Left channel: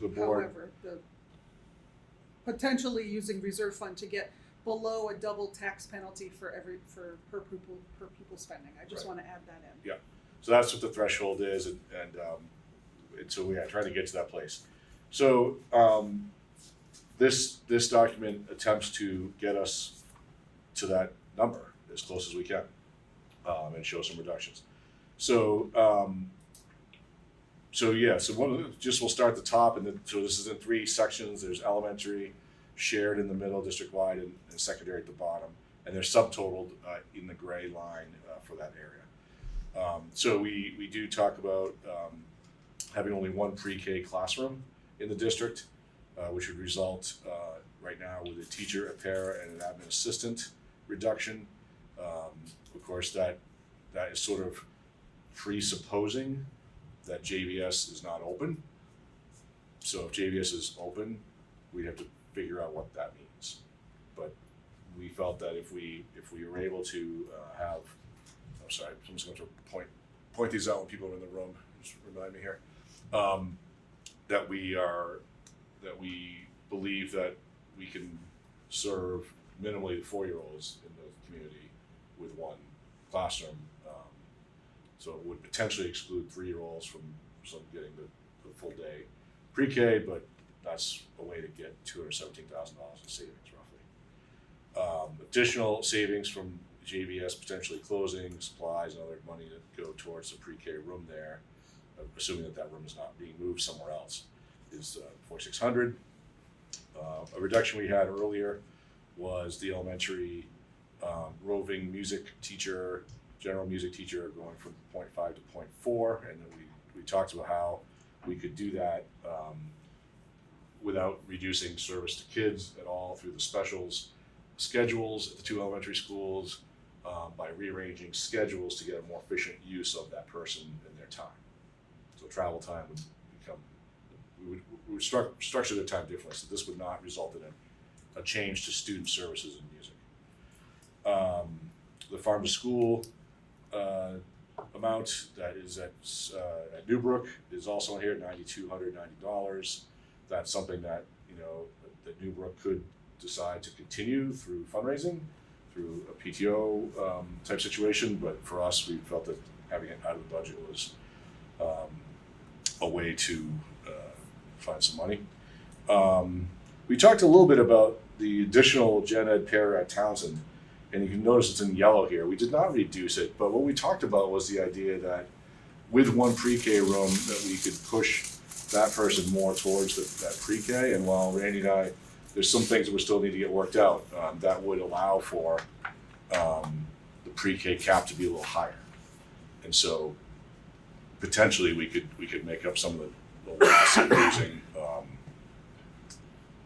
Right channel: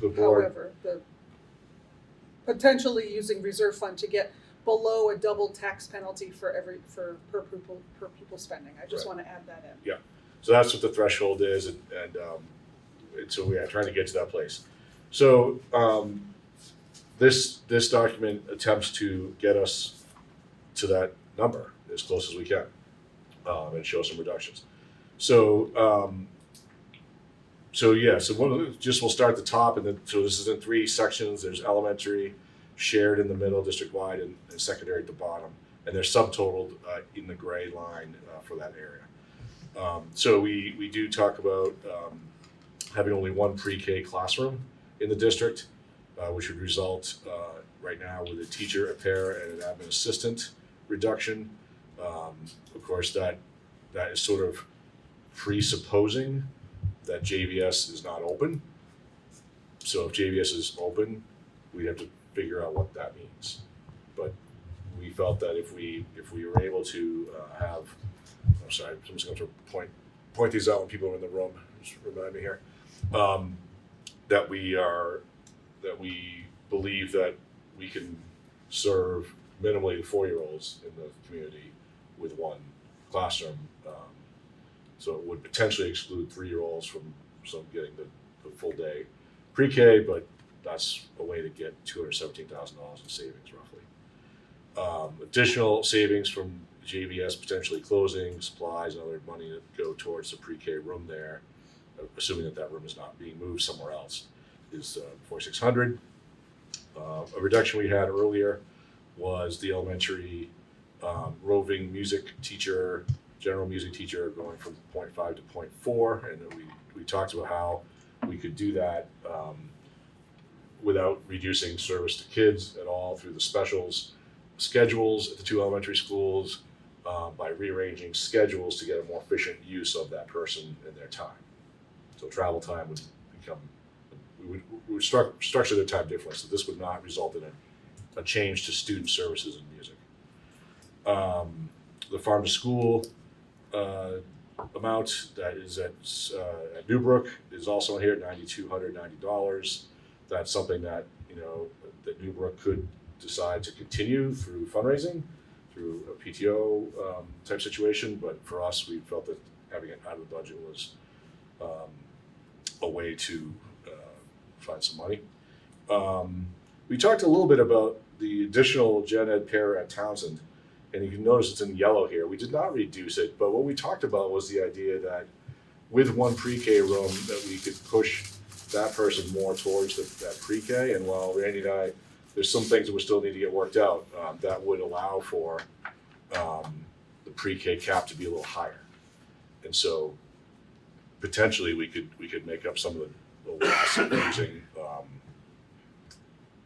the board. However, the potentially using reserve fund to get below a double tax penalty per pupil spending. I just Right. want to add that in. Yeah, so that's what the threshold is, and so we are trying to get to that place. So this document attempts to get us to that number as close as we can, and show some reductions. So we'll start at the top, and then so this is in 3 sections. There's elementary, shared in the middle, district-wide, and secondary at the bottom, and they're subtotaled in the gray line for that area. So we do talk about having only 1 pre-K classroom in the district, which would result right now with a teacher, a para, and an admin assistant reduction. Of course, that is sort of presupposing that JVS is not open. So if JVS is open, we'd have to figure out what that means. But we felt that if we were able to have, I'm sorry, I'm just going to point these out when people are in the room. Just remind me here. That we believe that we can serve minimally the 4-year-olds in the community with 1 classroom. So it would potentially exclude 3-year-olds from some getting the full day pre-K, but that's a way to get $217,000 in savings roughly. Additional savings from JVS potentially closing, supplies, and other money that go towards the pre-K room there, assuming that room is not being moved somewhere else, is $4,600. A reduction we had earlier was the elementary roving music teacher, general music teacher, going from 0.5 to 0.4, and then we talked about how we could do that without reducing service to kids at all through the schedules at the 2 elementary schools, by rearranging schedules to get a more efficient use of that person and their time. So travel time would become, we would structure their time differently, so this would not result in a change to student services in music. The farm to school amount that is at Newbrook is also here at $9,290. That's something that that Newbrook could decide to continue through fundraising, through a PTO type situation. But for us, we felt that having it out of the budget was a way to find some money. We talked a little bit about the additional gen ed para at Townsend, and you can notice it's in yellow here. We did not reduce it, but what we talked about was the idea that with 1 pre-K room that we could push that person more towards that pre-K. And while Randy and I, there's some things that we still need to get worked out, that would allow for the pre-K cap to be a little higher. And so potentially we could make up some of the loss of losing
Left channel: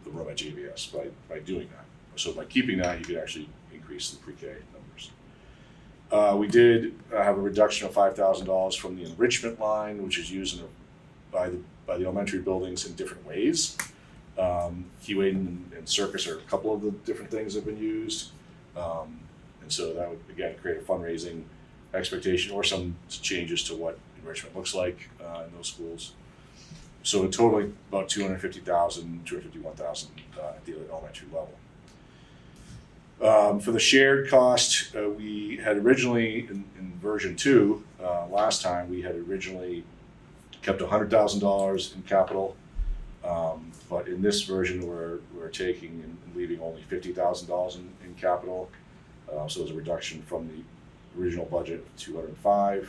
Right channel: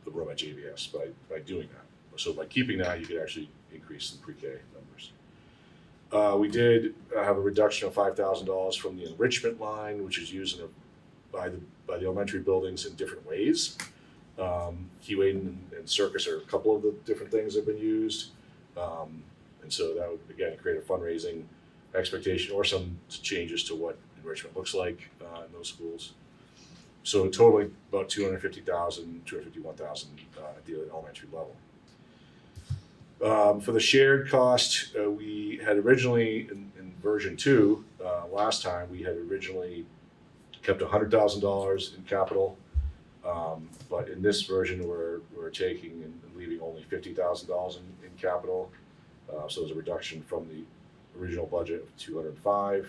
the room at JVS by doing that. So by keeping that, you could actually increase the pre-K numbers. We did have a reduction of $5,000 from the enrichment line, which is used by the elementary buildings in different ways. Keyway and Circus are a couple of the different things that have been used. And so that would, again, create a fundraising expectation or some changes to what enrichment looks like in those schools. So totaling about $250,000, $251,000 at the elementary level. For the shared cost, we had originally, in version 2, last time, we had originally kept $100,000 in capital. But in this version, we're taking and leaving only $50,000 in capital. So there's a reduction from the original budget of $205.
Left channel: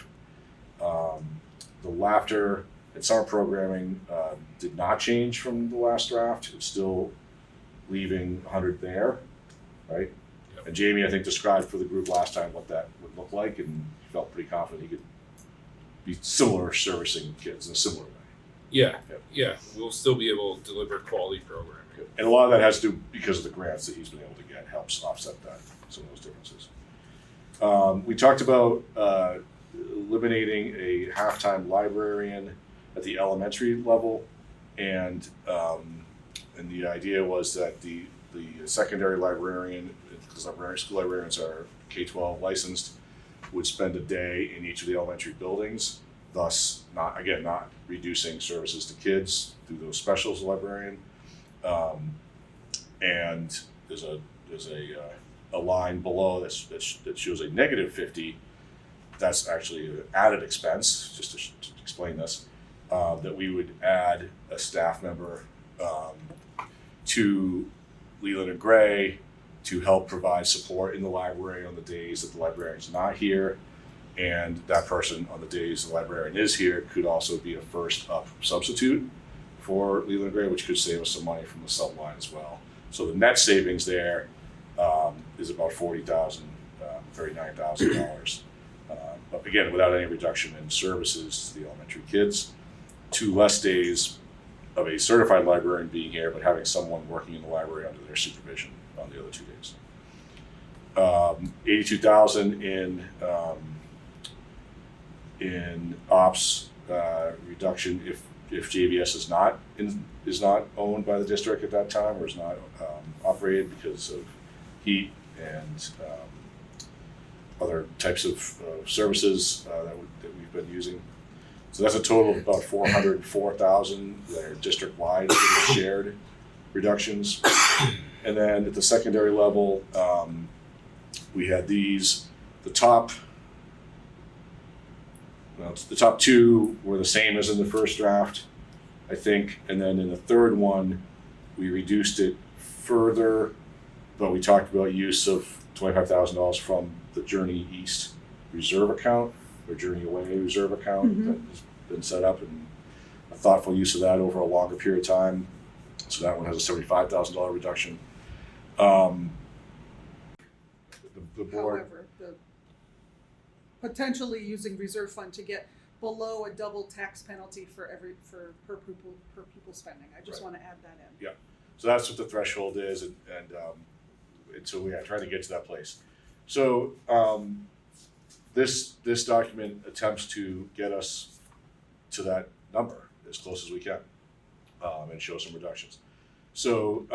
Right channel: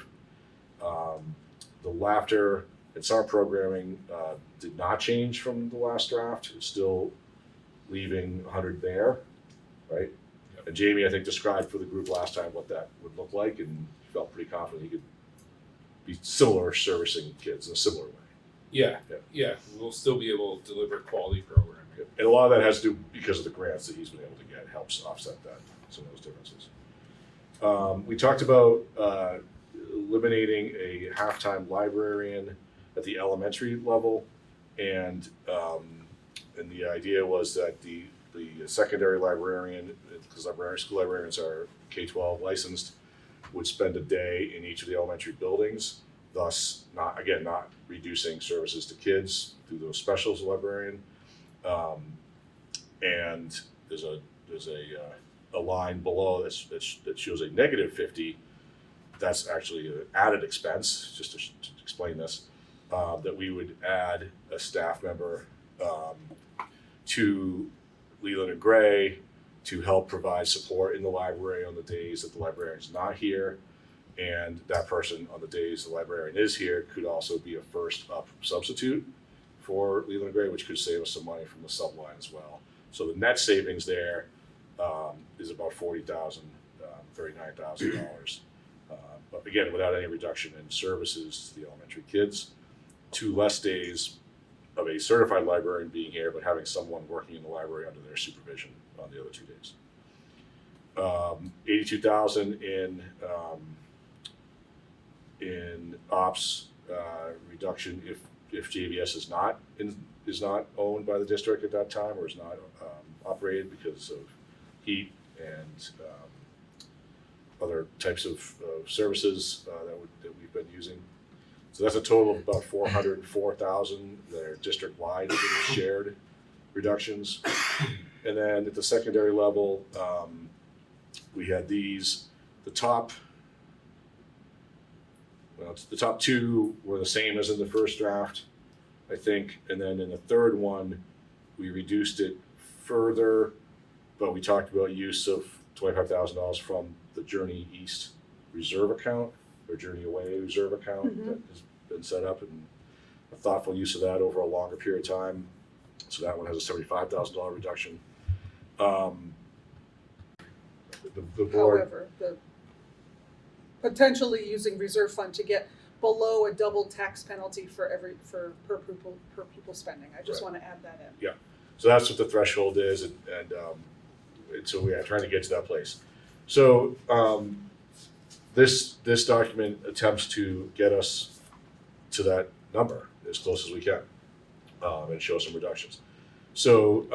The laughter and summer programming did not change from the last draft. It's still leaving 100 there, right? Yep. And Jamie, I think, described for the group last time what that would look like, and felt pretty confident he could be similar servicing kids in a similar way. Yeah. We'll still be able to deliver quality programming. And a lot of that has to do because of the grants that he's been able to get, helps offset some of those differences. We talked about eliminating a halftime librarian at the elementary level, and the idea was that the secondary librarian, because school librarians are K-12 licensed, would spend a day in each of the elementary buildings, thus not reducing services to kids through those specials librarian. And there's a line below that shows a negative 50. That's actually an added expense, just to explain this, that we would add a staff member to Leland and Gray to help provide support in the library on the days that the librarian's not here. And that person on the days the librarian is here could also be a first up substitute for Leland and Gray, which could save us some money from the subline as well. So the net savings there is about $40,000, $39,000. But again, without any reduction in services to the elementary kids, 2 less days of a certified librarian being here, but having someone working in the library under their supervision on the other 2 days. $82,000 in ops reduction if JVS is not owned by the district at that time, or is not operated because of heat and other types of services that we've been using. So that's a total of about $404,000 that are district-wide shared reductions. And then at the secondary level, we had these. The top 2 were the same as in the first draft, I think. And then in the third one, we reduced it further, but we talked about use of $25,000 from the Journey East reserve account, or Journey Away reserve account that has been set up, and a thoughtful use of that over a longer period of time. So that one has a $75,000 reduction. The board. However, the potentially using reserve fund to get below a double tax penalty for per pupil spending. I just want to add that in. Yeah, so that's what the threshold is, and so we are trying to get to that place. So this document attempts to get us to that number as close as we can, and show some reductions. So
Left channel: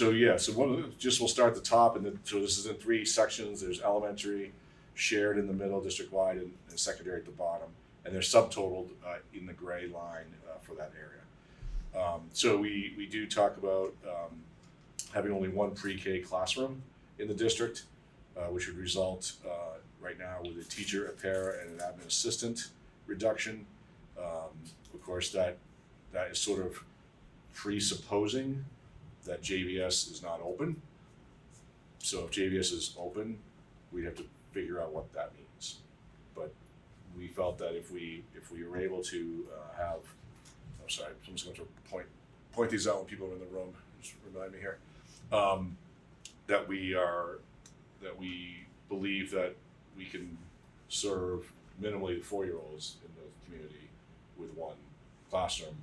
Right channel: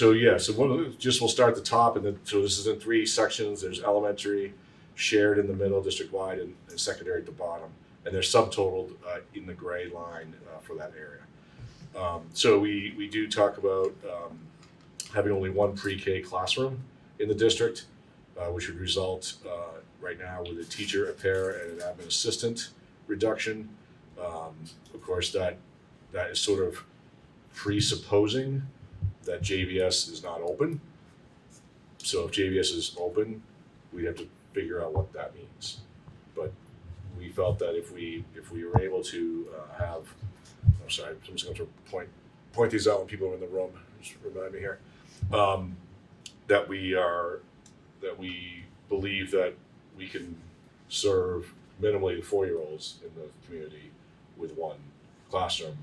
we'll start at the top, and then so this is in 3 sections. There's elementary, shared in the middle, district-wide, and secondary at the bottom, and they're subtotaled in the gray line for that area. So we do talk about having only 1 pre-K classroom in the district, which would result right now with a teacher, a para, and an admin assistant reduction. Of course, that is sort of presupposing that JVS is not open. So if JVS is open, we'd have to figure out what that means. But we felt that if we were able to have, I'm sorry, I'm just going to point these out when people are in the room. Just remind me here. That we believe that we can serve minimally the 4-year-olds in the community with 1 classroom.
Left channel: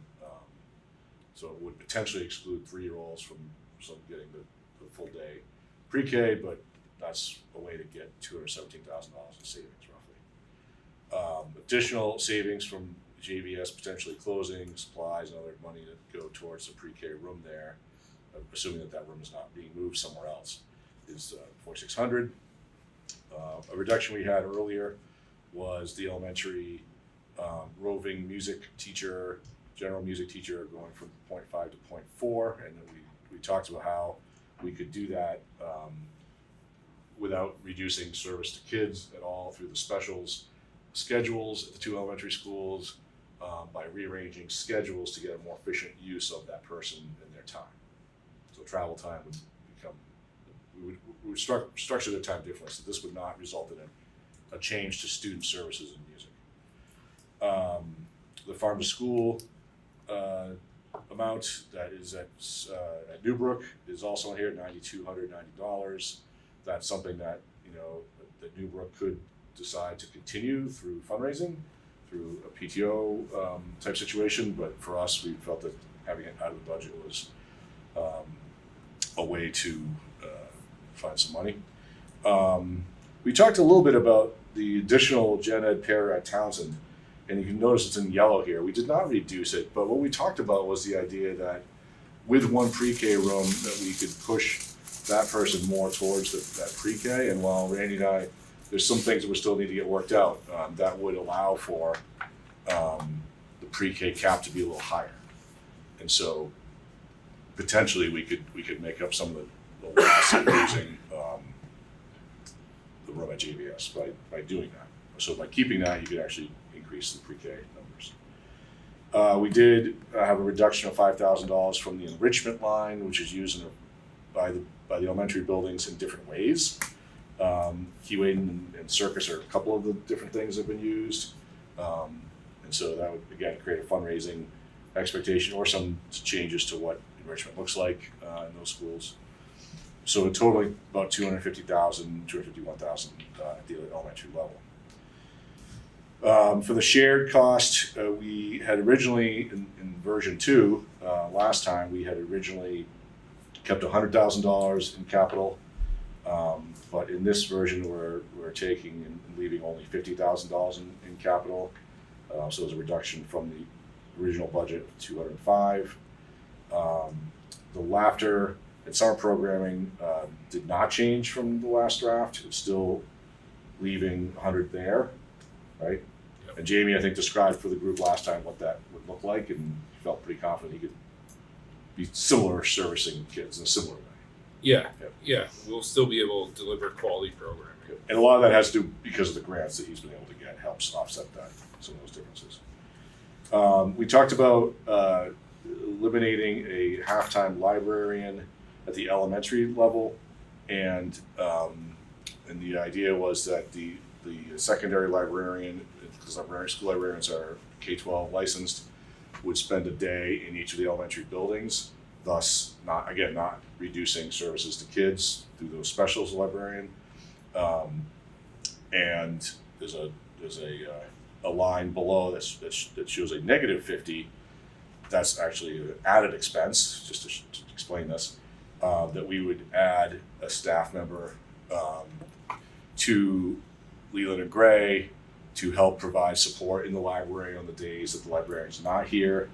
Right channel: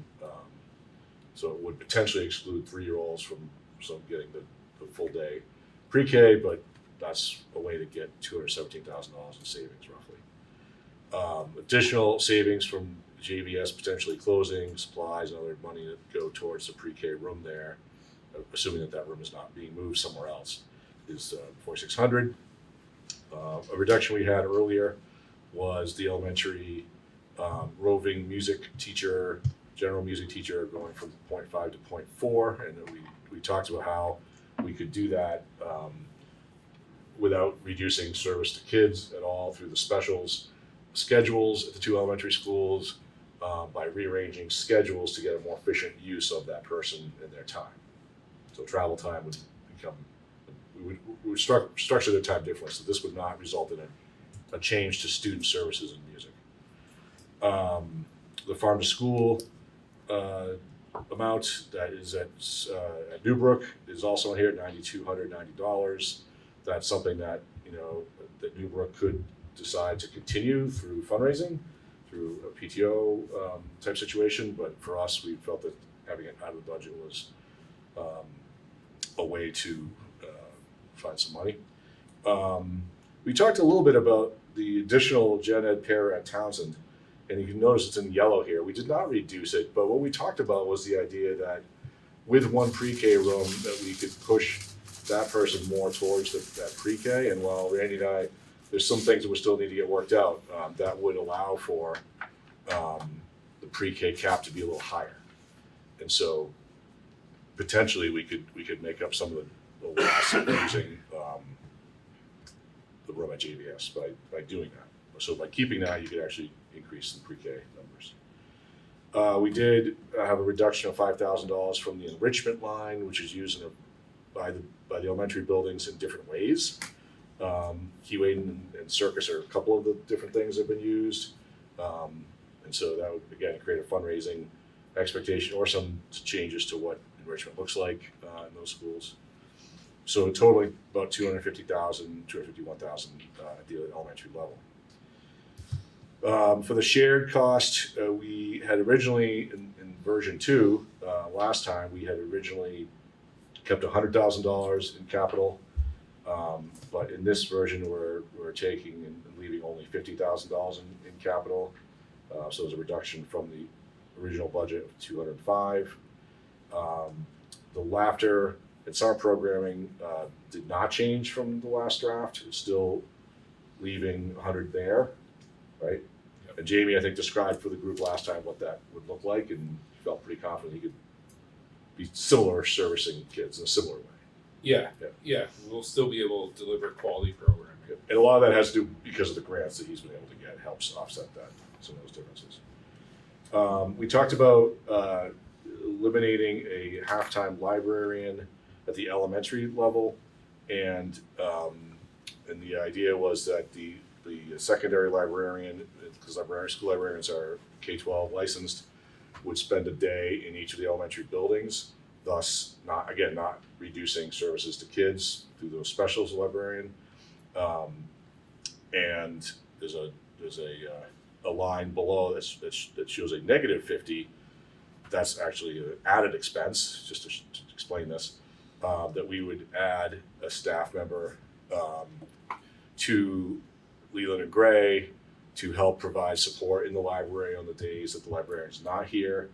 So it would potentially exclude 3-year-olds from getting the full day pre-K, but that's a way to get $217,000 in savings roughly. Additional savings from JVS potentially closing, supplies and other money that go towards the pre-K room there, assuming that room is not being moved somewhere else, is $4,600. A reduction we had earlier was the elementary roving music teacher, general music teacher, going from 0.5 to 0.4, and then we talked about how we could do that without reducing service to kids at all through the specials schedules at the 2 elementary schools, by rearranging schedules to get a more efficient use of that person and their time. So travel time would become, we would structure their time differently, so this would not result in a change to student services in music. The farm to school amount that is at Newbrook is also here at $9,290. That's something that that Newbrook could decide to continue through fundraising, through a PTO type situation. But for us, we felt that having it out of the budget was a way to find some money. We talked a little bit about the additional gen ed pair at Townsend, and you can notice it's in yellow here. We did not reduce it, but what we talked about was the idea that with 1 pre-K room that we could push that person more towards that pre-K. And while Randy and I, there's some things that we still need to get worked out, that would allow for the pre-K cap to be a little higher. And so potentially we could make up some of the loss of losing the room at JVS by doing that. So by keeping that, you could actually increase the pre-K numbers. We did have a reduction of $5,000 from the enrichment line, which is used by the elementary buildings in different ways. Keyway and Circus are a couple of the different things that have been used. And so that would, again, create a fundraising expectation or some changes to what enrichment looks like in those schools. So totally about $250,000, $251,000 at the elementary level. For the shared cost, we had originally in version 2 last time we had originally kept $100,000 in capital, but in this version we're taking and leaving only $50,000 in capital. So there's a reduction from the original budget of 205. The laughter and summer programming did not change from the last draft. It's still leaving 100 there, right? And Jamie, I think, described for the group last time what that would look like, and felt pretty confident he could be similar servicing kids in a similar way. Yeah. We'll still be able to deliver quality programming. And a lot of that has to do because of the grants that he's been able to get, helps offset that, some of those differences. We talked about eliminating a halftime librarian at the elementary level, and the idea was that the secondary librarian, because school librarians are K-12 licensed, would spend a day in each of the elementary buildings, thus not reducing services to kids through those specials librarian. And there's a line below that shows a negative 50. That's actually an added expense, just to explain this, that we would add a staff member to Leland and Gray to help provide support in the library on the days that the librarian's not here.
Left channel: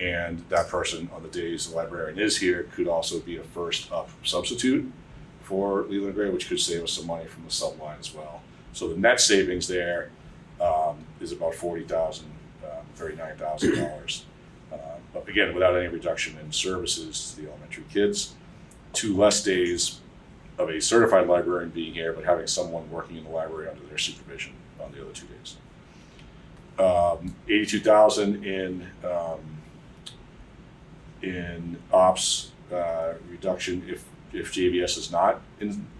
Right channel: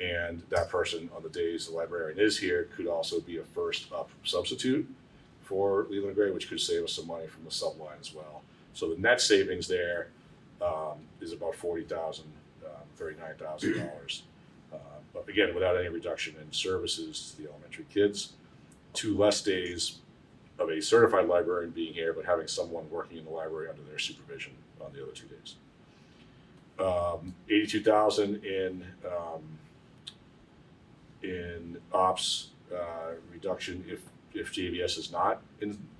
And that person on the days the librarian is here could also be a first up substitute for Leland and Gray, which could save us some money from the sub line as well. So the net savings there is about $40,000, $39,000. But again, without any reduction in services to the elementary kids, 2 less days of a certified librarian being here, but having someone working in the library under their supervision on the other 2 days. $82,000 in ops reduction if JVS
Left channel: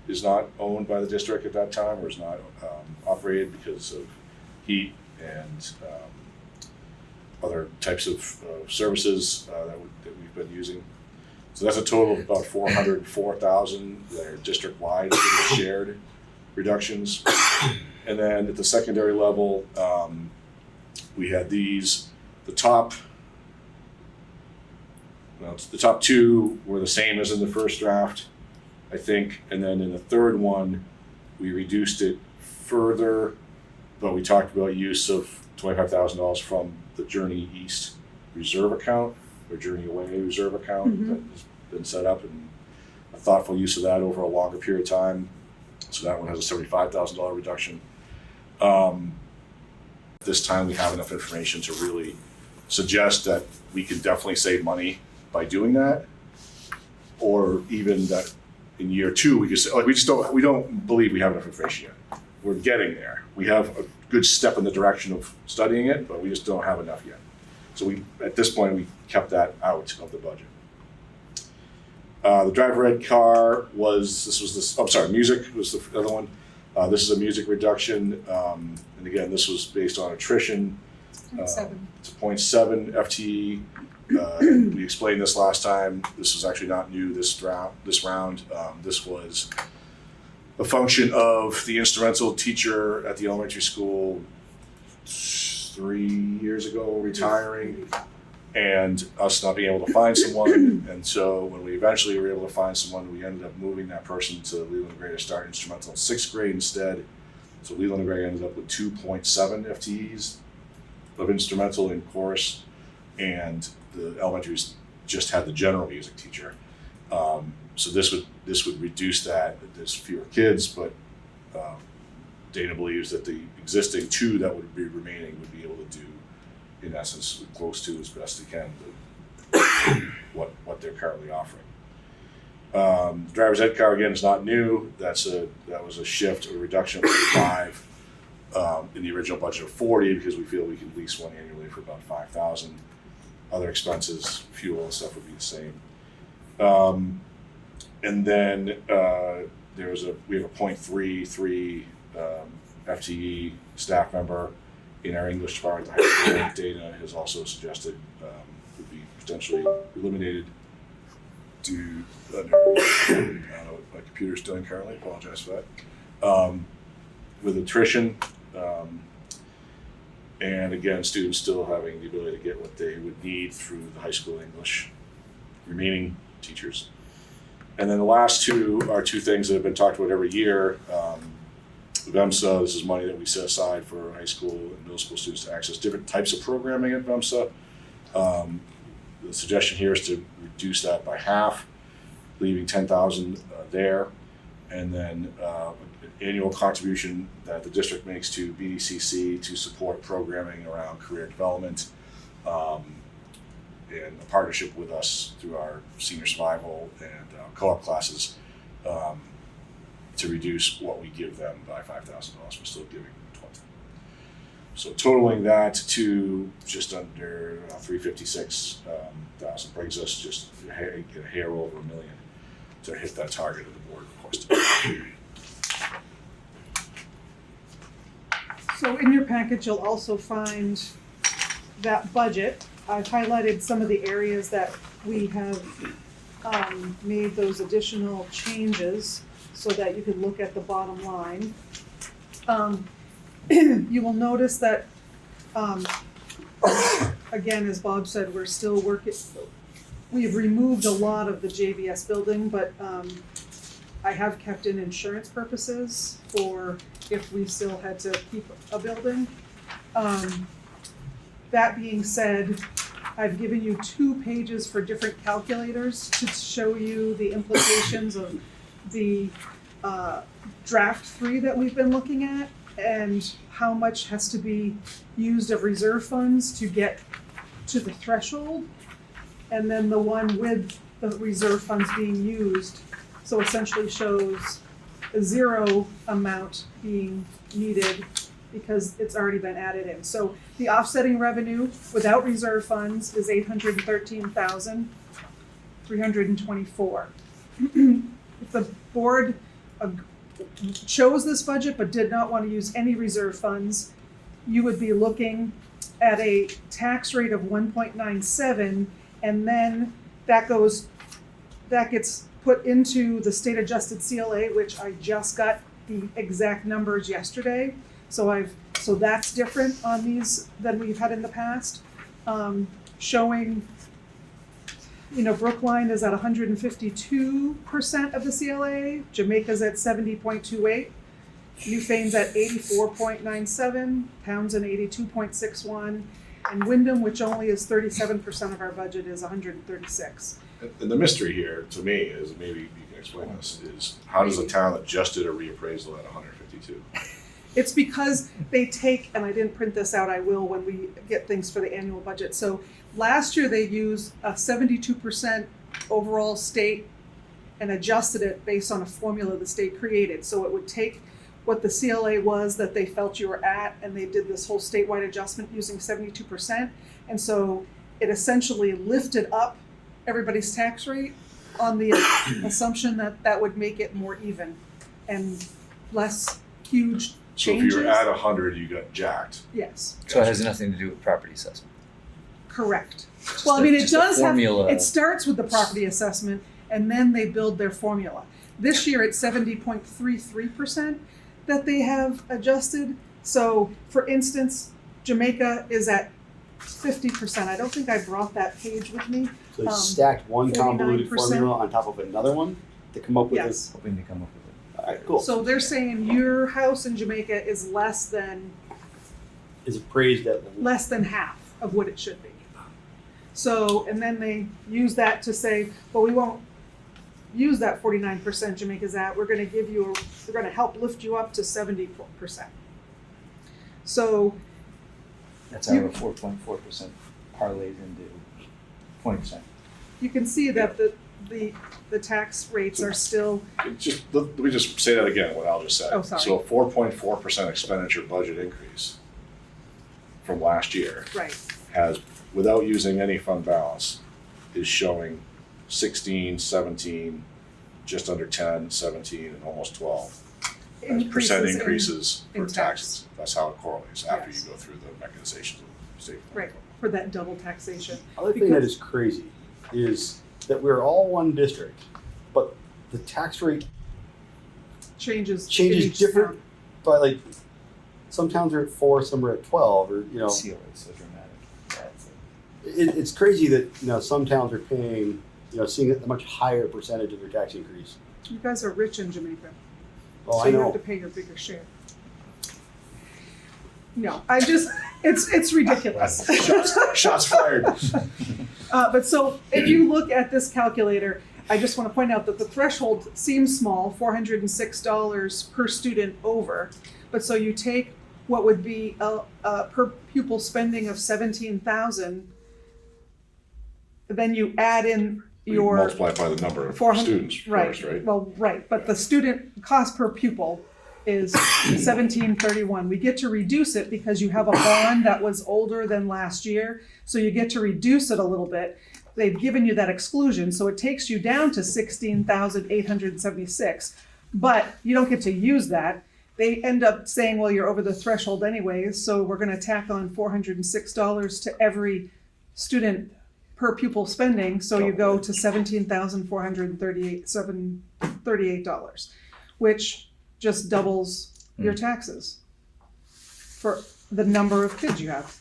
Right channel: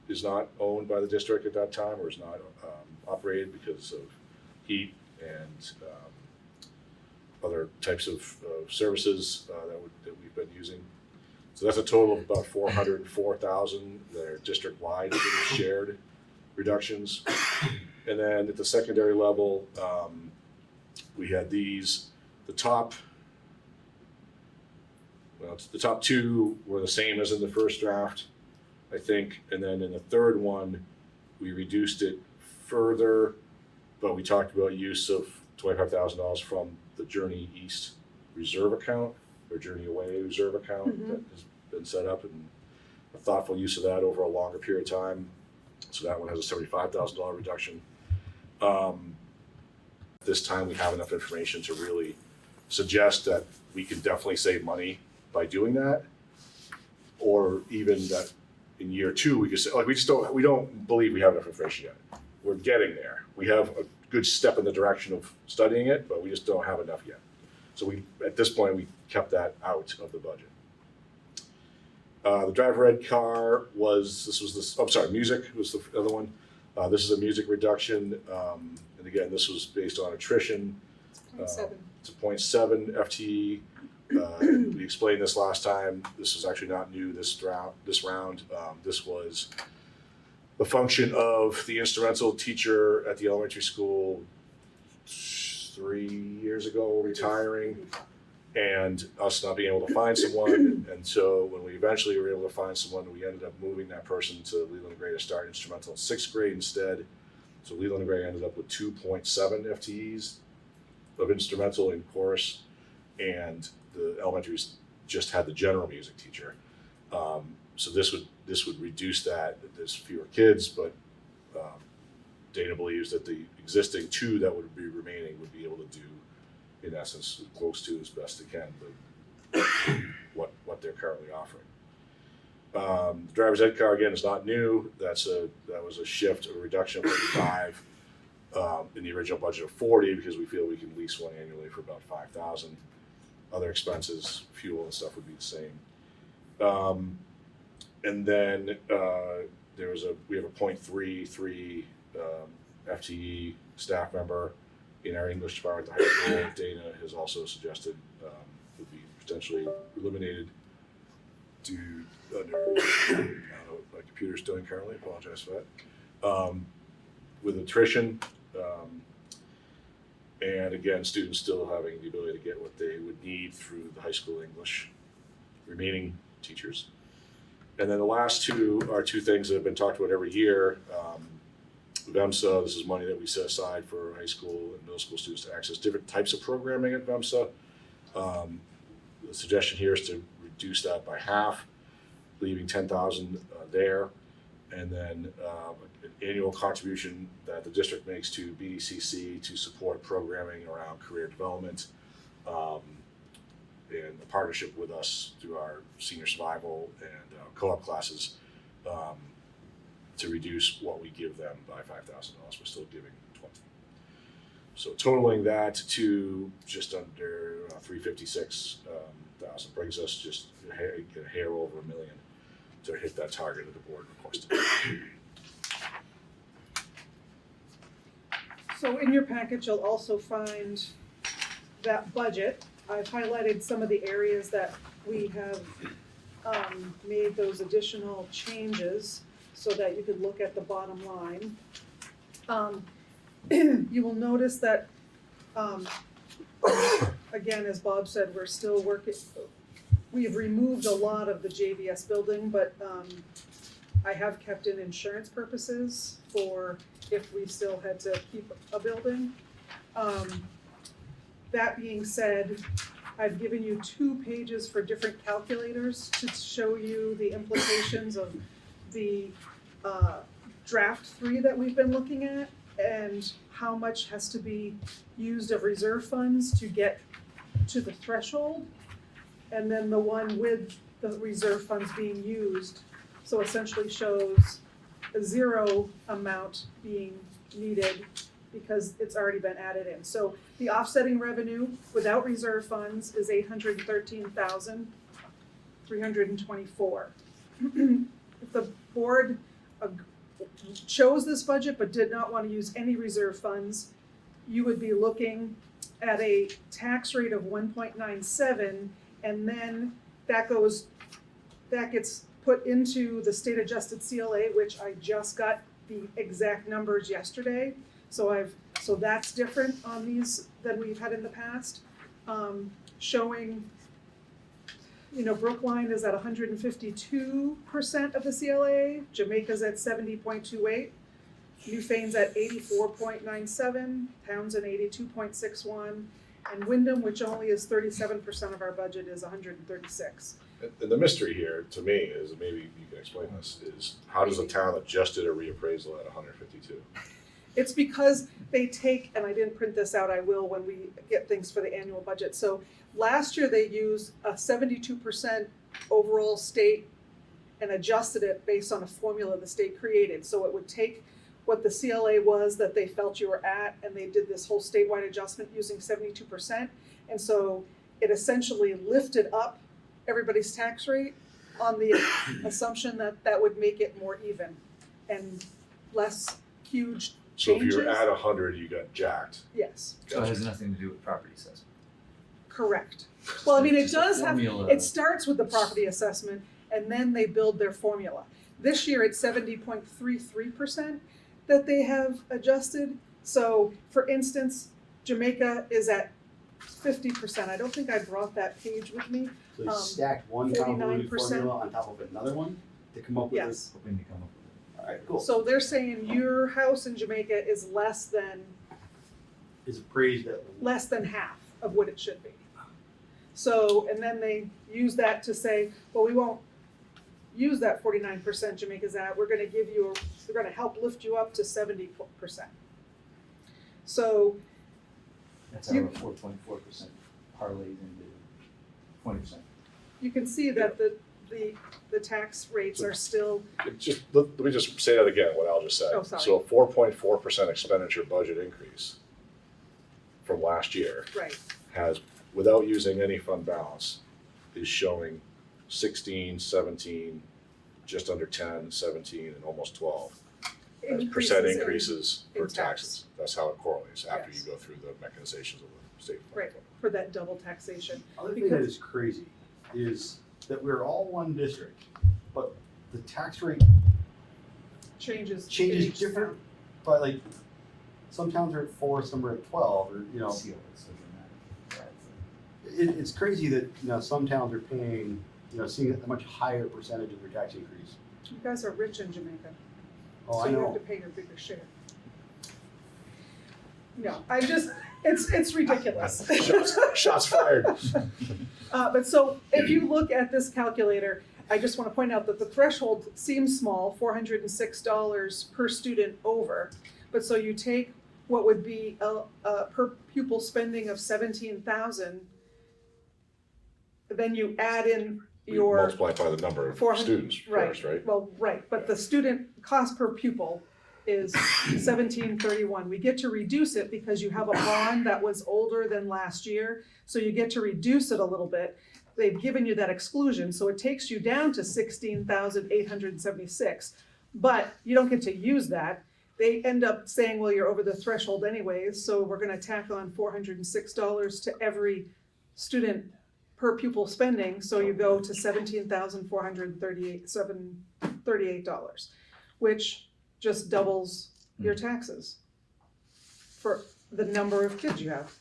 is not owned by the district at that time, or is not operated because of heat and other types of services that we've been using. So that's a total of about $404,000 that are district-wide shared reductions. And then at the secondary level, we had these. The top 2 were the same as in the first draft, I think. And then in the third one, we reduced it further, but we talked about use of $25,000 from the Journey East reserve account, or Journey Away reserve account that has been set up, and a thoughtful use of that over a longer period of time. So that one has a $75,000 reduction. This time we have enough information to really suggest that we can definitely save money by doing that, or even that in year 2 we just we don't believe we have enough information yet. We're getting there. We have a good step in the direction of studying it, but we just don't have enough yet. So at this point we kept that out of the budget. The driver ed car music was the other one. This is a music reduction, and again, this was based on attrition. It's a 0.7 FTE. We explained this last time. This was actually not new this round. This was a function of the instrumental teacher at the elementary school 3 years ago retiring, and us not being able to find someone. And so when we eventually were able to find someone, we ended up moving that person to Leland and Gray to start instrumental in 6th grade instead. So Leland and Gray ended up with 2.7 FTEs of instrumental in chorus, and the elementaries just had the general music teacher. So this would reduce that. There's fewer kids, but Dana believes that the existing 2 that would be remaining would be able to do in essence, close to as best they can the, what they're currently offering. Driver's ed car again is not new. That was a shift, a reduction of 35 in the original budget of 40 because we feel we can lease one annually for about 5,000. Other expenses, fuel and stuff would be the same. And then we have a 0.33 FTE staff member in our English department. The high school data has also suggested would be potentially eliminated due under, I don't know what my computer's doing currently, apologize for that. With attrition, and again, students still having the ability to get what they would need through the high school English, remaining teachers. And then the last two are two things that have been talked about every year. VEMSA, this is money that we set aside for high school and middle school students to access different types of programming at VEMSA. The suggestion here is to reduce that by half, leaving 10,000 there, and then an annual contribution that the district makes to BDCC to support programming around career development, in a partnership with us through our senior survival and co-op classes, to reduce what we give them by $5,000. We're still giving 20. So totaling that to just under 356,000 brings us just a hair over $1 million to hit that target that the board requested. So in your package, you'll also find that budget. I've highlighted some of the areas that we have made those additional changes so that you can look at the bottom line. You will notice that, again, as Bob said, we're still working. We've removed a lot of the JVS building, but I have kept in insurance purposes for if we still had to keep a building. That being said, I've given you 2 pages for different calculators to show you the implications of the draft 3 that we've been looking at and how much has to be used of reserve funds to get to the threshold, and then the one with the reserve funds being used. So essentially shows a 0 amount being needed because it's already been added in. So the offsetting revenue without reserve funds is $813,324. If the board chose this budget but did not want to use any reserve funds, you would be looking at a tax rate of 1.97, and then that gets put into the state adjusted CLA, which I just got the exact numbers yesterday. So that's different on these than we've had in the past. Showing, Brookline is at 152% of the CLA, Jamaica's at 70.28, Newfane's at 84.97, Townsend 82.61, and Wyndham, which only is 37% of our budget, is 136. And the mystery here, to me, is, maybe you can explain this, is how does a town adjust a reappraisal at 152? It's because they take, and I didn't print this out, I will when we get things for the annual budget. So last year they used a 72% overall state and adjusted it based on a formula the state created. So it would take what the CLA was that they felt you were at, and they did this whole statewide adjustment using 72%. And so it essentially lifted up everybody's tax rate on the assumption that that would make it more even and less huge changes. So if you're at 100, you got jacked. Yes. So it has nothing to do with property assessment. Correct. Just Well, I mean, it just a does have, formula. it starts with the property assessment and then they build their formula. This year it's 70.33% that they have adjusted. So for instance, Jamaica is at 50%. I don't think I brought that page with me. So they stacked one convoluted 49%. formula on top of another one to come up with Yes. this. Hoping to come up with Alright, cool. So they're saying your house in Jamaica is less than Is appraised at half of what it should be. So, and then they use that to say, well, we won't use that 49% Jamaica's at, we're gonna help lift you up to 70%. So That's how our 4.4% parlays into 20%. You can see that the tax rates are still, Let me just say that again, what Al just said. Oh, sorry. So a 4.4% expenditure budget increase from last year right, has, without using any fund balance, is showing 16, 17, just under 10, 17, and almost 12. As percent increases in for tax. taxes. That's how it correlates after Yes. you go through the mechanizations of the state. right, for that double taxation. Other thing that is crazy is that we're all one district, but the tax rate Changes. in changes each different, town. but like, some towns are at 4, some are at 12, or, you know. CO is so dramatic. It's crazy that, you know, some towns are paying, you know, seeing a much higher percentage of their tax increase. You guys are rich in Jamaica, Oh, so I you have to know. pay your bigger share. No, I just, it's ridiculous. Shots fired. But so if you look at this calculator, I just want to point out that the threshold seems small, $406 per student over. But so you take what would be a per pupil spending of 17,000, then you add in You your multiply it by the number of 400 students first, right? Well, right, but the student cost per pupil is 1731. We get to reduce it because you have a bond that was older than last year, so you get to reduce it a little bit. They've given you that exclusion, so it takes you down to 16,876, but you don't get to use that. They end up saying, well, you're over the threshold anyways, so we're gonna tack on $406 to every student per pupil spending, so you go to $17,438, which just doubles your taxes for the number of kids you have.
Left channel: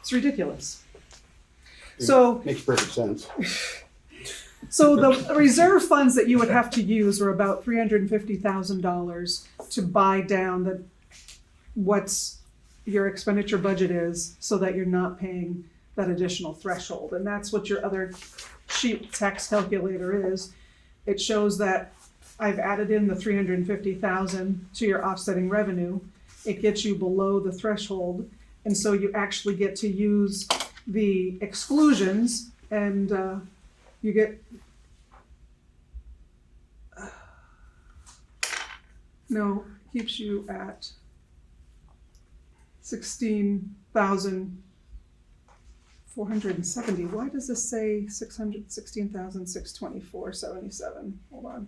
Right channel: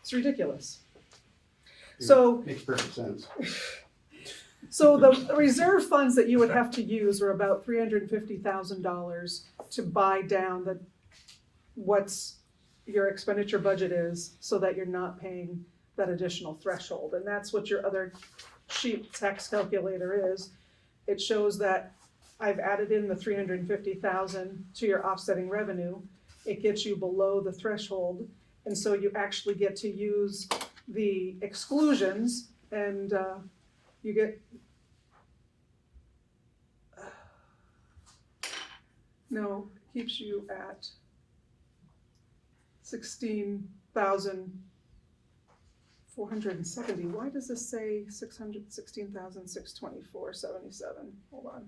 It's ridiculous. So, Makes perfect sense. so the reserve funds that you would have to use are about $350,000 to buy down what's your expenditure budget is, so that you're not paying that additional threshold. And that's what your other sheet tax calculator is. It shows that I've added in the 350,000 to your offsetting revenue. It gets you below the threshold, and so you actually get to use the exclusions, and you get keeps you at 16,470. Why does this say 16,624.77? Hold on.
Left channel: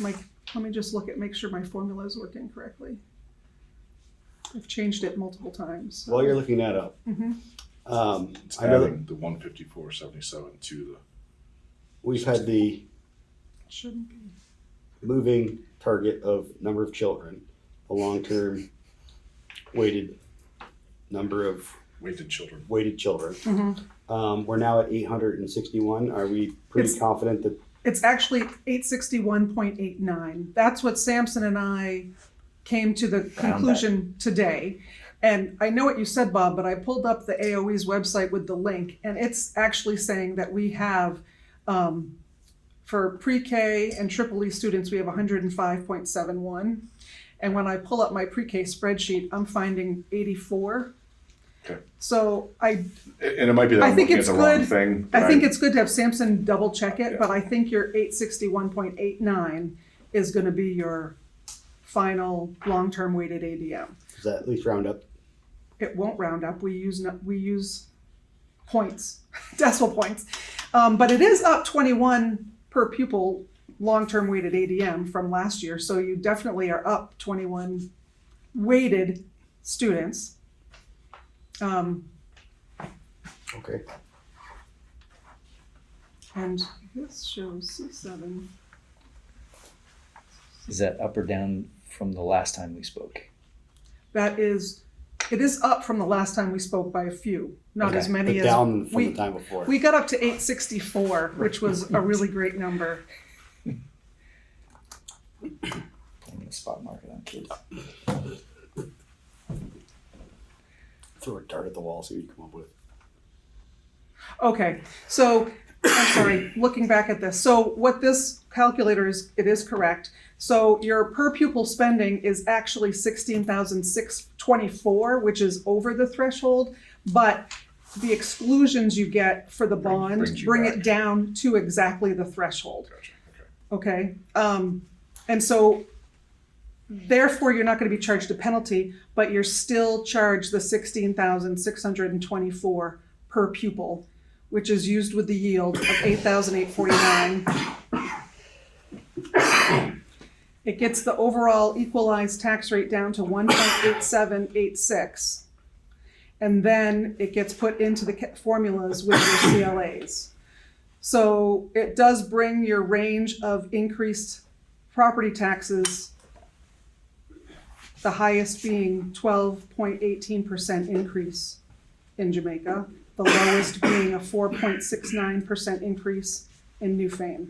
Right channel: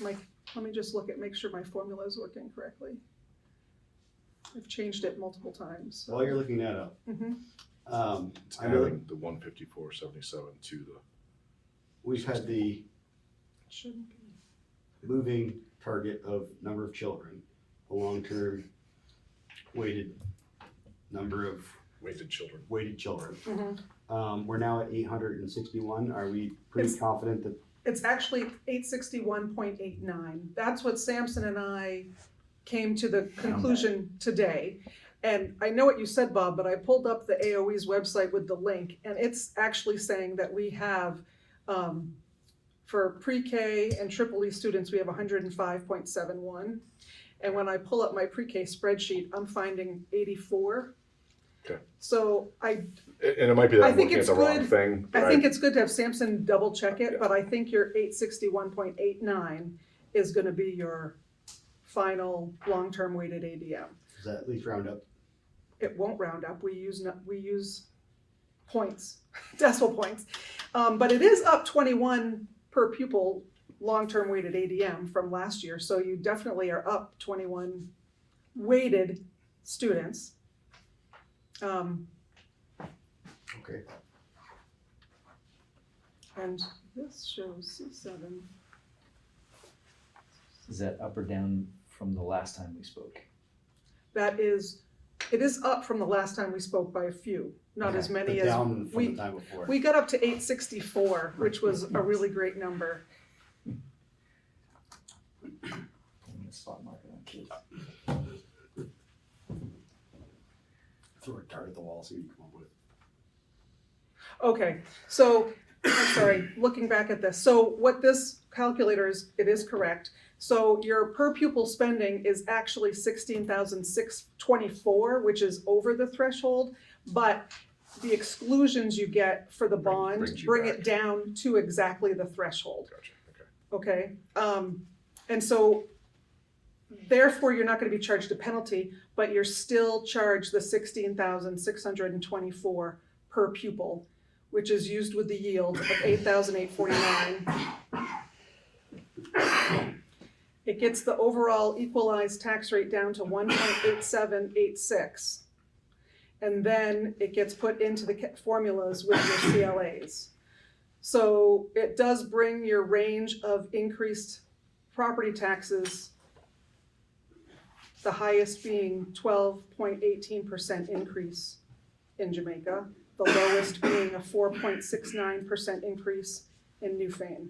Let me just make sure my formula is working correctly. I've changed it multiple times. While you're looking that up, Mhm. It's I know that adding the 154.77 to the. we've had the Shouldn't be. moving target of number of children, a long-term weighted number of Weighted children. weighted children. Mhm. We're now at 861. Are we pretty It's- confident that It's actually 861.89. That's what Sampson and I came to the conclusion today. And I know what you said, Bob, but I pulled up the AOE's website with the link, and it's actually saying that we have, for pre-K and triple E students, we have 105.71. And when I pull up my pre-K spreadsheet, I'm finding 84. Okay. So And it might be that I I'm think looking at it's the wrong good. thing. I but think it's good to have Sampson double check it, Yeah. but I think your 861.89 is gonna be your final long-term weighted ADM. does that at least round up? It won't round up, we use points, decimal points. But it is up 21 per pupil, long-term weighted ADM from last year, so you definitely are up 21 weighted students. Okay. And this shows C7. Is that up or down from the last time we spoke? It is up from the last time we spoke by a few, not Okay. as many But as down from we, the time before. we got up to 864, which was a really great number. Putting a spot market on kids. Throw a dart at the wall, see what you come up with. Okay, so, I'm sorry, looking back at this, so what this calculator it is correct. So your per pupil spending is actually 16,624, which is over the threshold, but the exclusions you get for the bond Brings you bring back. it down to exactly the threshold. Gotcha, okay. Okay, and so therefore you're not gonna be charged a penalty, but you're still charged the 16,624 per pupil, which is used with the yield of 8,849. It gets the overall equalized tax rate down to 1.8786. And then it gets put into the formulas with your CLAs. So it does bring your range of increased property taxes, the highest being 12.18% increase in Jamaica, the lowest being a 4.69% increase in Newfane.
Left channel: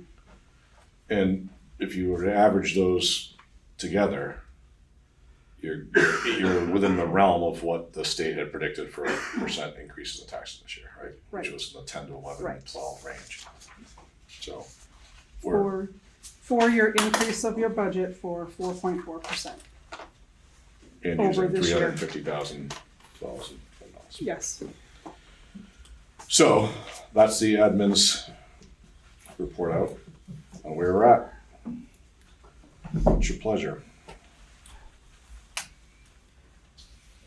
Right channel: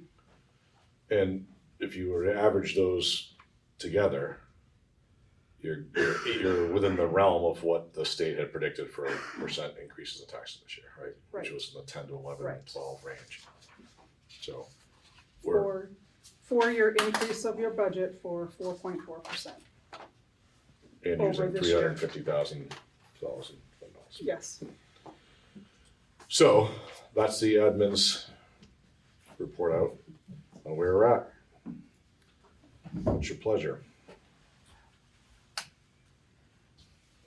And if you were to average those together, you're within the realm of what the state had predicted for percent increases in taxes this year, right? Right. Which was in the 10 to 11, Right. 12 range. So we're For your increase of your budget for 4.4%. and over using this year. $350,000. Yes. So that's the admin's report out on where we're at. It's your pleasure.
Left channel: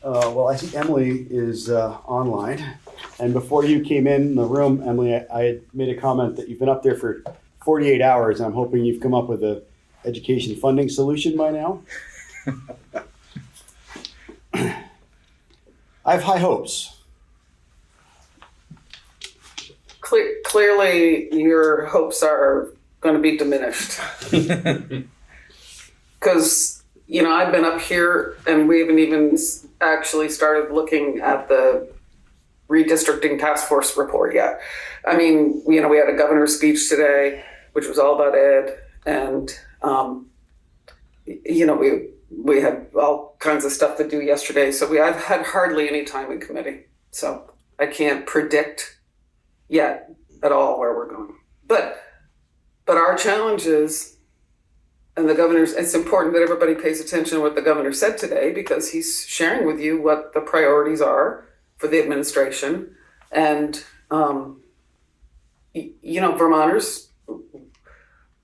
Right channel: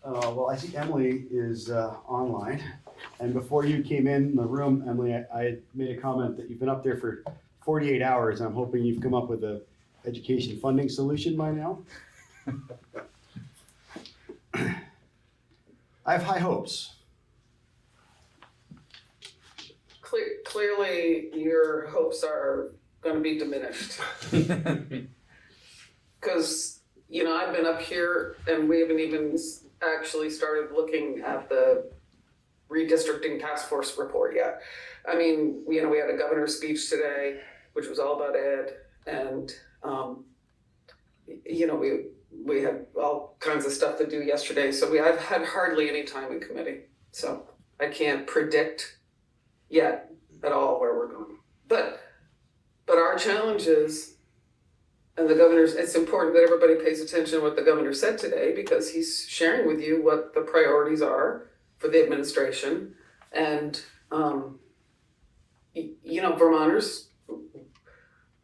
Well, I see Emily is online. And before you came in the room, Emily, I had made a comment that you've been up there for 48 hours. I'm hoping you've come up with a education funding solution by now. I have high hopes. Clearly, your hopes are going to be diminished. Because, I've been up here and we haven't even actually started looking at the redistricting task force report yet. I mean, we had a governor's speech today, which was all about ed. And, we had all kinds of stuff to do yesterday. So I've had hardly any time in committee. So I can't predict yet at all where we're going. But our challenge is, and it's important that everybody pays attention to what the governor said today, because he's sharing with you what the priorities are for the administration. And, Vermonters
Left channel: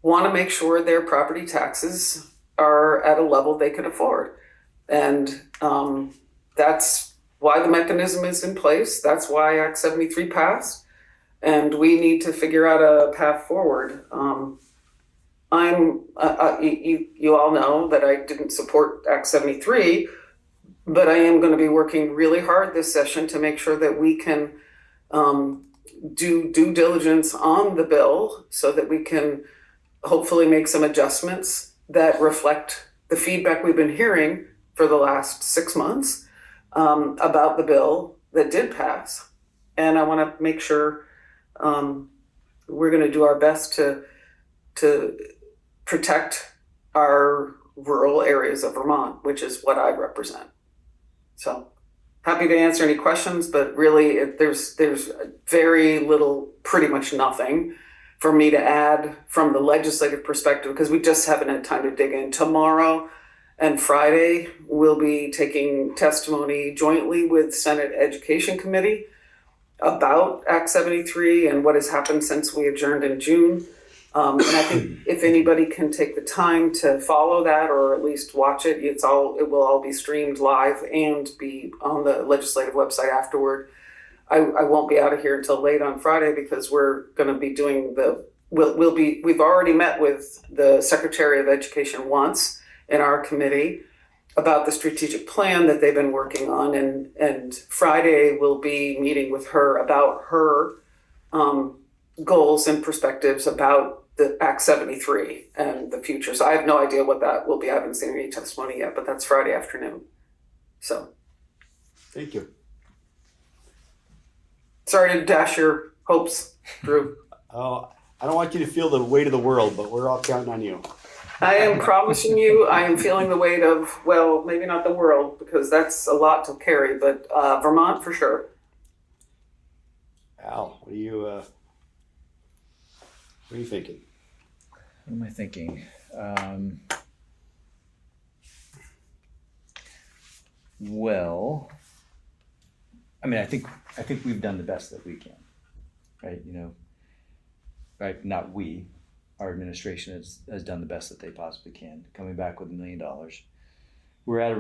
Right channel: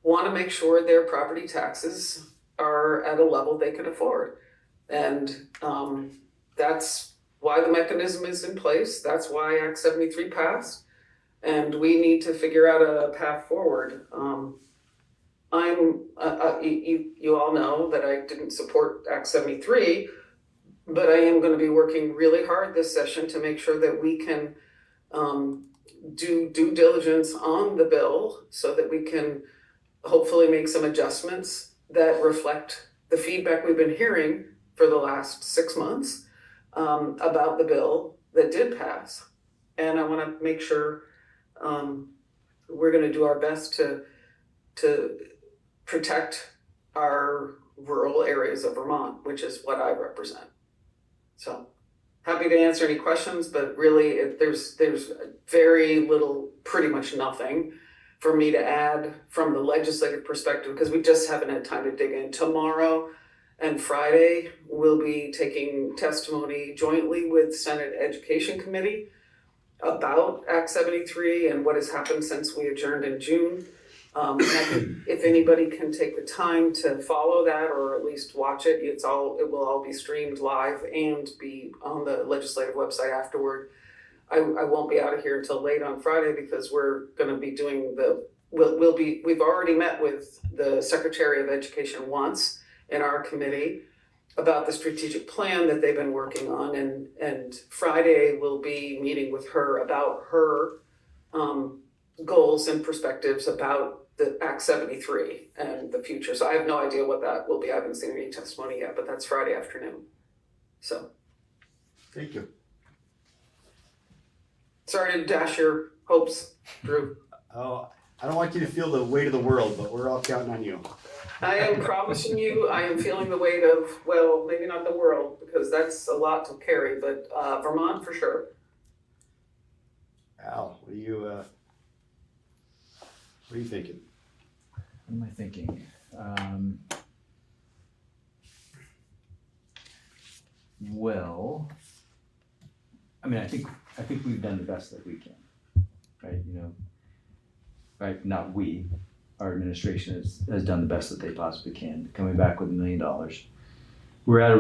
want to make sure their property taxes are at a level they can afford. And that's why the mechanism is in place. That's why Act 73 passed. And we need to figure out a path forward. You all know that I didn't support Act 73, but I am going to be working really hard this session to make sure that we can do due diligence on the bill so that we can hopefully make some adjustments that reflect the feedback we've been hearing for the last 6 months about the bill that did pass. And I want to make sure we're going to do our best to protect our rural areas of Vermont, which is what I represent. So happy to answer any questions, but really there's very little, pretty much nothing for me to add from the legislative perspective, because we just haven't had time to dig in. Tomorrow and Friday, we'll be taking testimony jointly with Senate Education Committee about Act 73 and what has happened since we adjourned in June. And I think if anybody can take the time to follow that, or at least watch it, it will all be streamed live and be on the legislative website afterward. I won't be out of here until late on Friday, because we're going to be doing we've already met with the Secretary of Education once in our committee about the strategic plan that they've been working on, and Friday we'll be meeting with her about her goals and perspectives about the Act 73 and the future. So I have no idea what that will be. I haven't seen any testimony yet, but that's Friday afternoon. So Thank you. sorry to dash your hopes, Drew. Oh, I don't want you to feel the weight of the world, but we're all counting on you. I am promising you, I am feeling the weight of, well, maybe not the world, because that's a lot to carry, but Vermont for sure. Al, what are you thinking? What am I thinking? Well, I mean, I think we've done the best that we can, right? You know, right? Not we, our administration has done the best that they possibly can. Coming back with $1 million, we're at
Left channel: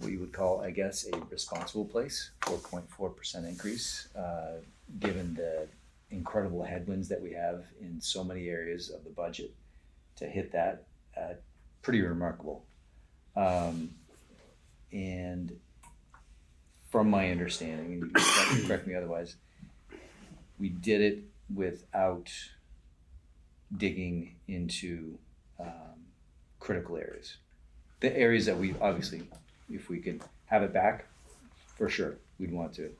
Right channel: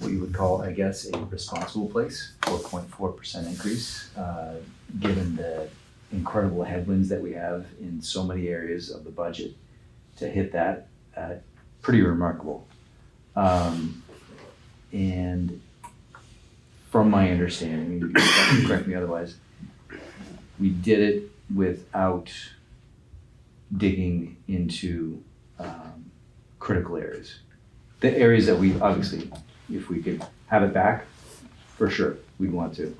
what you would call, I guess, a responsible place. 4.4% increase, given the incredible headwinds that we have in so many areas of the budget. To hit that, pretty remarkable. And from my understanding, you can correct me otherwise, we did it without digging into critical areas. The areas that we obviously, if we could have it back, for sure, we'd want to.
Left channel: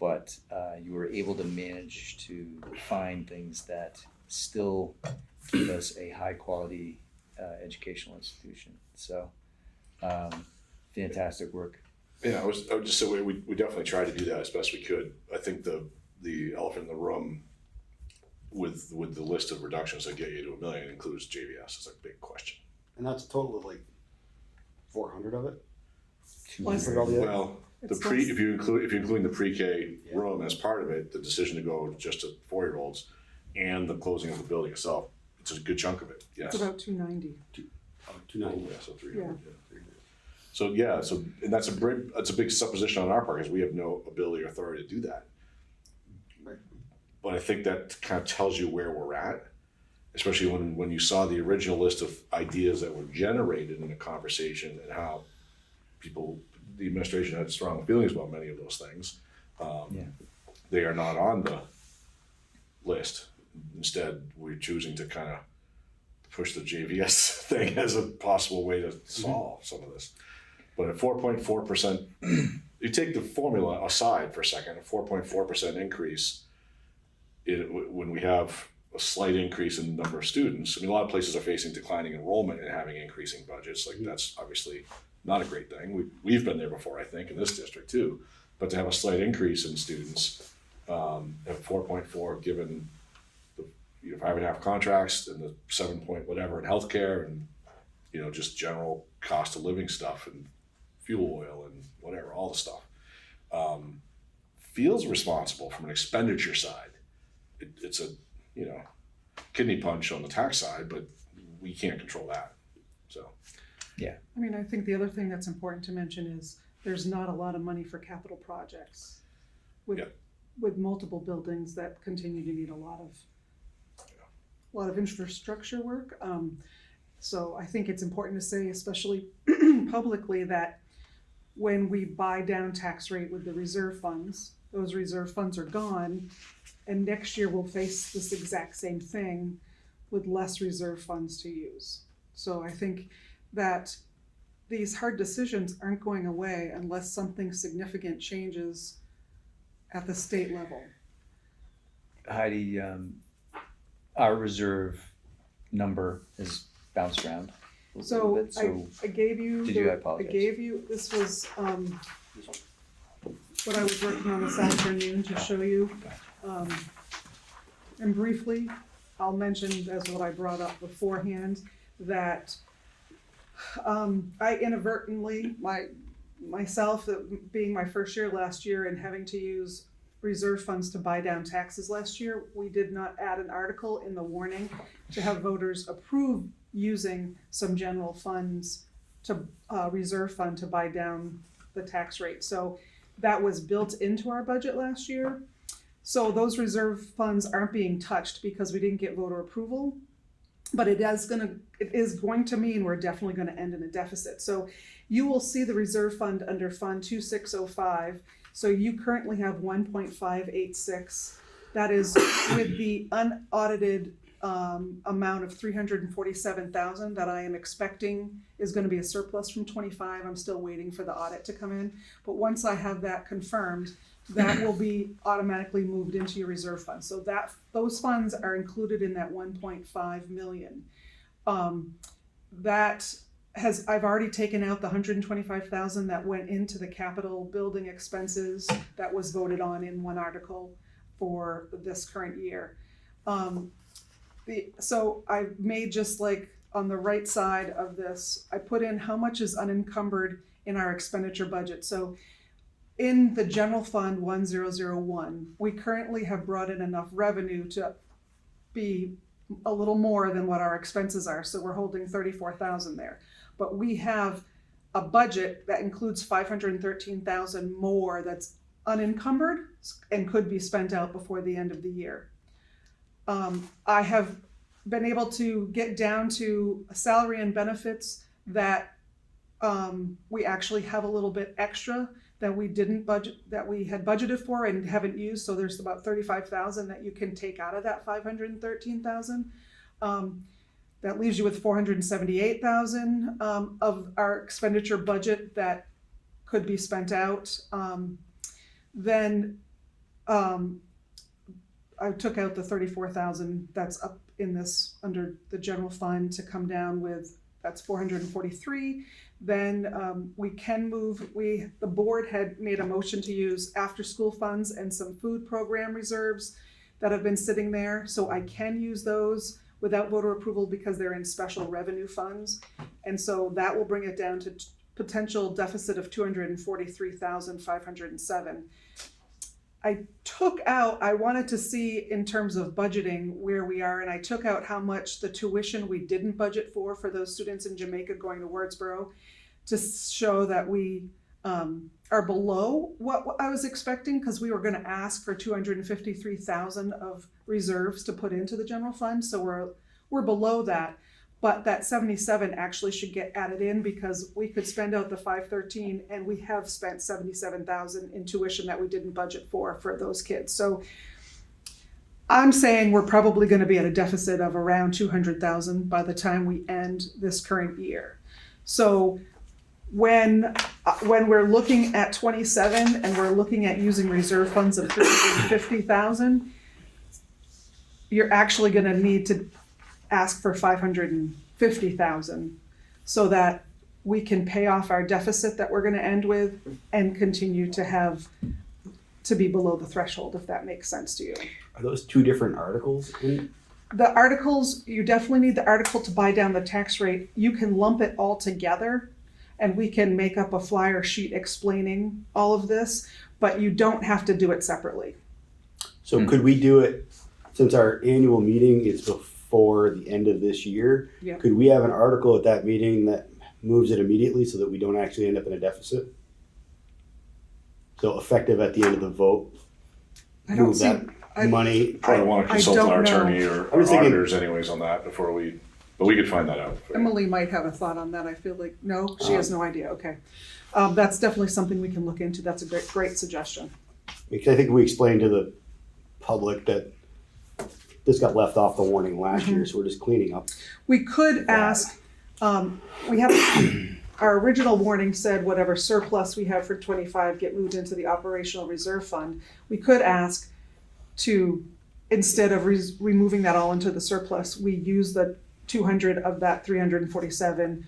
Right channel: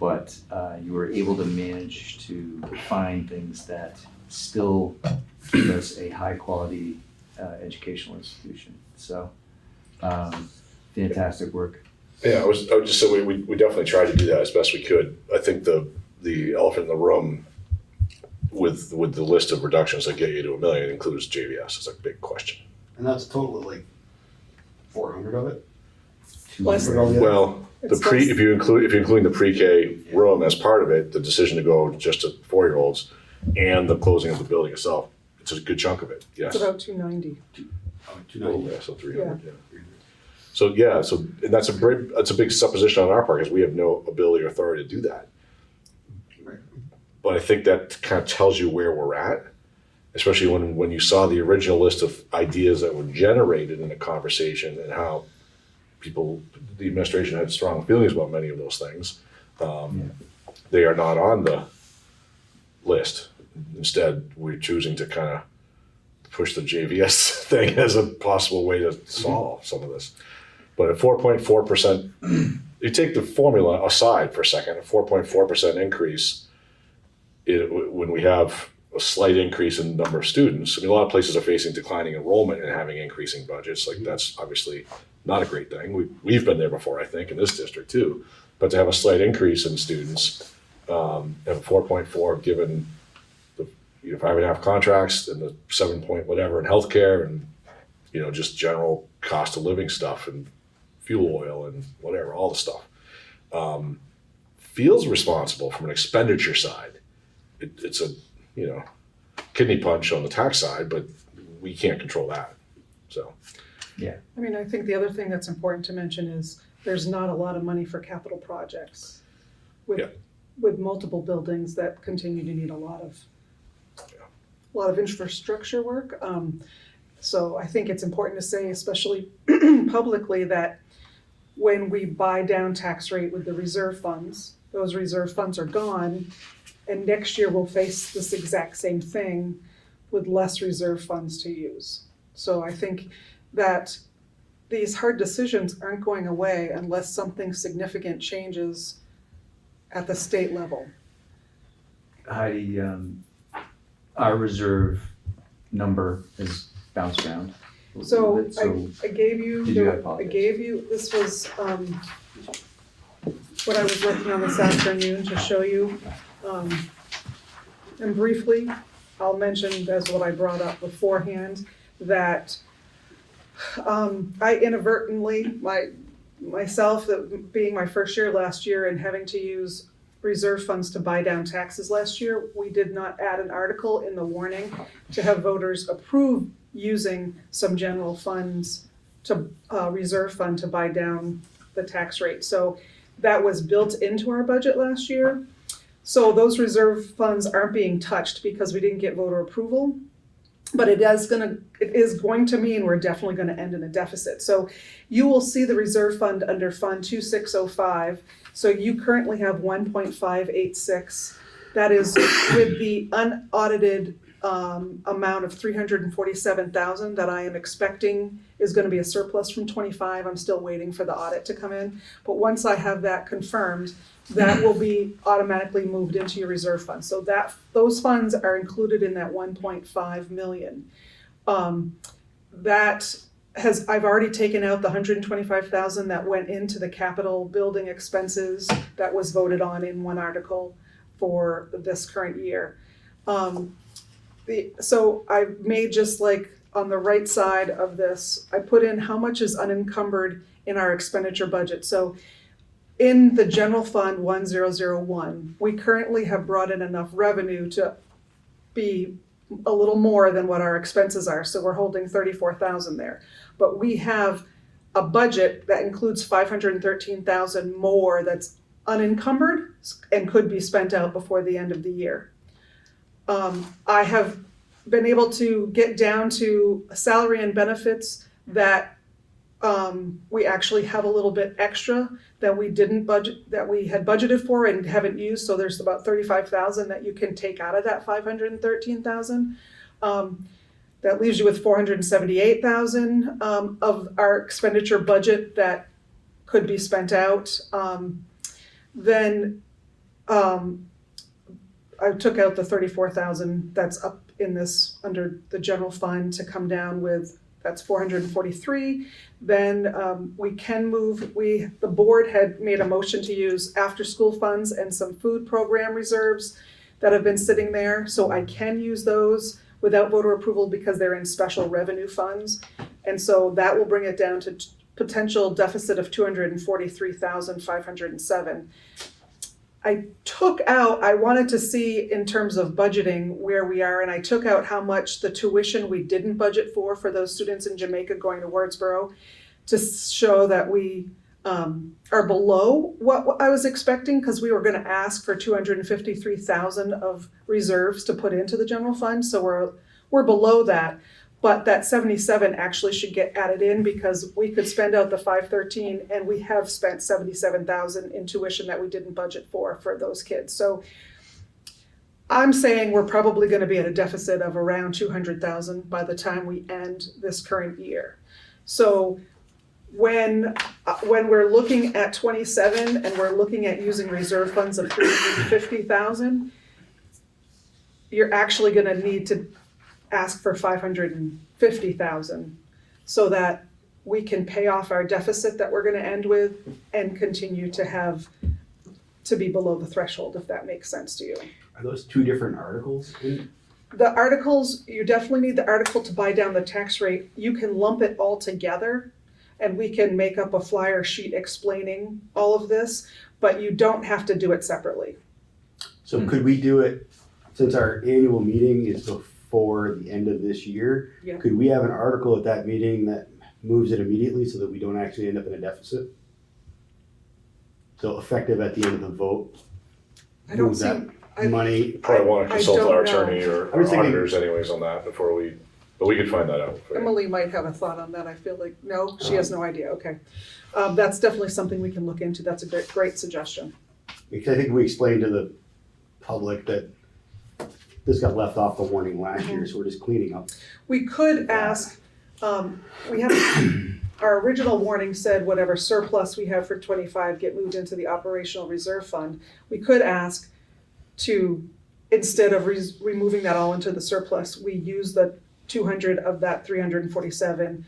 But you were able to manage to find things that still give us a high quality educational institution. So fantastic work. Yeah, I would just say we definitely tried to do that as best we could. I think the elephant in the room with the list of reductions that get you to $1 million includes JVS. It's a big question. And that's a total of like 400 of it? Less than- Well, It's if you're including the pre-K room as part of it, the decision to go just to 4-year-olds and the closing of the building itself, it's a good chunk of it. Yes. It's about 290. Oh, 290. Yeah, so 300. Yeah. So and that's a big supposition on our part because we have no ability or authority to do that. But I think that kind of tells you where we're at, especially when you saw the original list of ideas that were generated in the conversation and how the administration had strong feelings about many of those things. They are not on the list. Instead, we're choosing to kind of push the JVS thing as a possible way to solve some of this. But at 4.4%, you take the formula aside for a second, a 4.4% increase, when we have a slight increase in the number of students, I mean, a lot of places are facing declining enrollment and having increasing budgets. Like that's obviously not a great thing. We've been there before, I think, in this district too. But to have a slight increase in students, at 4.4, given the 5.5 contracts and the 7 point whatever in healthcare and just general cost of living stuff and fuel oil and whatever, all the stuff, feels responsible from an expenditure side. It's a kidney punch on the tax side, but we can't control that. So. I mean, I think the other thing that's important to mention is there's not a lot of money for capital projects with multiple buildings that continue to need a lot of infrastructure work. So I think it's important to say, especially publicly, that when we buy down tax rate with the reserve funds, those reserve funds are gone, and next year we'll face this exact same thing with less reserve funds to use. So I think that these hard decisions aren't going away unless something significant changes at the state level. Heidi, our reserve number has bounced around a little So bit, so I gave you, Did you? I apologize. this was what I was working on this afternoon to show you. And briefly, I'll mention as what I brought up beforehand, that I inadvertently, myself, that being my first year last year and having to use reserve funds to buy down taxes last year, we did not add an article in the warning to have voters approve using some general funds to reserve fund to buy down the tax rate. So that was built into our budget last year. So those reserve funds aren't being touched because we didn't get voter approval. But it is going to mean we're definitely going to end in a deficit. So you will see the reserve fund under Fund 2605. So you currently have 1.586. That is with the unaudited amount of 347,000 that I am expecting is going to be a surplus from 25. I'm still waiting for the audit to come in. But once I have that confirmed, that will be automatically moved into your reserve fund. So those funds are included in that 1.5 million. I've already taken out the 125,000 that went into the capital building expenses that was voted on in one article for this current year. So I made just like on the right side of this, I put in how much is unencumbered in our expenditure budget. So in the general fund 1001, we currently have brought in enough revenue to be a little more than what our expenses are. So we're holding 34,000 there. But we have a budget that includes 513,000 more that's unencumbered and could be spent out before the end of the year. I have been able to get down to salary and benefits that we actually have a little bit extra that we didn't budget, that we had budgeted for and haven't used. So there's about 35,000 that you can take out of that 513,000. That leaves you with 478,000 of our expenditure budget that could be spent out. Then I took out the 34,000 that's up in this under the general fund to come down with, that's 443. Then we can move, the board had made a motion to use after school funds and some food program reserves that have been sitting there. So I can use those without voter approval because they're in special revenue funds. And so that will bring it down to potential deficit of 243,507. I wanted to see in terms of budgeting where we are, and I took out how much the tuition we didn't budget for those students in Jamaica going to Wurtsboro to show that we are below what I was expecting, because we were going to ask for 253,000 of reserves to put into the general fund. So we're below that. But that 77 actually should get added in because we could spend out the 513 and we have spent 77,000 in tuition that we didn't budget for those kids. So I'm saying we're probably going to be at a deficit of around 200,000 by the time we end this current year. So when we're looking at 27 and we're looking at using reserve funds of 350,000, you're actually going to need to ask for 550,000 so that we can pay off our deficit that we're going to end with and continue to be below the threshold, if that makes sense to you. Are those two different articles? The articles, you definitely need the article to buy down the tax rate. You can lump it all together and we can make up a flyer sheet explaining all of this, but you don't have to do it separately. So could we do it, since our annual meeting is before the end of this year, Yeah. could we have an article at that meeting that moves it immediately so that we don't actually end up in a deficit? So effective at the end of the vote, I don't move see, that money. Probably want to I consult don't our know. attorney or I was our thinking- auditors anyways on that before but we could find that out. for you. Emily might have a thought on that. I feel like, no, she has no idea. Okay. That's definitely something we can look into. That's a great suggestion. Because I think we explained to the public that this got left off the warning last year, so we're just cleaning up. We could ask, we have, our original warning said whatever surplus we have for 25 get moved into the operational reserve fund. We could ask to, instead of removing that all into the surplus, we use the 200 of that 347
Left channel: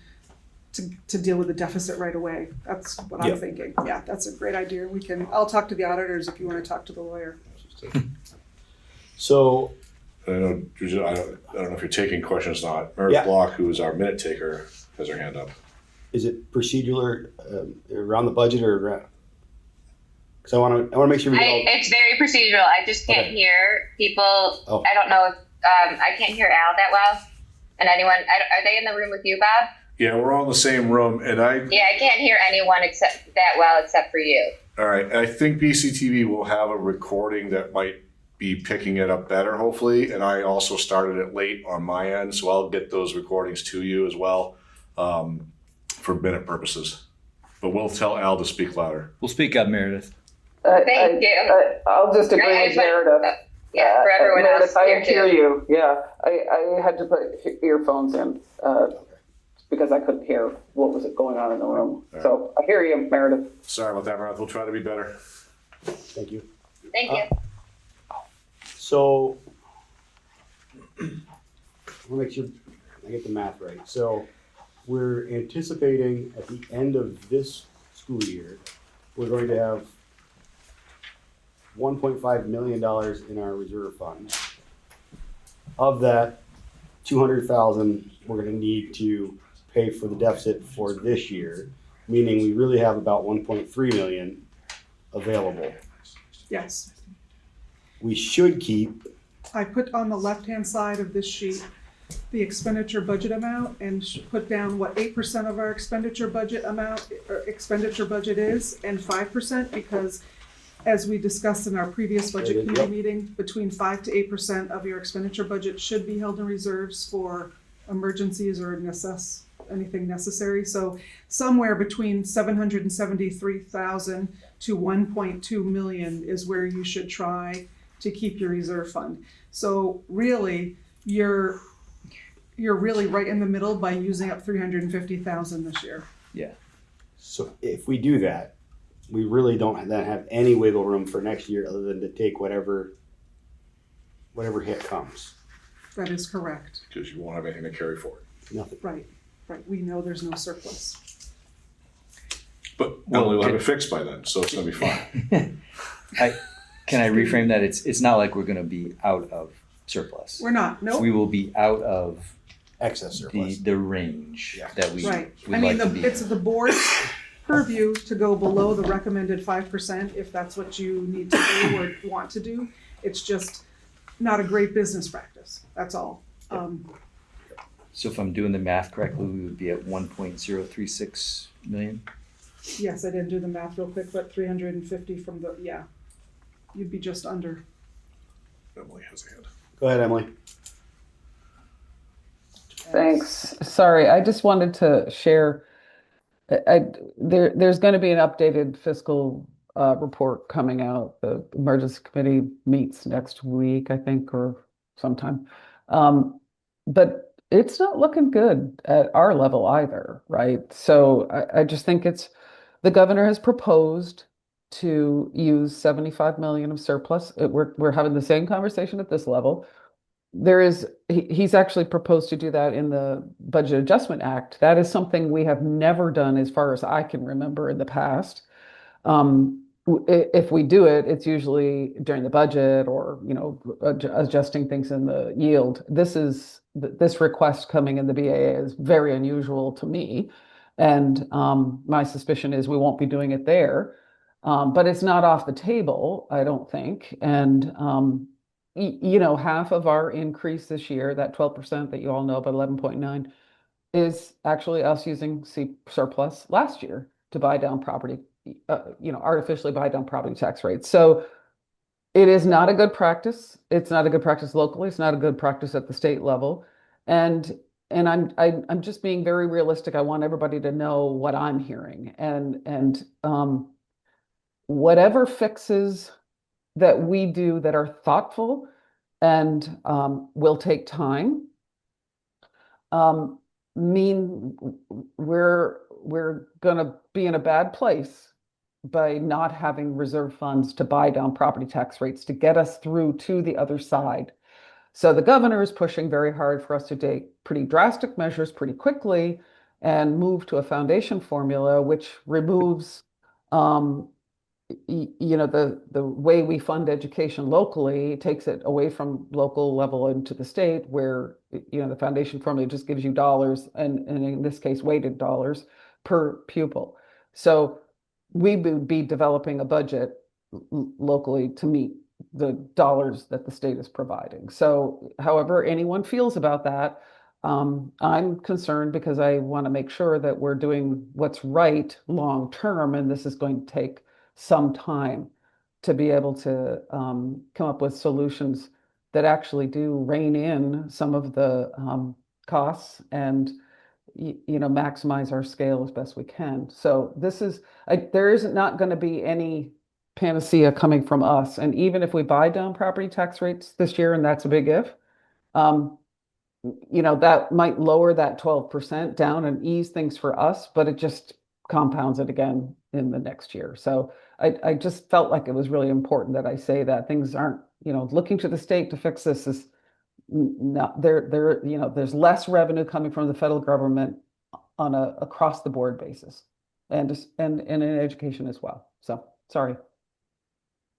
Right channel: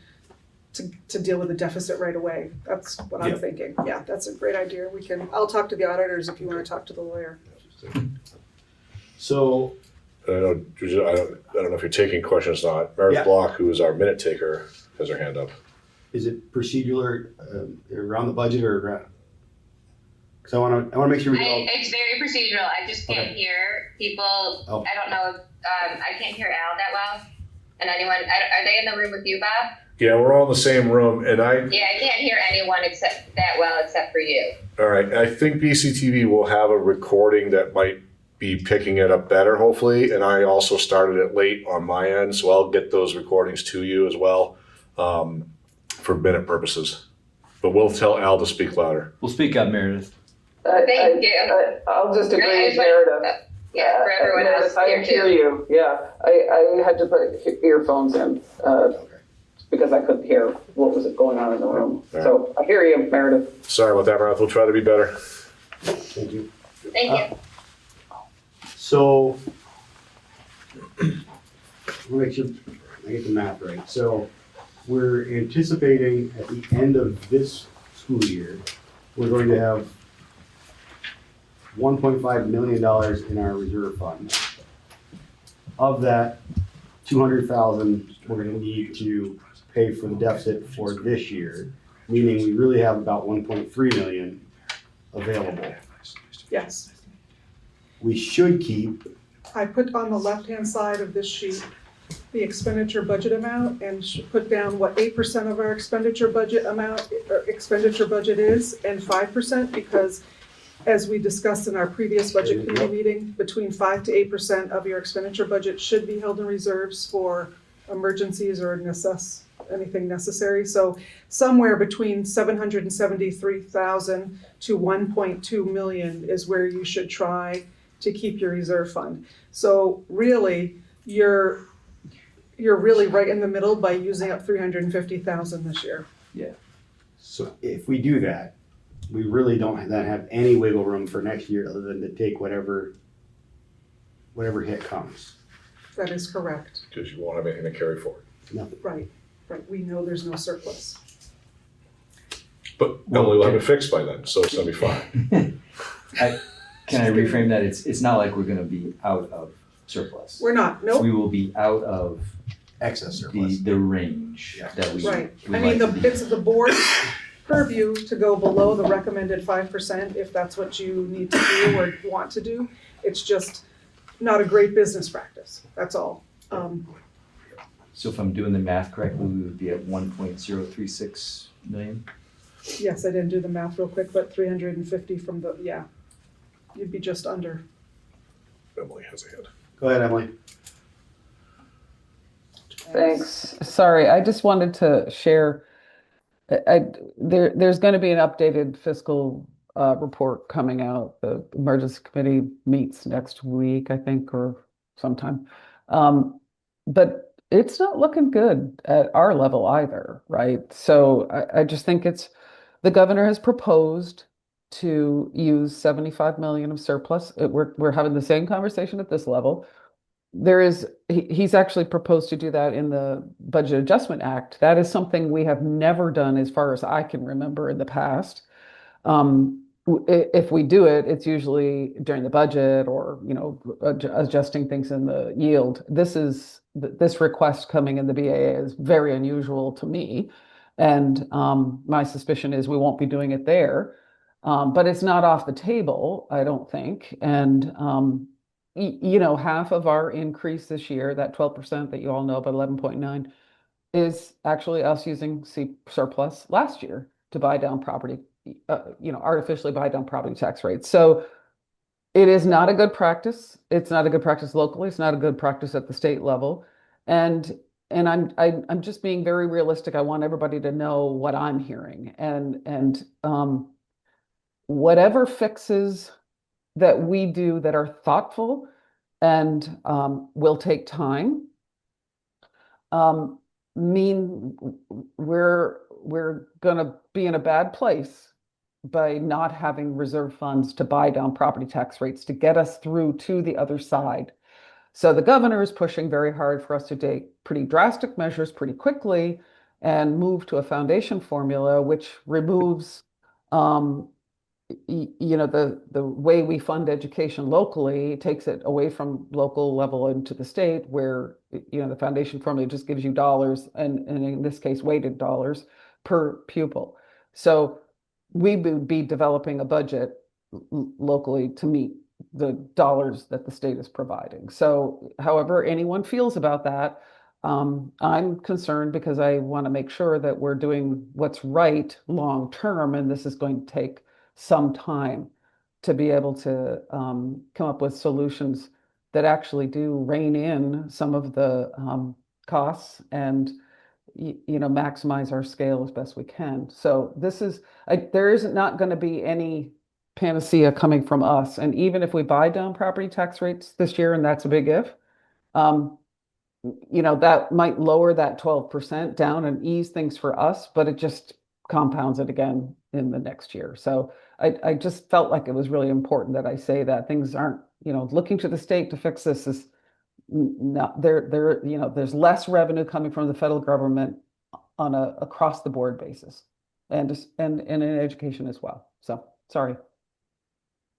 to deal with the deficit right away. That's what I'm thinking. Yeah, that's a great idea. I'll talk to the auditors if you want to talk to the lawyer. So, And I know, I don't know if you're taking questions or not. Meredith Yeah. Block, who is our minute taker, has her hand up. is it procedural around the budget or around? Because I want to make sure we all. It's very procedural. I just can't Okay. hear people. Oh. I don't know if I can't hear Al that well. And anyone, are they in the room with you, Bob? Yeah, we're all in the same room, and Yeah, I can't hear anyone except for you. all right, I think BCTV will have a recording that might be picking it up better, hopefully, and I also started it late on my end, so I'll get those recordings to you as well, for minute purposes. But we'll tell Al to speak louder. We'll speak up, Meredith. Thank you. I'll just agree Right, with but- Meredith. Yeah, for everyone else Meredith, I here hear too. you, yeah. I had to put earphones in, because I couldn't hear what was going on in the room. So I hear you, Meredith. Sorry about that, Meredith, we'll try to be better. Thank you. Thank you. So, I'll make sure I get the math right. So, we're anticipating at the end of this school year, we're going to have $1.5 million in our reserve fund. Of that 200,000, we're gonna need to pay for the deficit for this year, meaning we really have about 1.3 million available. Yes. We should keep, I put on the left-hand side of this sheet the expenditure budget amount and put down what 8% of our expenditure budget is and 5% because as we discussed in our previous budget committee meeting, between 5 to 8% of your expenditure budget should be held in reserves for emergencies or anything necessary. So somewhere between 773,000 to 1.2 million is where you should try to keep your reserve fund. So really, you're really right in the middle by using up 350,000 this year. so if we do that, we really don't then have any wiggle room for next year other than to take whatever hit comes. That is correct. Because you won't have anything to carry forward. Nothing. Right. We know there's no surplus. But Emily will have it fixed by then, so it's gonna be fine. Can I reframe that? It's not like we're gonna be out of surplus. We're not, nope. We will be out of Excess surplus. the range Yeah. that we. Right. we I mean, like to be. it's the board's purview to go below the recommended 5% if that's what you need to do or want to do. It's just not a great business practice. That's all. So if I'm doing the math correctly, we would be at 1.036 million. Yes, I didn't do the math real quick, but 350 from you'd be just under. Emily has a hand. Go ahead, Emily. Thanks. Sorry, I just wanted to share. There's going to be an updated fiscal report coming out. The emergency committee meets next week, I think, or sometime. But it's not looking good at our level either, right? So I just think the governor has proposed to use 75 million of surplus. We're having the same conversation at this level. He's actually proposed to do that in the Budget Adjustment Act. That is something we have never done as far as I can remember in the past. If we do it, it's usually during the budget or, adjusting things in the yield. This request coming in the BAA is very unusual to me. And my suspicion is we won't be doing it there. But it's not off the table, I don't think. And, half of our increase this year, that 12% that you all know, about 11.9, is actually us using surplus last year to buy down property, artificially buy down property tax rates. So it is not a good practice. It's not a good practice locally. It's not a good practice at the state level. And I'm just being very realistic. I want everybody to know what I'm hearing. And whatever fixes that we do that are thoughtful and will take time, mean we're going to be in a bad place by not having reserve funds to buy down property tax rates to get us through to the other side. So the governor is pushing very hard for us to take pretty drastic measures pretty quickly and move to a foundation formula, which removes the way we fund education locally, takes it away from local level into the state where, the foundation formula just gives you dollars and in this case, weighted dollars per pupil. So we would be developing a budget locally to meet the dollars that the state is providing. So however anyone feels about that, I'm concerned because I want to make sure that we're doing what's right long term, and this is going to take some time to be able to come up with solutions that actually do rein in some of the costs and maximize our scale as best we can. So there is not going to be any panacea coming from us. And even if we buy down property tax rates this year, and that's a big if, that might lower that 12% down and ease things for us, but it just compounds it again in the next year. So I just felt like it was really important that I say that things aren't, looking to the state to fix this is not there's less revenue coming from the federal government on a across the board basis and in education as well. So sorry.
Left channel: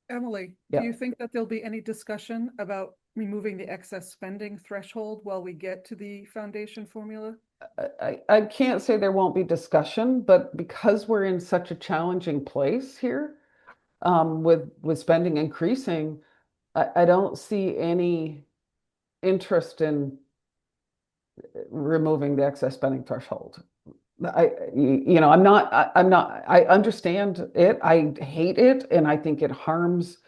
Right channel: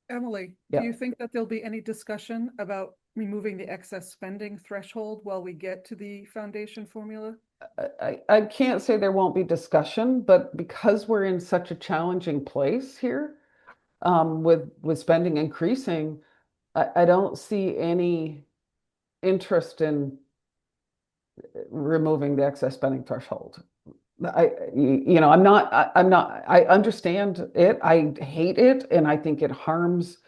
Emily, Yeah. do you think that there'll be any discussion about removing the excess spending threshold while we get to the foundation formula? I can't say there won't be discussion, but because we're in such a challenging place here, with spending increasing, I don't see any interest in removing the excess spending threshold. I understand it. I hate it, and I think it harms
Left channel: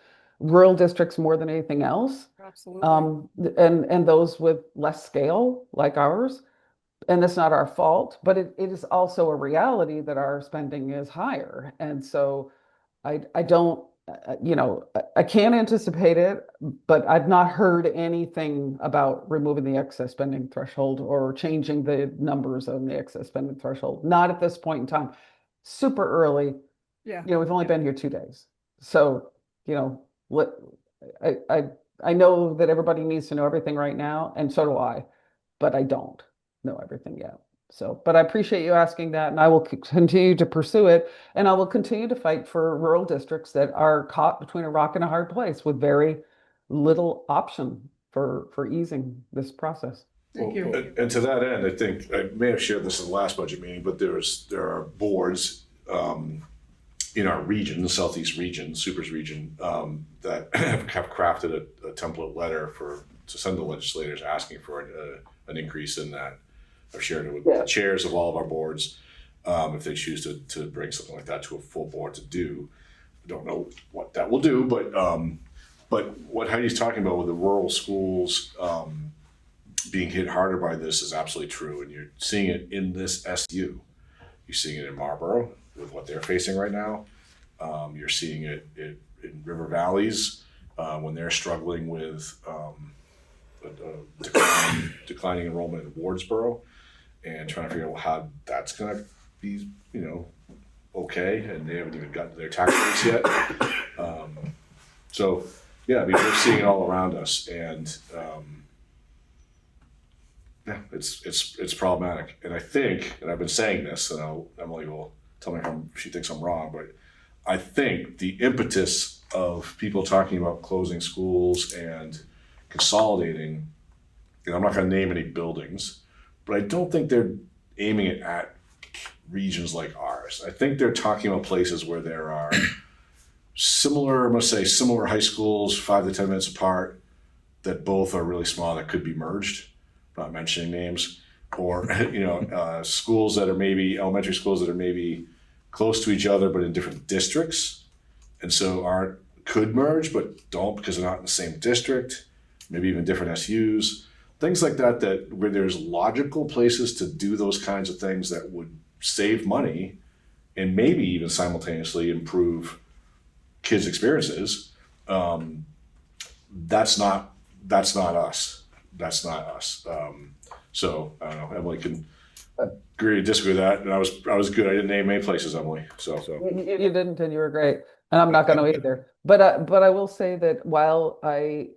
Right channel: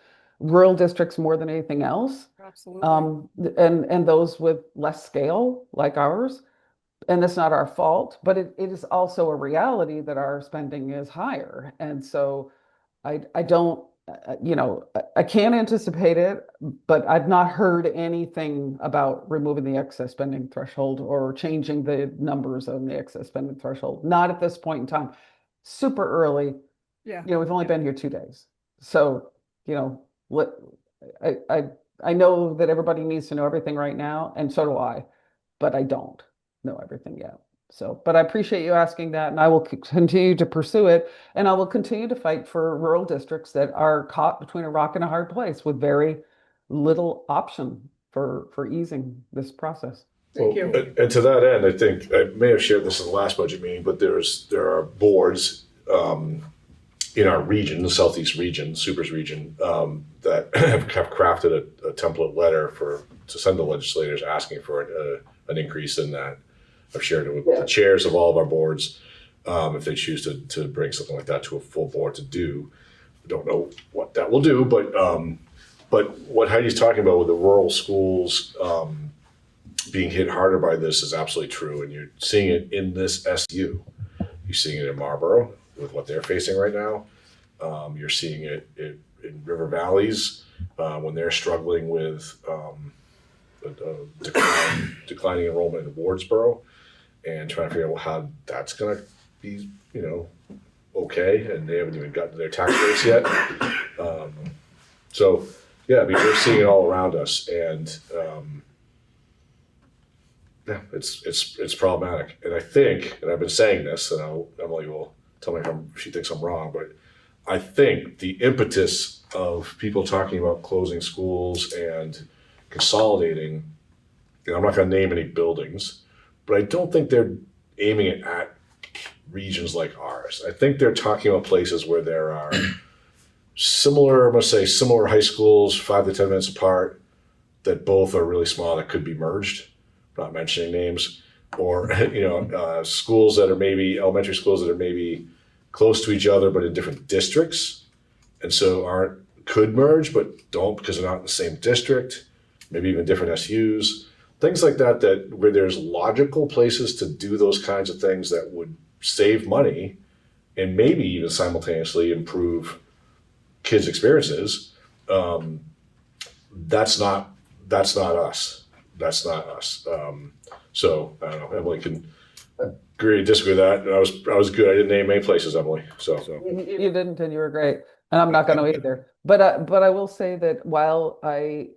rural districts more than anything else. Absolutely. And those with less scale like ours. And it's not our fault, but it is also a reality that our spending is higher. And so I don't, I can't anticipate it, but I've not heard anything about removing the excess spending threshold or changing the numbers on the excess spending threshold. Not at this point in time. Super early. Yeah. We've only been here 2 days. So, what I know that everybody needs to know everything right now, and so do I, but I don't know everything yet. So, but I appreciate you asking that, and I will continue to pursue it, and I will continue to fight for rural districts that are caught between a rock and a hard place with very little option for easing this process. Thank you. And to that end, I think I may have shared this in the last budget meeting, but there are boards in our region, the Southeast region, Supers region, that have crafted a template letter to send to legislators asking for an increase in that. I've shared it with the chairs of all of our boards, if they choose to bring something like that to a full board to do. I don't know what that will do, but what Heidi's talking about with the rural schools being hit harder by this is absolutely true, and you're seeing it in this SU. You're seeing it in Marlboro with what they're facing right now. You're seeing it in River Valleys when they're struggling with declining enrollment in Wardsboro, and trying to figure out how that's going to be, okay, and they haven't even gotten to their tax rates yet. So, yeah, I mean, we're seeing it all around us, and it's problematic. And I think, and I've been saying this, and Emily will tell me if she thinks I'm wrong, but I think the impetus of people talking about closing schools and consolidating, and I'm not going to name any buildings, but I don't think they're aiming it at regions like ours. I think they're talking about places where there are similar high schools, 5 to 10 minutes apart, that both are really small, that could be merged, not mentioning names, or schools that are maybe elementary schools that are maybe close to each other but in different districts, and so could merge but don't because they're not in the same district, maybe even different SUs, things like that where there's logical places to do those kinds of things that would save money and maybe even simultaneously improve kids' experiences. That's not us. That's not us. So I don't know. Emily can agree or disagree with that. I was good. I didn't name any places, Emily. So You didn't, and you were great, and I'm not going to either. But I will say that while I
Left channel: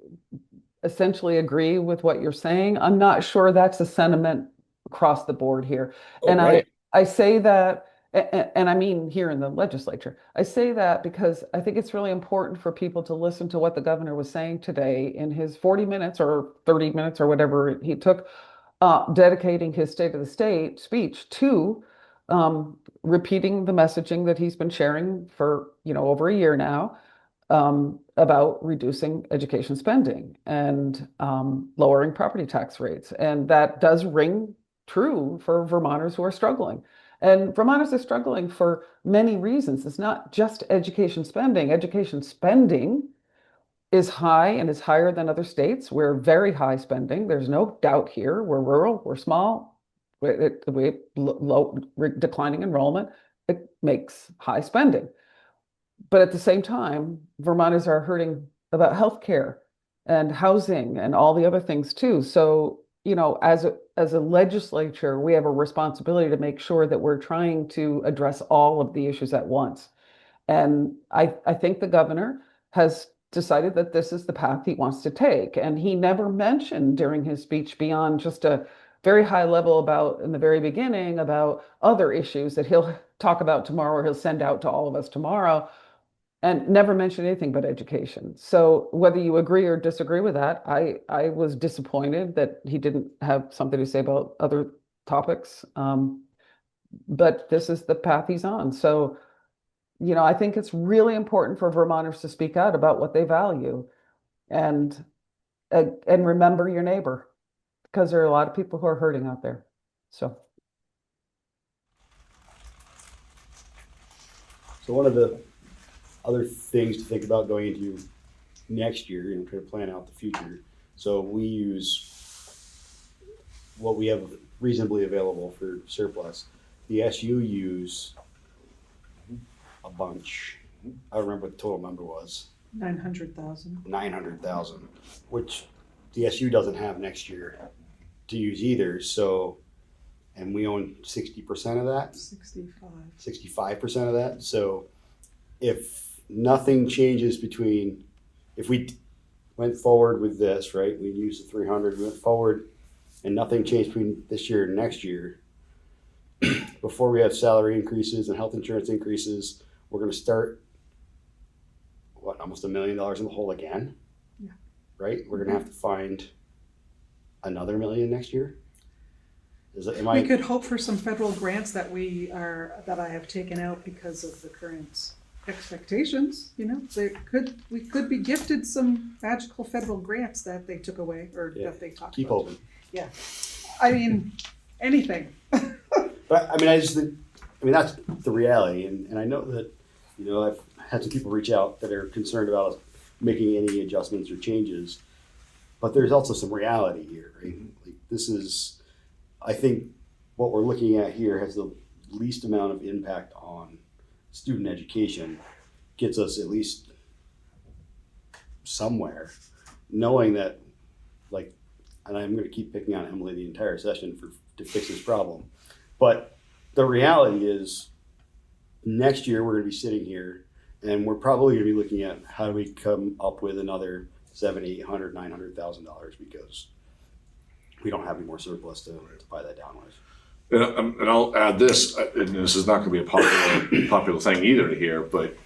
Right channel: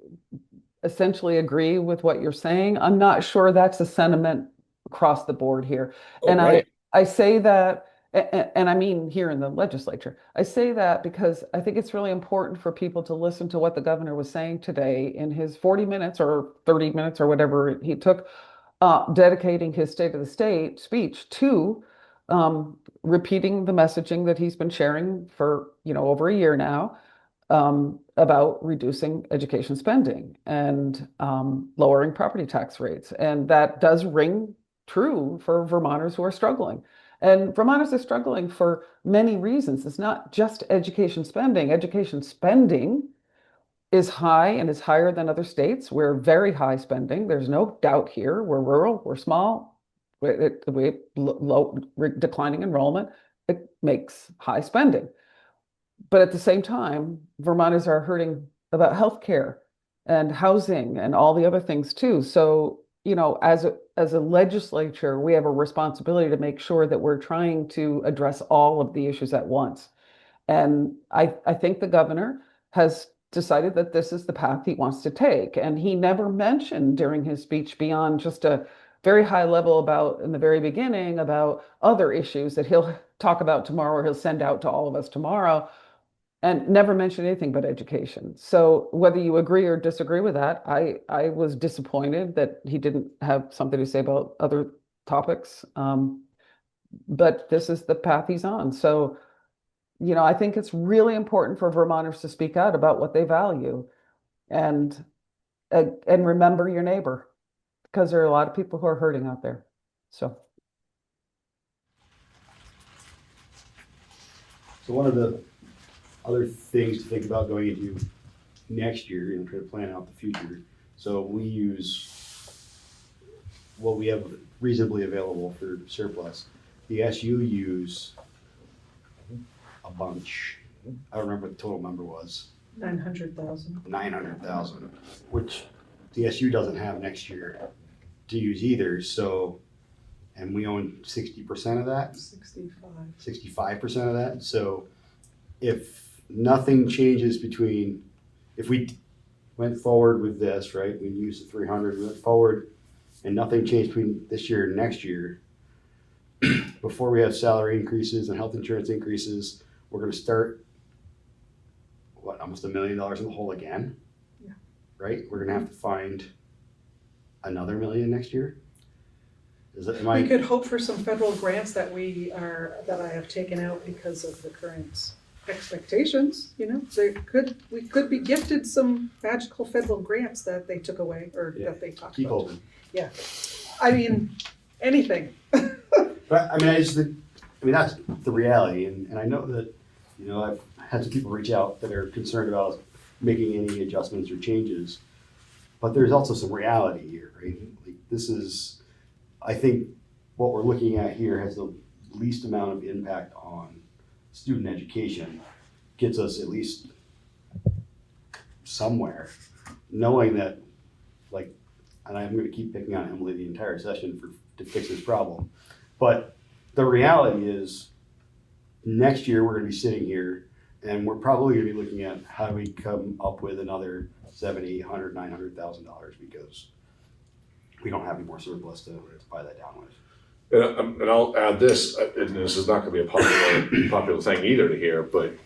essentially agree with what you're saying, I'm not sure that's a sentiment across the board here. And right. I say that, and I mean here in the legislature, I say that because I think it's really important for people to listen to what the governor was saying today in his 40 minutes or 30 minutes or whatever he took, dedicating his State of the State speech to repeating the messaging that he's been sharing for over a year now, about reducing education spending and lowering property tax rates. And that does ring true for Vermonters who are struggling. And Vermonters are struggling for many reasons. It's not just education spending. Education spending is high and is higher than other states. We're very high spending. There's no doubt here. We're rural, we're small, we low declining enrollment. It makes high spending. But at the same time, Vermonters are hurting about healthcare and housing and all the other things too. So, as a legislature, we have a responsibility to make sure that we're trying to address all of the issues at once. And I think the governor has decided that this is the path he wants to take. And he never mentioned during his speech beyond just a very high level in the very beginning about other issues that he'll talk about tomorrow or he'll send out to all of us tomorrow. and never mentioned anything but education. So whether you agree or disagree with that, I was disappointed that he didn't have something to say about other topics. But this is the path he's on. So, I think it's really important for Vermonters to speak out about what they value, and remember your neighbor, because there are a lot of people who are hurting out there. So. So one of the other things to think about going into next year and try to plan out the future. So we use what we have reasonably available for surplus. The SU use a bunch. I don't remember what the total number was. 900,000. 900,000, which the SU doesn't have next year to use either. So, and we own 60% of that. 65% of that. So if nothing changes if we went forward with this, right, we'd use the 300, we went forward and nothing changed between this year and next year, before we have salary increases and health insurance increases, we're going to start, almost $1 million in the hole again? Yeah. Right? We're going to have to find another $1 million next year? We could hope for some federal grants that I have taken out because of the current expectations, we could be gifted some magical federal grants that they took away or that they talked keep about. hoping. Yeah. I mean, anything. But I mean, I just think, that's the reality. And I know that, I've had some people reach out that are concerned about making any adjustments or changes. But there's also some reality here, right? Like this is, I think what we're looking at here has the least amount of impact on student education, gets us at least somewhere, knowing that, and I'm going to keep picking on Emily the entire session to fix this problem. But the reality is next year we're going to be sitting here and we're probably going to be looking at how do we come up with another $700,000, $800,000, $900,000 because we don't have any more surplus to buy that down with. And I'll add this, and this is not going to be a popular thing either to hear, but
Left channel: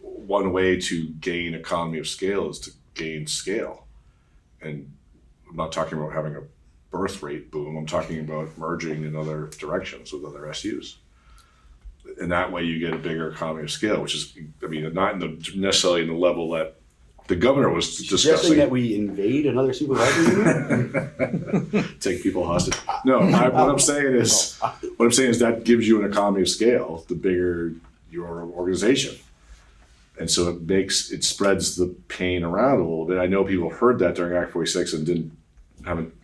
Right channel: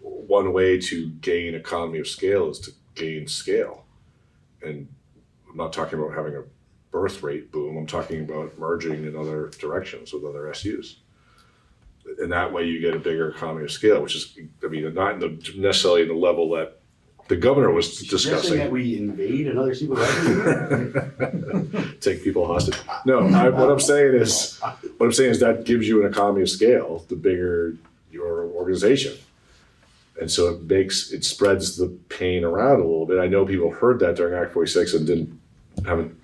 one way to gain economy of scale is to gain scale. And I'm not talking about having a birth rate boom. I'm talking about merging in other directions with other SUs. And that way you get a bigger economy of scale, which is, not necessarily in the level that the governor was discussing. Suggesting that we invade another supervisor? Take people hostage. No, what I'm saying is that gives you an economy of scale, the bigger your organization. And so it spreads the pain around a little bit. I know people heard that during Act 46 and haven't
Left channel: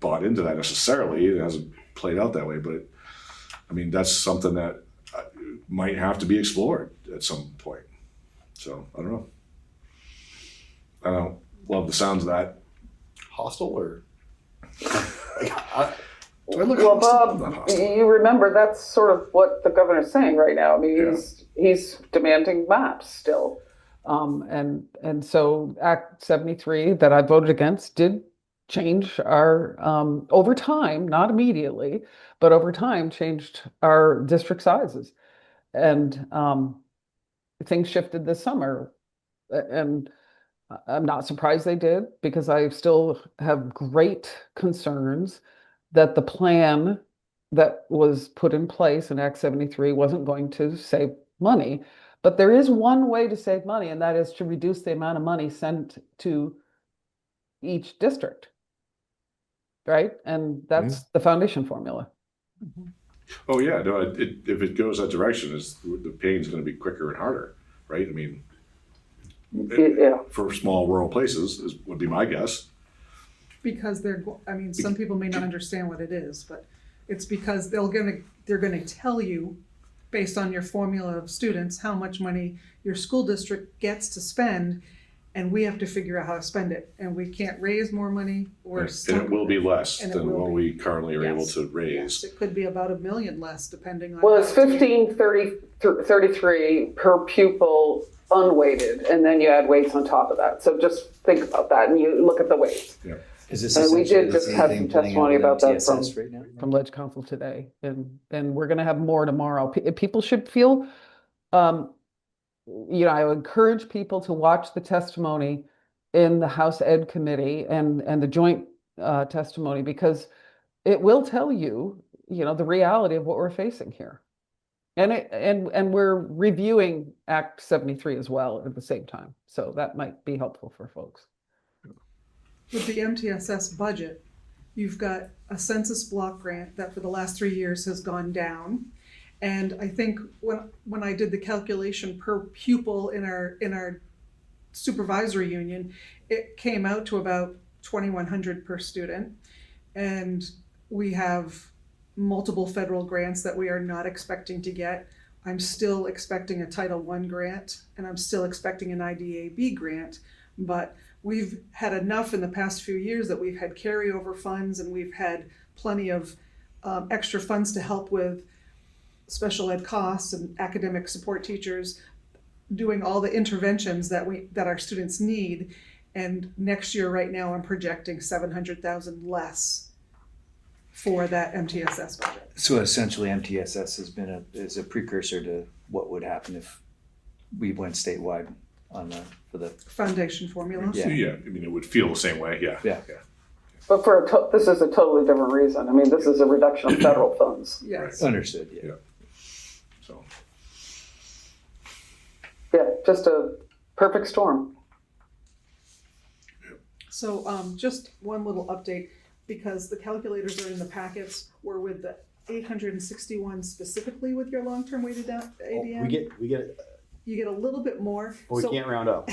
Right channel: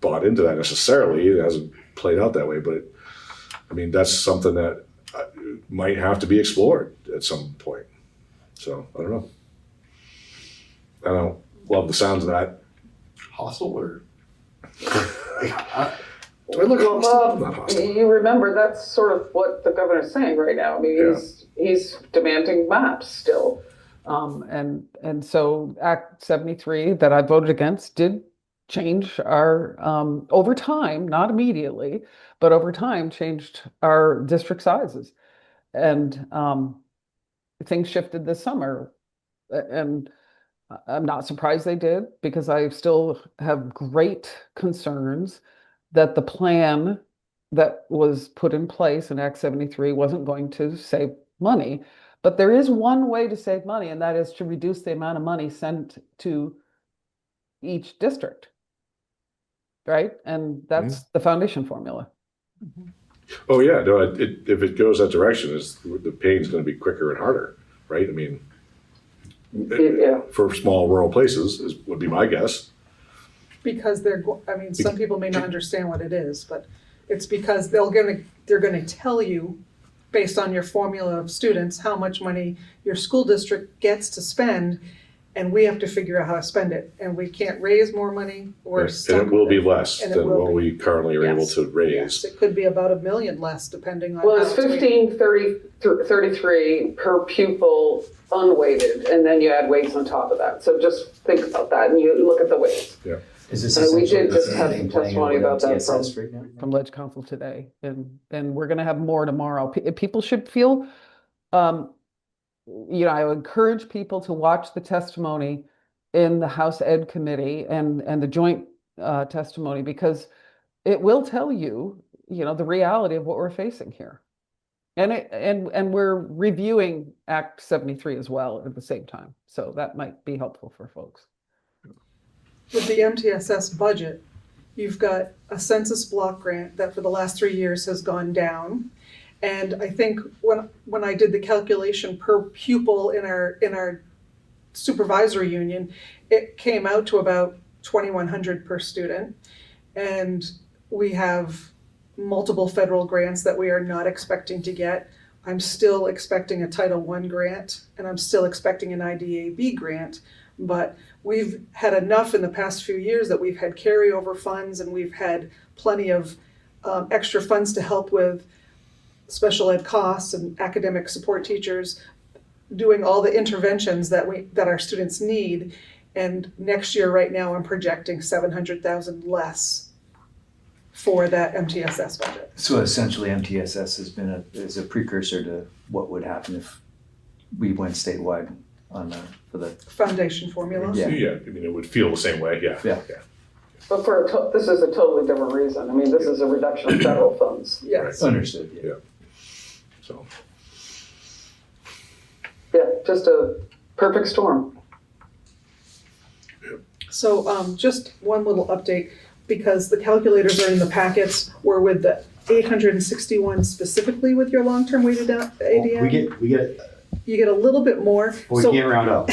bought into that necessarily. It hasn't played out that way, but that's something that might have to be explored at some point. So I don't know. I don't love the sounds of that. Hostile or? Do I look Well, hostile? Bob, Not hostile. you remember that's sort of what the governor's saying right now. He's demanding maps still. And so Act 73 that I voted against did change our, over time, not immediately, but over time changed our district sizes. And things shifted this summer. And I'm not surprised they did, because I still have great concerns that the plan that was put in place in Act 73 wasn't going to save money. But there is one way to save money, and that is to reduce the amount of money sent to each district, right? And that's the foundation formula. Oh yeah, no. If it goes that direction, the pain's going to be quicker and harder, right? Yeah. For small rural places would be my guess. Because some people may not understand what it is, but it's because they're gonna tell you, based on your formula of students, how much money your school district gets to spend, and we have to figure out how to spend it. And we can't raise more money, or And it will be less And it than will what be. we currently are able Yes. to raise. Yes, it could be about $1 million less, depending on. Well, how it's weighted. 1533 per pupil unweighted, and then you add weights on top of that. So just think about that, and you look at the weights. Is this We essentially did the just same have thing testimony playing out about in that from- TSS right now? From Ledge Council today, and we're going to have more tomorrow. People should feel I encourage people to watch the testimony in the House Ed Committee and the joint testimony, because it will tell you, the reality of what we're facing here. And we're reviewing Act 73 as well at the same time. So that might be helpful for folks. With the MTSS budget, you've got a census block grant that for the last 3 years has gone down. And I think when I did the calculation per pupil in our supervisory union, it came out to about 2,100 per student. And we have multiple federal grants that we are not expecting to get. I'm still expecting a Title I grant, and I'm still expecting an IDAB grant, but we've had enough in the past few years that we've had carryover funds, and we've had plenty of extra funds to help with special ed costs and academic support teachers, doing all the interventions that our students need. And next year, right now, I'm projecting 700,000 less for that MTSS budget. So essentially, MTSS has been is a precursor to what would happen if we went statewide for the Foundation formula. Yeah. Yeah, I mean, it would feel the same way, yeah. Yeah. But this is a totally different reason. I mean, this is a reduction of federal funds. Yes. understood. Yeah. So, Yeah, just a perfect storm. So just one little update, because the calculators are in the packets, we're with the 861 specifically with your long-term weighted ADM. We get, You get a little bit more. but we So can't round up.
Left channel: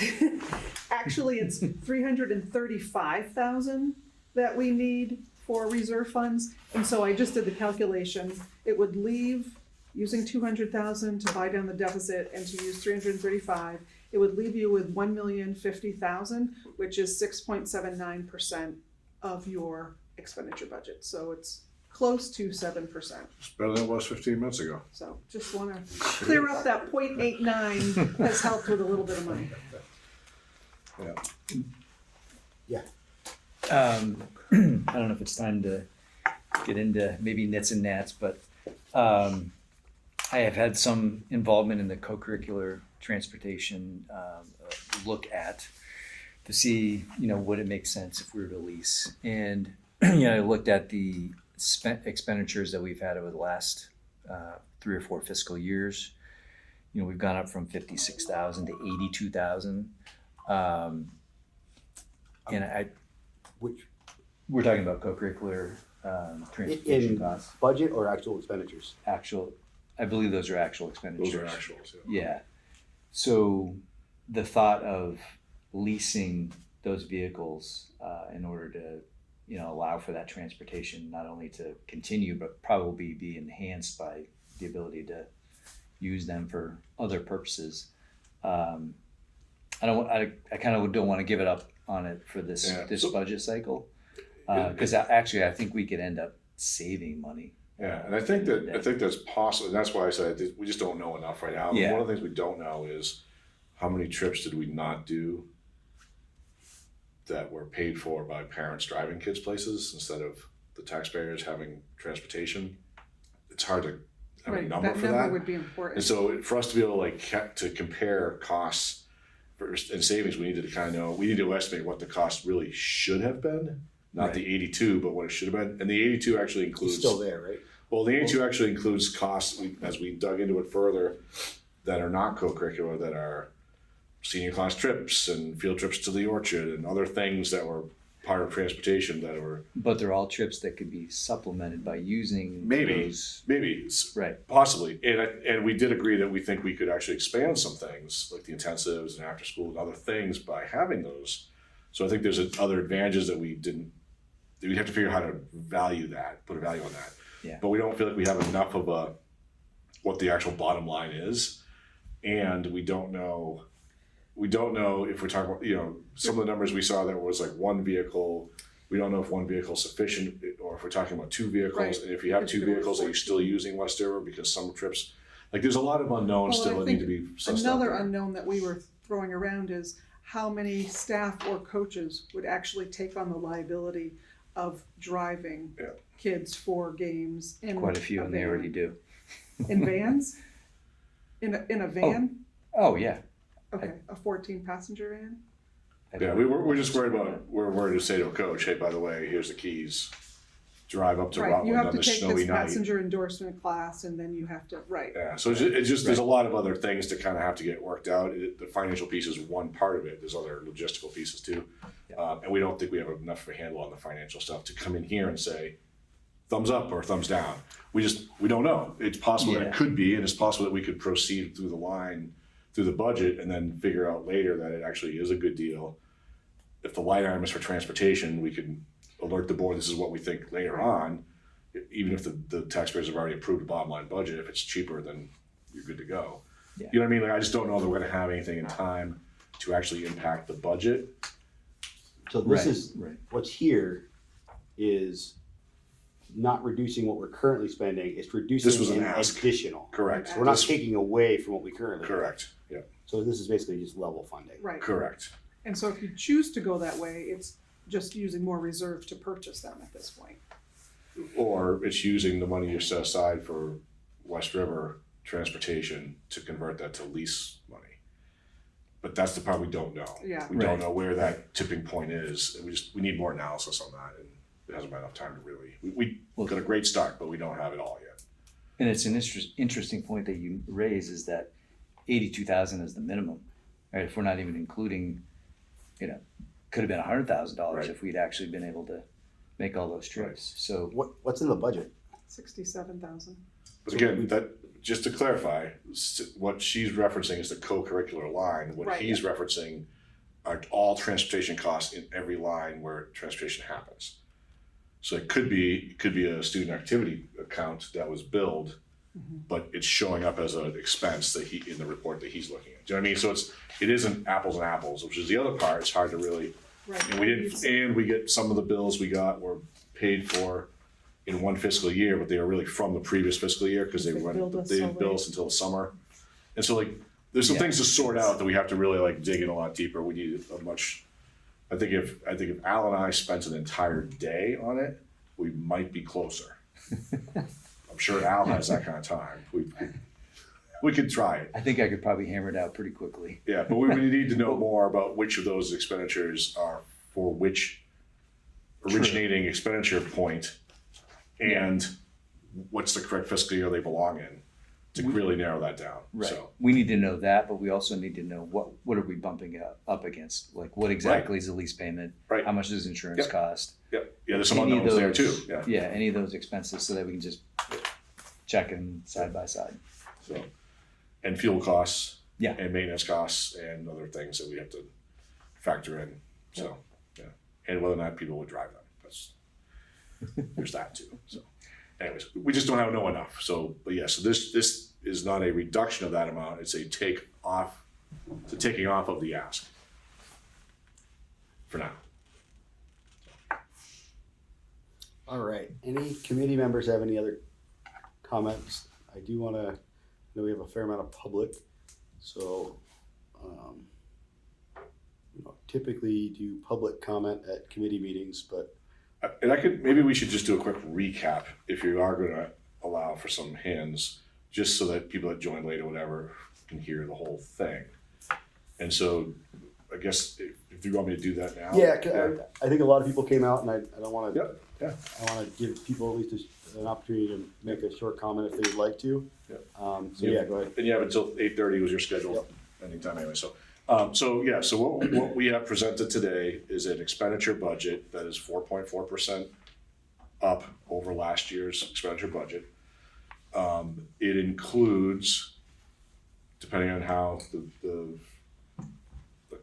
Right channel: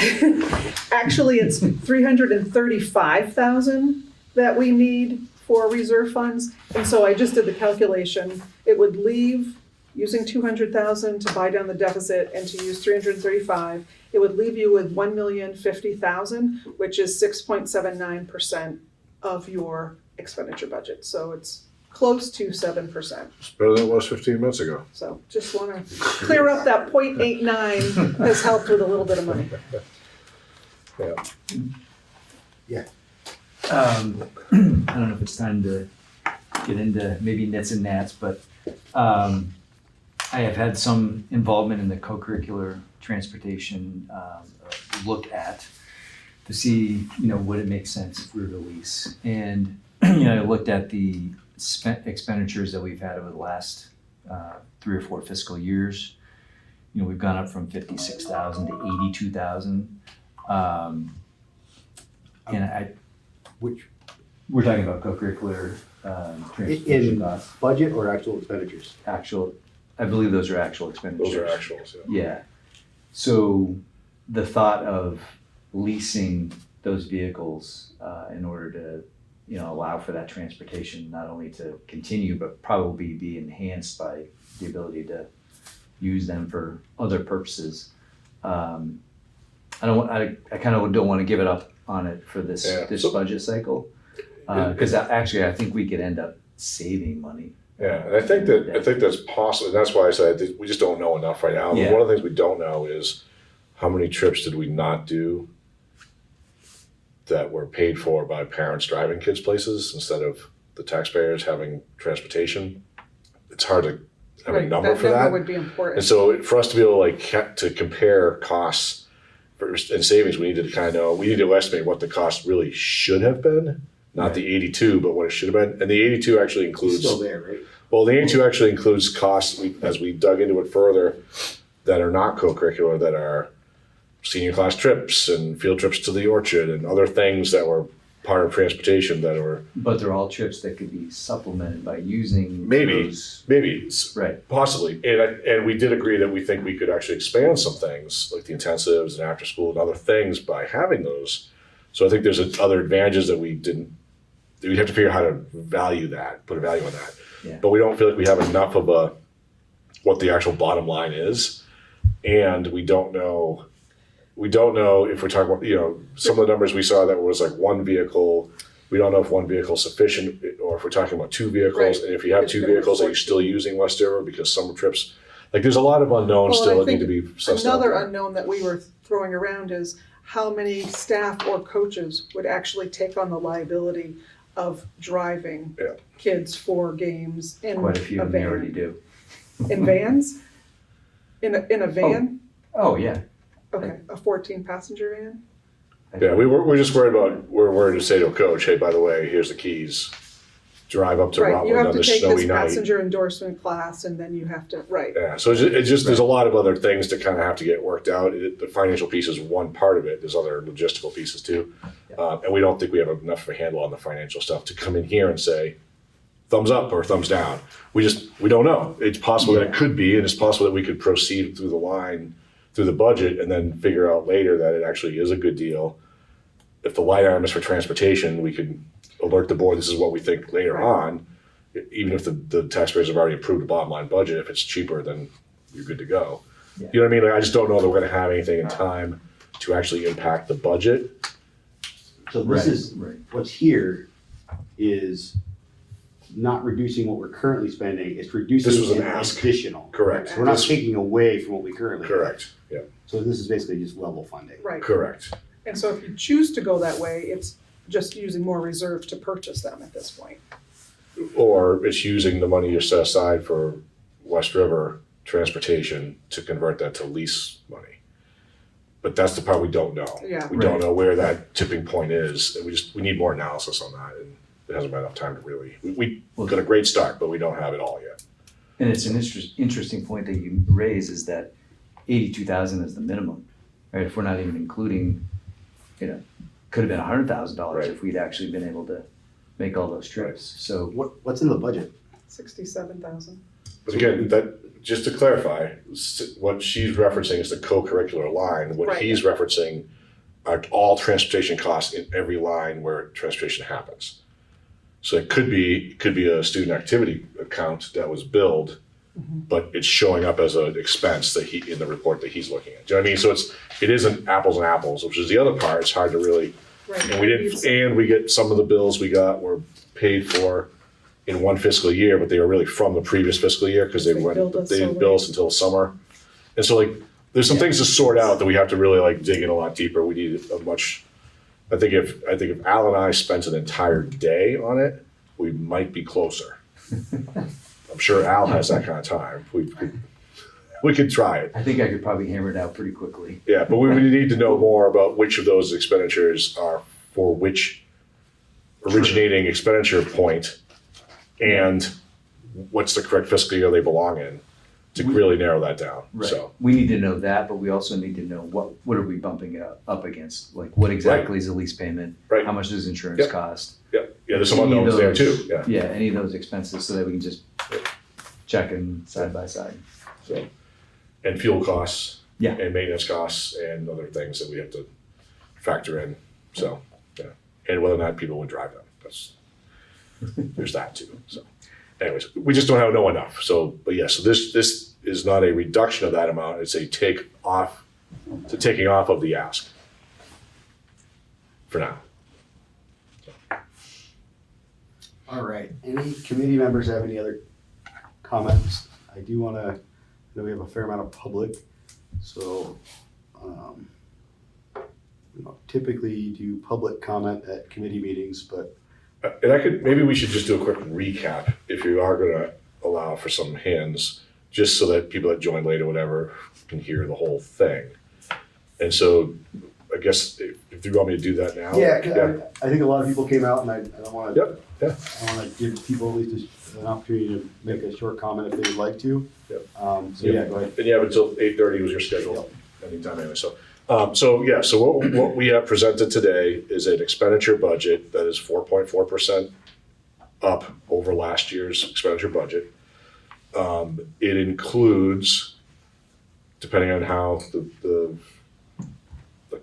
actually, it's 335,000 that we need for reserve funds. And so I just did the calculation. It would leave, using 200,000 to buy down the deficit and to use 335, it would leave you with 1,050,000, which is 6.79% of your expenditure budget. So it's close to 7%. it's better than it was 15 minutes ago. So just want to clear up that 0.89 has helped with a little bit of money. I don't know if it's time to get into maybe nits and gnats, but I have had some involvement in the co-curricular transportation look at to see, would it make sense if we were to lease. And, I looked at the expenditures that we've had over the last 3 or 4 fiscal years. We've gone up from 56,000 to 82,000. And we're talking about co-curricular transportation In costs. budget or actual expenditures? I believe those are actual expenditures. Those are actuals, Yeah. So the thought of leasing those vehicles in order to, allow for that transportation, not only to continue, but probably be enhanced by the ability to use them for other purposes. I kind of don't want to give it up on it for this budget cycle. Because actually, I think we could end up saving money. Yeah, and I think that's possible. That's why I said we just don't know enough right now. Yeah. One of the things we don't know is how many trips did we not do that were paid for by parents driving kids places instead of the taxpayers having transportation. It's hard to have a number for that. Would be important. And so for us to be able to compare costs and savings, we need to estimate what the cost really should have been. Not the 82, but what it should have been. And the 82 actually includes. It's still there, right? Well, the 82 actually includes costs, as we dug into it further, that are not co-curricular, that are senior class trips and field trips to the orchard and other things that were part of transportation that were. But they're all trips that could be supplemented by using Maybe, right. possibly. And we did agree that we think we could actually expand some things, like the intensives and after school and other things by having those. So I think there's other advantages that we'd have to figure out how to value that, put a value on that. Yeah. But we don't feel like we have enough of what the actual bottom line is. And we don't know if we're talking about, some of the numbers we saw that was like one vehicle. We don't know if one vehicle is sufficient or if we're talking about 2 vehicles. Right. And if you have It's 2 gonna be vehicles, are you 14. still using Westover? Because some trips, there's a lot of unknowns Well, and I still that need think to be sussed out Another there. unknown that we were throwing around is how many staff or coaches would actually take on the liability of driving kids for games in Quite a few a of them van. already do. In vans? In a van? Oh, yeah. Okay, a 14-passenger van? Yeah, we're just worried about, we're worried to say to a coach, hey, by the way, here's the keys. Drive up to Right, you Rutland have on to this take snowy this night. passenger endorsement class and then you have to, right. Yeah, so it's just there's a lot of other things that kind of have to get worked out. The financial piece is one part of it. There's other logistical pieces too. And we don't think we have enough of a handle on the financial stuff to come in here and say, thumbs up or thumbs down. We don't know. It's possible that it could be, and it's possible that we could proceed through the line, through the budget, and then figure out later that it actually is a good deal. If the line item is for transportation, we could alert the board, this is what we think later on. Even if the taxpayers have already approved a bottom line budget, if it's cheaper, then you're good to go. Yeah. You know what I mean? Like, I just don't know that we're gonna have anything in time to actually impact the budget. So this Right, is, right. what's here is not reducing what we're currently spending, it's reducing This was an an ask. additional. Correct. So we're not This- taking away from what we currently have. Correct, yeah, So this is basically just level funding. Right. correct. And so if you choose to go that way, it's just using more reserve to purchase them at this point. Or it's using the money you set aside for West River transportation to convert that to lease money. But that's the part we don't know. Yeah. We don't Right. know where that tipping point is, and we need more analysis on that, and there hasn't been enough time to really, we got a great start, but we don't have it all yet. And it's an interesting point that you raise is that 82,000 is the minimum, right? If we're not even including, could have been $100,000 Right. if we'd actually been able to make all those trips. So What's in the budget? 67,000. But again, just to clarify, what she's referencing is the co-curricular line. What Right. he's referencing are all transportation costs in every line where transportation happens. So it could be a student activity account that was billed, but it's showing up as an expense that in the report that he's looking at. Do you know what I mean? So it isn't apples and apples, which is the other part. It's hard to really, Right. and we get some of the bills we got were paid for in one fiscal year, but they were really from the previous fiscal year because they billed us didn't so bill late. us until summer. And so there's some Yeah. things to sort out that we have to really dig in a lot deeper. We need I think if Al and I spent an entire day on it, we might be closer. I'm sure Al has that kind of time. We could try it. I think I could probably hammer it out pretty quickly. Yeah, but we would need to know more about which of those expenditures are for which originating expenditure point and what's the correct fiscal year they belong in to really narrow that down. Right. So, We need to know that, but we also need to know what are we bumping it up against? Like what exactly is the lease payment? Right. How much does insurance Yep. cost? yeah, there's some Any of unknowns there those- too. Yeah. Yeah, any of those expenses so that we can just check them side by side. So, and fuel costs. Yeah. And maintenance costs and other things that we have to factor in. So, yeah. And whether or not people would drive them. There's that too. So anyways, we just don't know enough. So, but yeah, so this is not a reduction of that amount. It's a taking off of the ask for now. All right, any committee members have any other comments? I do wanna, I know we have a fair amount of public, so, we don't typically do public comment at committee meetings, but And maybe we should just do a quick recap if you are gonna allow for some hands, just so that people that join late or whatever can hear the whole thing. And so I guess if you want me to do that now. yeah, 'cause I think a lot of people came out and I don't wanna. Yep, yeah. I wanna give people at least an opportunity to make a short comment if they'd like to. Yep. So yeah, go ahead. And you have until 8:30 was your schedule, anytime anyway, so. So what we have presented today is an expenditure budget that is 4.4% up over last year's expenditure budget. It includes, depending on how the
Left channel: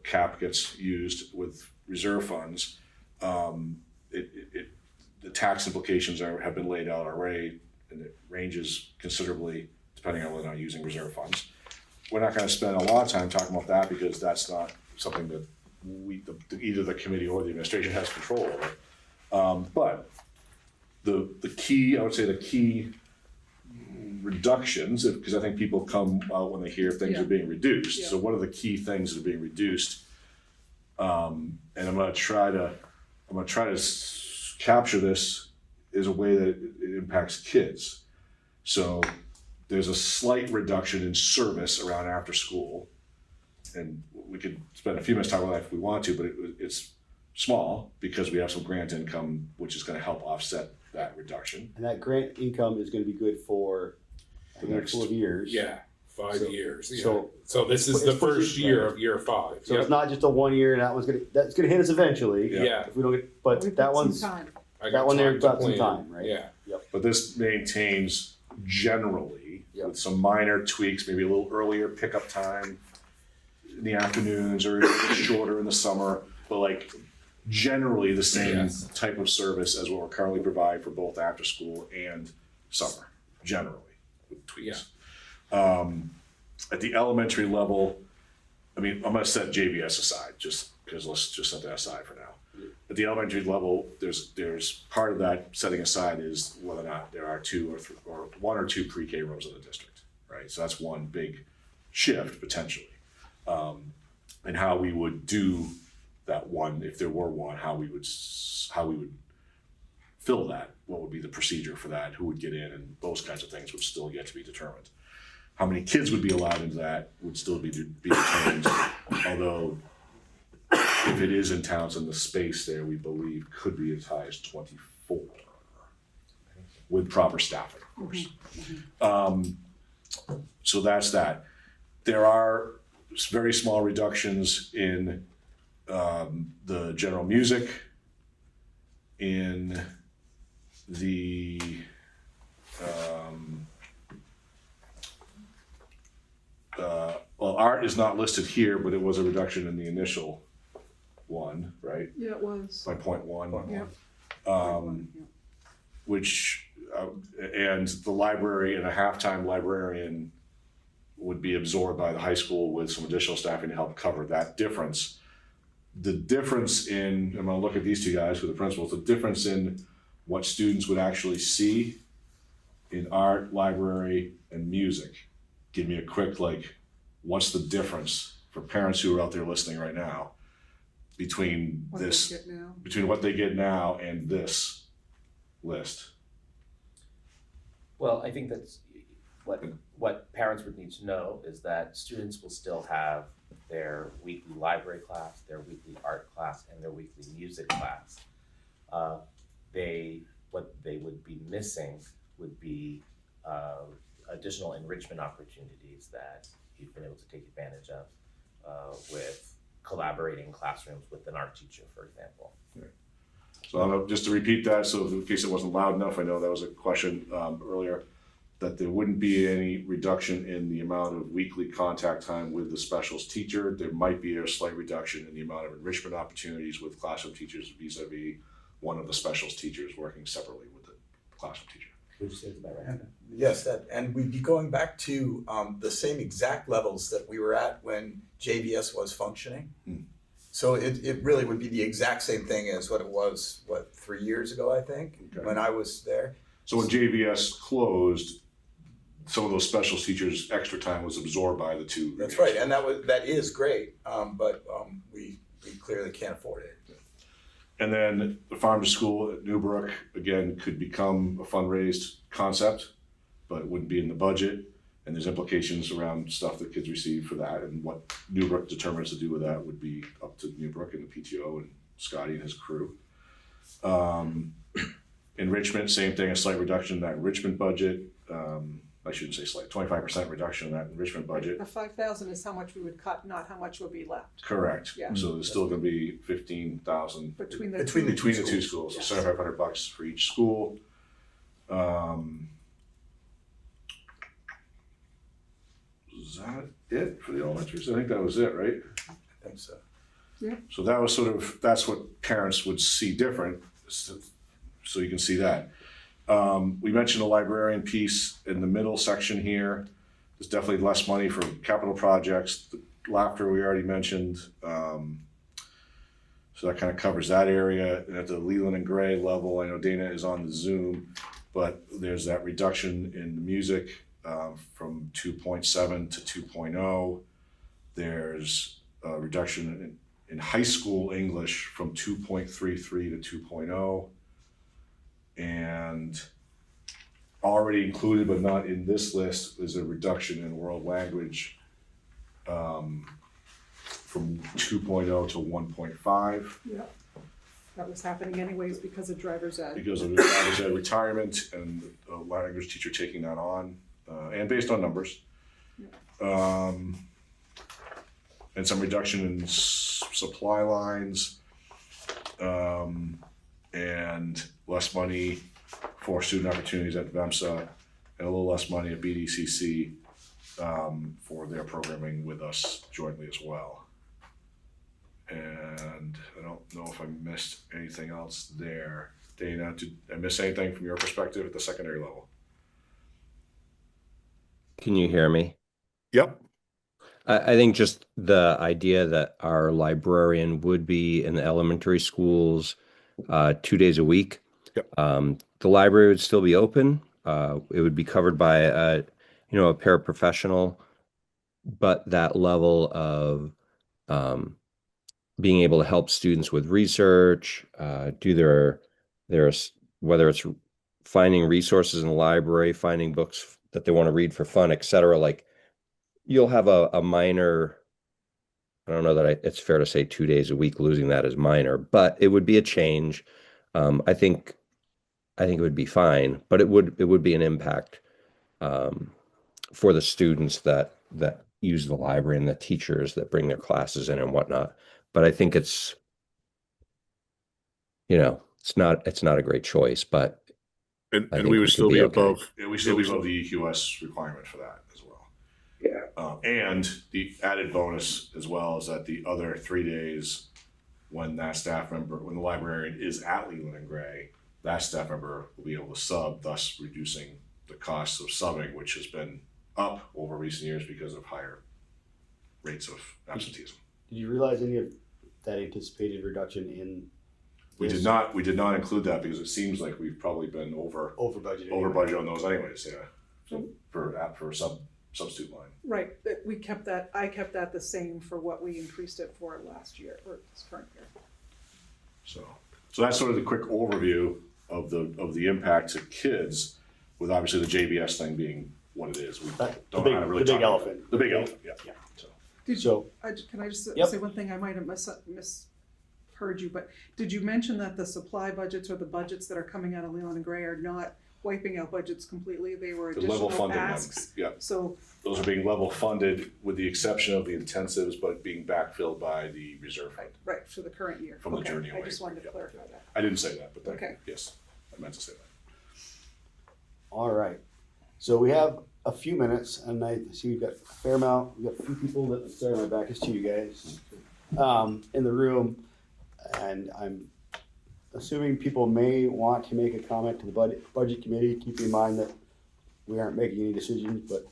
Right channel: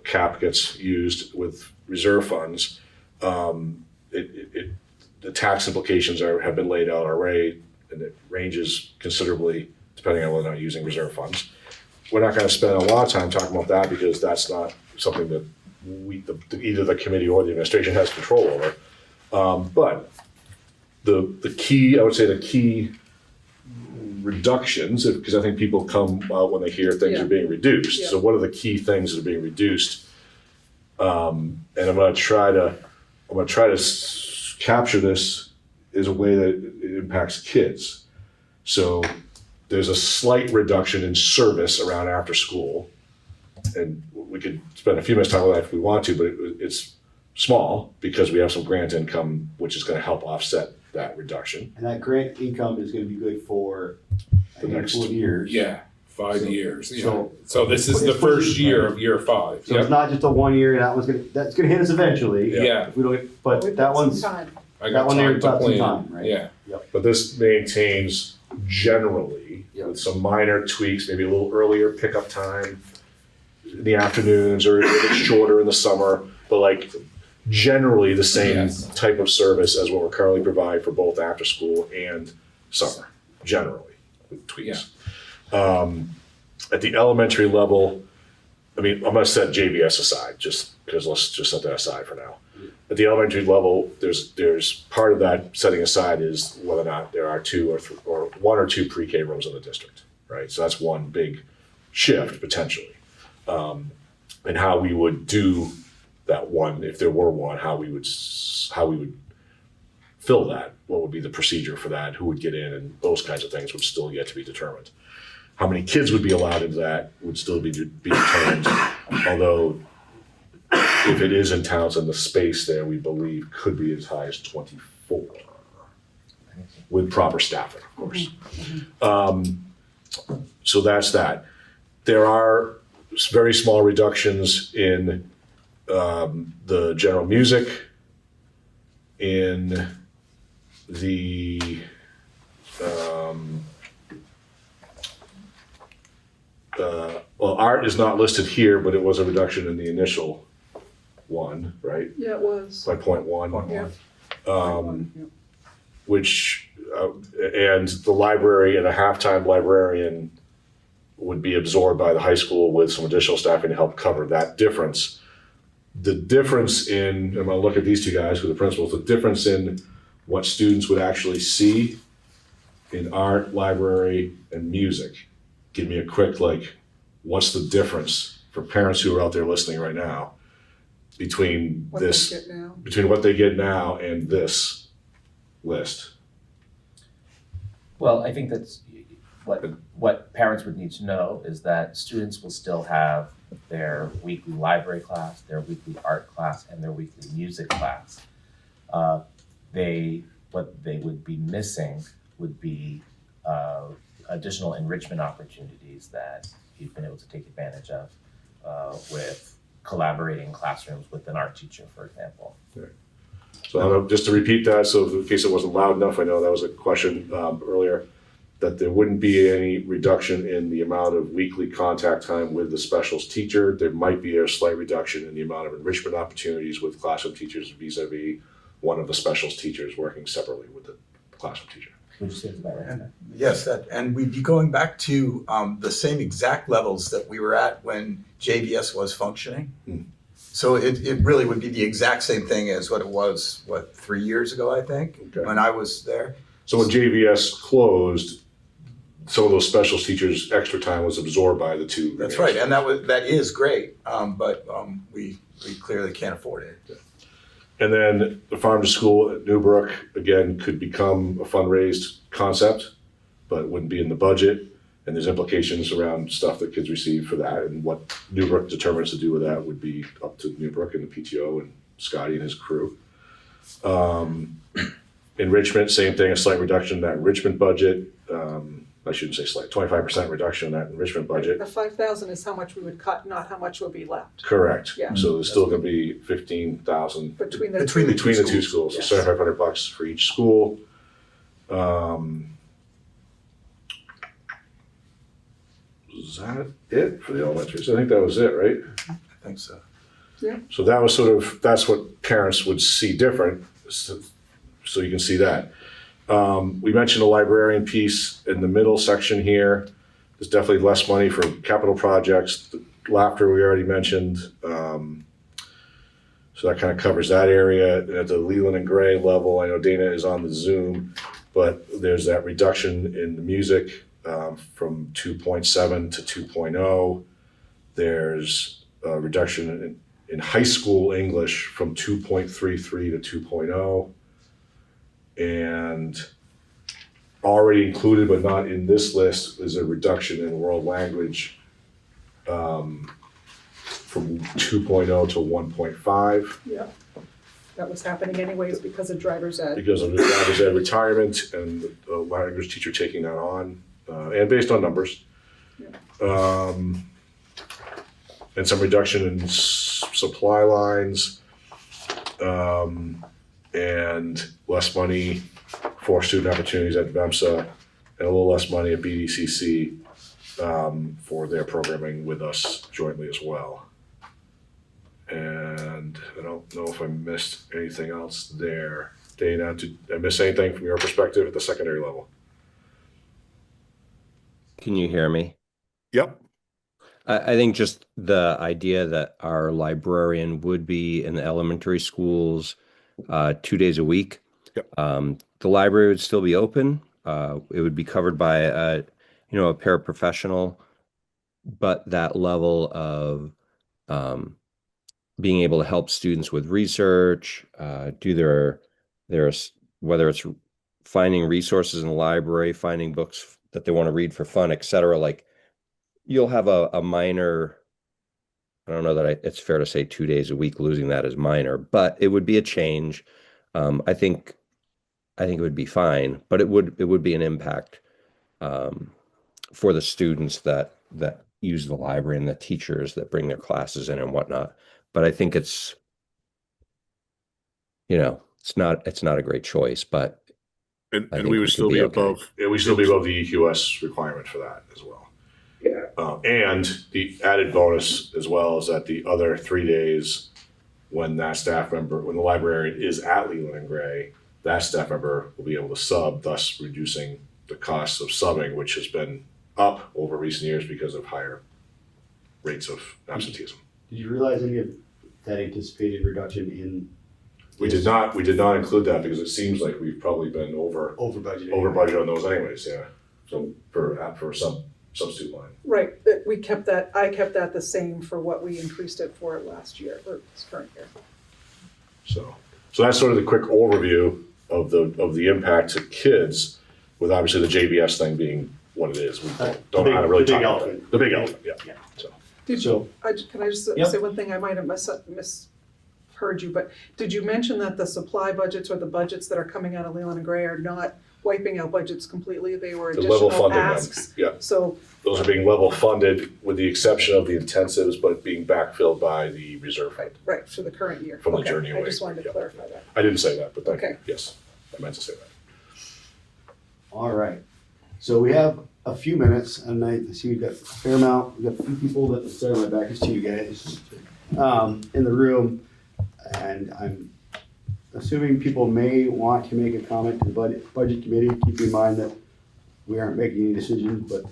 cap gets used with reserve funds, the tax implications have been laid out already, and it ranges considerably depending on whether or not you're using reserve funds. We're not gonna spend a lot of time talking about that because that's not something that either the committee or the administration has control over. But the key reductions, because I think people come out when they hear things are being reduced. Yeah. So what are the key things that are being reduced? And I'm gonna try to capture this as a way that it impacts kids. So there's a slight reduction in service around after school. and we could spend a few minutes talking about that if we want to, but it's small because we have some grant income, which is gonna help offset that reduction. And that grant income is gonna be good for The a next- handful of years. Yeah, 5 So- years, yeah. so- So this is the first year of year 5, So it's not just a 1 year, that's gonna hit us eventually. Yeah. If we don't, but We've that got some one's, time. I that got one there time to got some plan. time, right? Yeah, But this maintains generally with some minor tweaks, maybe a little earlier pickup time in the afternoons or a bit shorter in the summer, but like generally the same Yes. type of service as what we're currently provide for both after school and summer, generally with tweaks. At the elementary level, I mean, I'm gonna set JVS aside just because let's just set that aside for now. At the elementary level, there's part of that setting aside is whether or not there are 2 or 3 or 1 or 2 pre-K rooms in the district, right? So that's one big shift potentially. And how we would do that one, if there were one, how we would fill that, what would be the procedure for that, who would get in, and those kinds of things would still yet to be determined. How many kids would be allowed into that would still be determined, although if it is in Townsend, the space there, we believe, could be as high as 24 with proper staffing, of course. So that's that. There are very small reductions in the general music, in the well, art is not listed here, but it was a reduction in the initial one, right? Yeah, it was. By 0.1. Yeah. Which, and the library and a halftime librarian would be absorbed by the high school with some additional staffing to help cover that difference. The difference in, I'm gonna look at these two guys who are the principals, the difference in what students would actually see in art, library, and music. Give me a quick, what's the difference for parents who are out there listening right now between What they this, get now. between what they get now and this list? Well, I think that's what parents would need to know is that students will still have their weekly library class, their weekly art class, and their weekly music class. What they would be missing would be additional enrichment opportunities that you've been able to take advantage of with collaborating classrooms with an art teacher, for example. So just to repeat that, so in case it wasn't loud enough, I know that was a question earlier, that there wouldn't be any reduction in the amount of weekly contact time with the specials teacher. There might be a slight reduction in the amount of enrichment opportunities with classroom teachers vis-a-vis one of the specials teachers working separately with the classroom teacher. Would you say it's about right? Yes, and we'd be going back to the same exact levels that we were at when JVS was functioning. So it really would be the exact same thing as what it was, 3 years ago, I think, Okay. when I was there. So when JVS closed, some of those specials teachers' extra time was absorbed by the two. That's right, and that is great, but we clearly can't afford it. And then the farm to school at Newbrook, again, could become a fundraised concept, but it wouldn't be in the budget. And there's implications around stuff that kids receive for that, and what Newbrook determines to do with that would be up to Newbrook and the PTO and Scotty and his crew. Enrichment, same thing, a slight reduction in that enrichment budget. I shouldn't say slight, 25% reduction in that enrichment budget. The 5,000 is how much we would cut, not how much would be left. Correct. Yeah. So there's still gonna be 15,000 Between the Between two. between the two schools, so Yes. $7,500 for each school. Is that it for the elementaries? I think that was it, right? I think so. So that was that's what parents would see different, so you can see that. We mentioned the librarian piece in the middle section here. There's definitely less money for capital projects. The laughter we already mentioned. So that kind of covers that area. At the Leland and Gray level, I know Dana is on the Zoom, but there's that reduction in the music from 2.7 to 2.0. There's a reduction in high school English from 2.33 to 2.0. And already included but not in this list is a reduction in world language from 2.0 to 1.5 Yeah. That was happening anyways because of driver's ed. because of the driver's ed retirement and the language teacher taking that on, and based on numbers. And some reduction in supply lines, and less money for student opportunities at VEMSA, and a little less money at BDCC for their programming with us jointly as well. And I don't know if I missed anything else there. Dana, did I miss anything from your perspective at the secondary level? Can you hear me? Yep. I think just the idea that our librarian would be in the elementary schools 2 days a week. Yep. The library would still be open. It would be covered by a paraprofessional, but that level of being able to help students with research, do their whether it's finding resources in the library, finding books that they want to read for fun, etc. Like you'll have a minor, I don't know that it's fair to say 2 days a week, losing that is minor, but it would be a change. I think it would be fine, but it would be an impact for the students that use the library and the teachers that bring their classes in and whatnot. But I think it's not a great choice, but And think we we would could still be be okay. above, yeah, we still be above the EQS requirement for that as well. Yeah. And the added bonus as well is that the other 3 days when the librarian is at Leland and Gray, that staff member will be able to sub, thus reducing the cost of subbing, which has been up over recent years because of higher rates of absenteeism. Did you realize any of that anticipated reduction in? We did not include that because it seems like we've probably been over budget. budget on those anyways, yeah. So for some student line. Right, I kept that the same for what we increased it for last year, or this current year. So that's sort of the quick overview of the impact to kids, with obviously the JVS thing being what it is. We don't know how to really talk about it. The big elephant, yeah. So Can I just Yep. say one thing? I might have misheard you, but did you mention that the supply budgets or the budgets that are coming out of Leland and Gray are not wiping out budgets completely? They were the level additional funding, asks. yeah, So, those are being level funded with the exception of the intensives, but being backfilled by the reserve fund. right, for the current year. From the Okay, journey I away. just wanted to Yeah. clarify that. I didn't say that, but thank you. Okay. Yes, I meant to say that. All right. So we have a few minutes, and I see we've got a fair amount. We've got a few people that, sorry, my back is to you guys, in the room, and I'm assuming people may want to make a comment to the budget committee. Keep in mind that we aren't making any decisions, but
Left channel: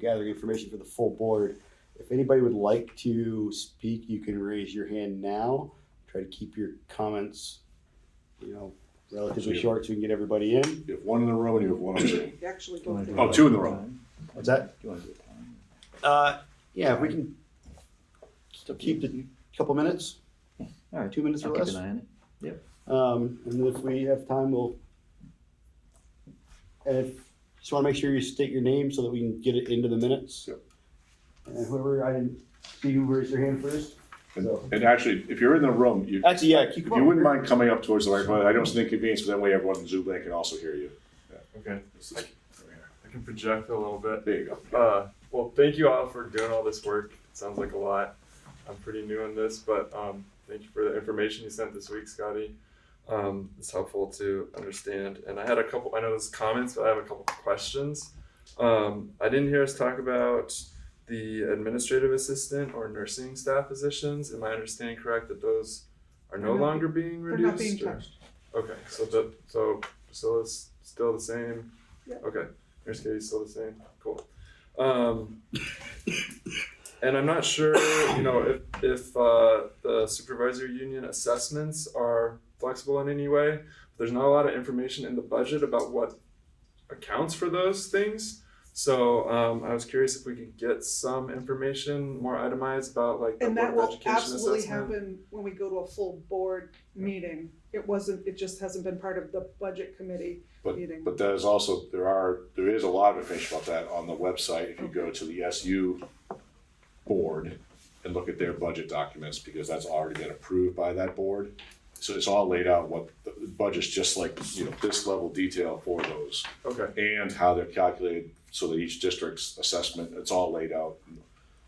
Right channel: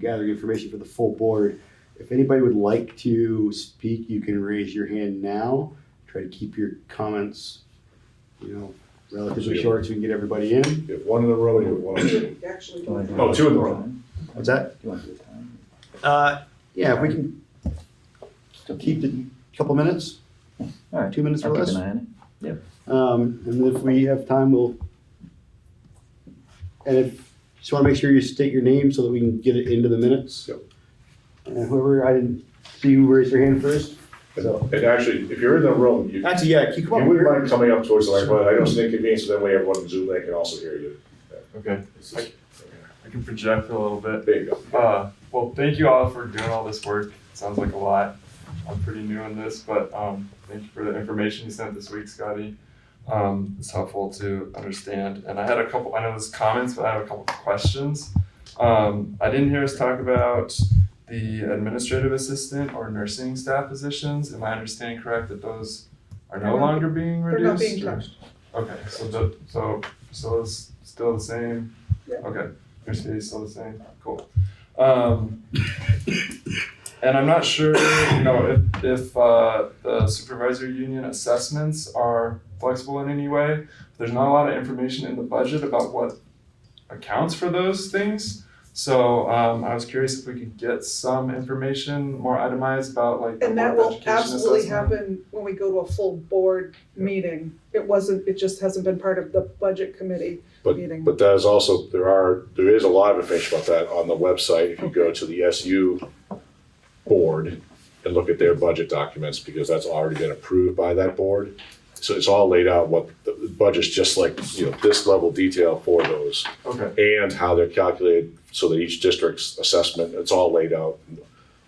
gathering information for the full board. If anybody would like to speak, you can raise your hand now. Try to keep your comments, relatively short so we can get everybody in. You have one in the room and you have one on Zoom. Actually, Oh, two in the room. What's that? Do you want to do a time? Yeah, if we can still keep it a couple minutes, All right, 2 minutes I'll or keep less. an eye on it. And if we have time, just want to make sure you state your name so that we can get it into the minutes. Yep. And whoever, I didn't see who raised their hand first. So, And actually, if you're in the room, you actually, yeah, keep you wouldn't mind coming up towards the microphone. I know it's an inconvenience, but then we have one on Zoom that can also hear you. Okay, I can project a little bit. There you go. Well, thank you all for doing all this work. It sounds like a lot. I'm pretty new in this, but thank you for the information you sent this week, Scotty. It's helpful to understand. And I had a couple, I know there's comments, but I have a couple of questions. I didn't hear us talk about the administrative assistant or nursing staff positions. Am I understanding correct that those are no longer being reduced? They're not being or- touched. Okay, so it's still the same? Yeah. Okay, your state is still the same, cool. And I'm not sure, if the supervisory union assessments are flexible in any way. There's not a lot of information in the budget about what accounts for those things. So I was curious if we could get some information more itemized about like the And that Board of will Education absolutely assessment. happen when we go to a full board meeting. It just hasn't been part of the budget committee meeting. But that is also, there is a lot of information about that on the website. If you go to the SU board, and look at their budget documents because that's already been approved by that board. So it's all laid out what the budget's just like, this level detail for those Okay. and how they're calculated so that each district's assessment, it's all laid out.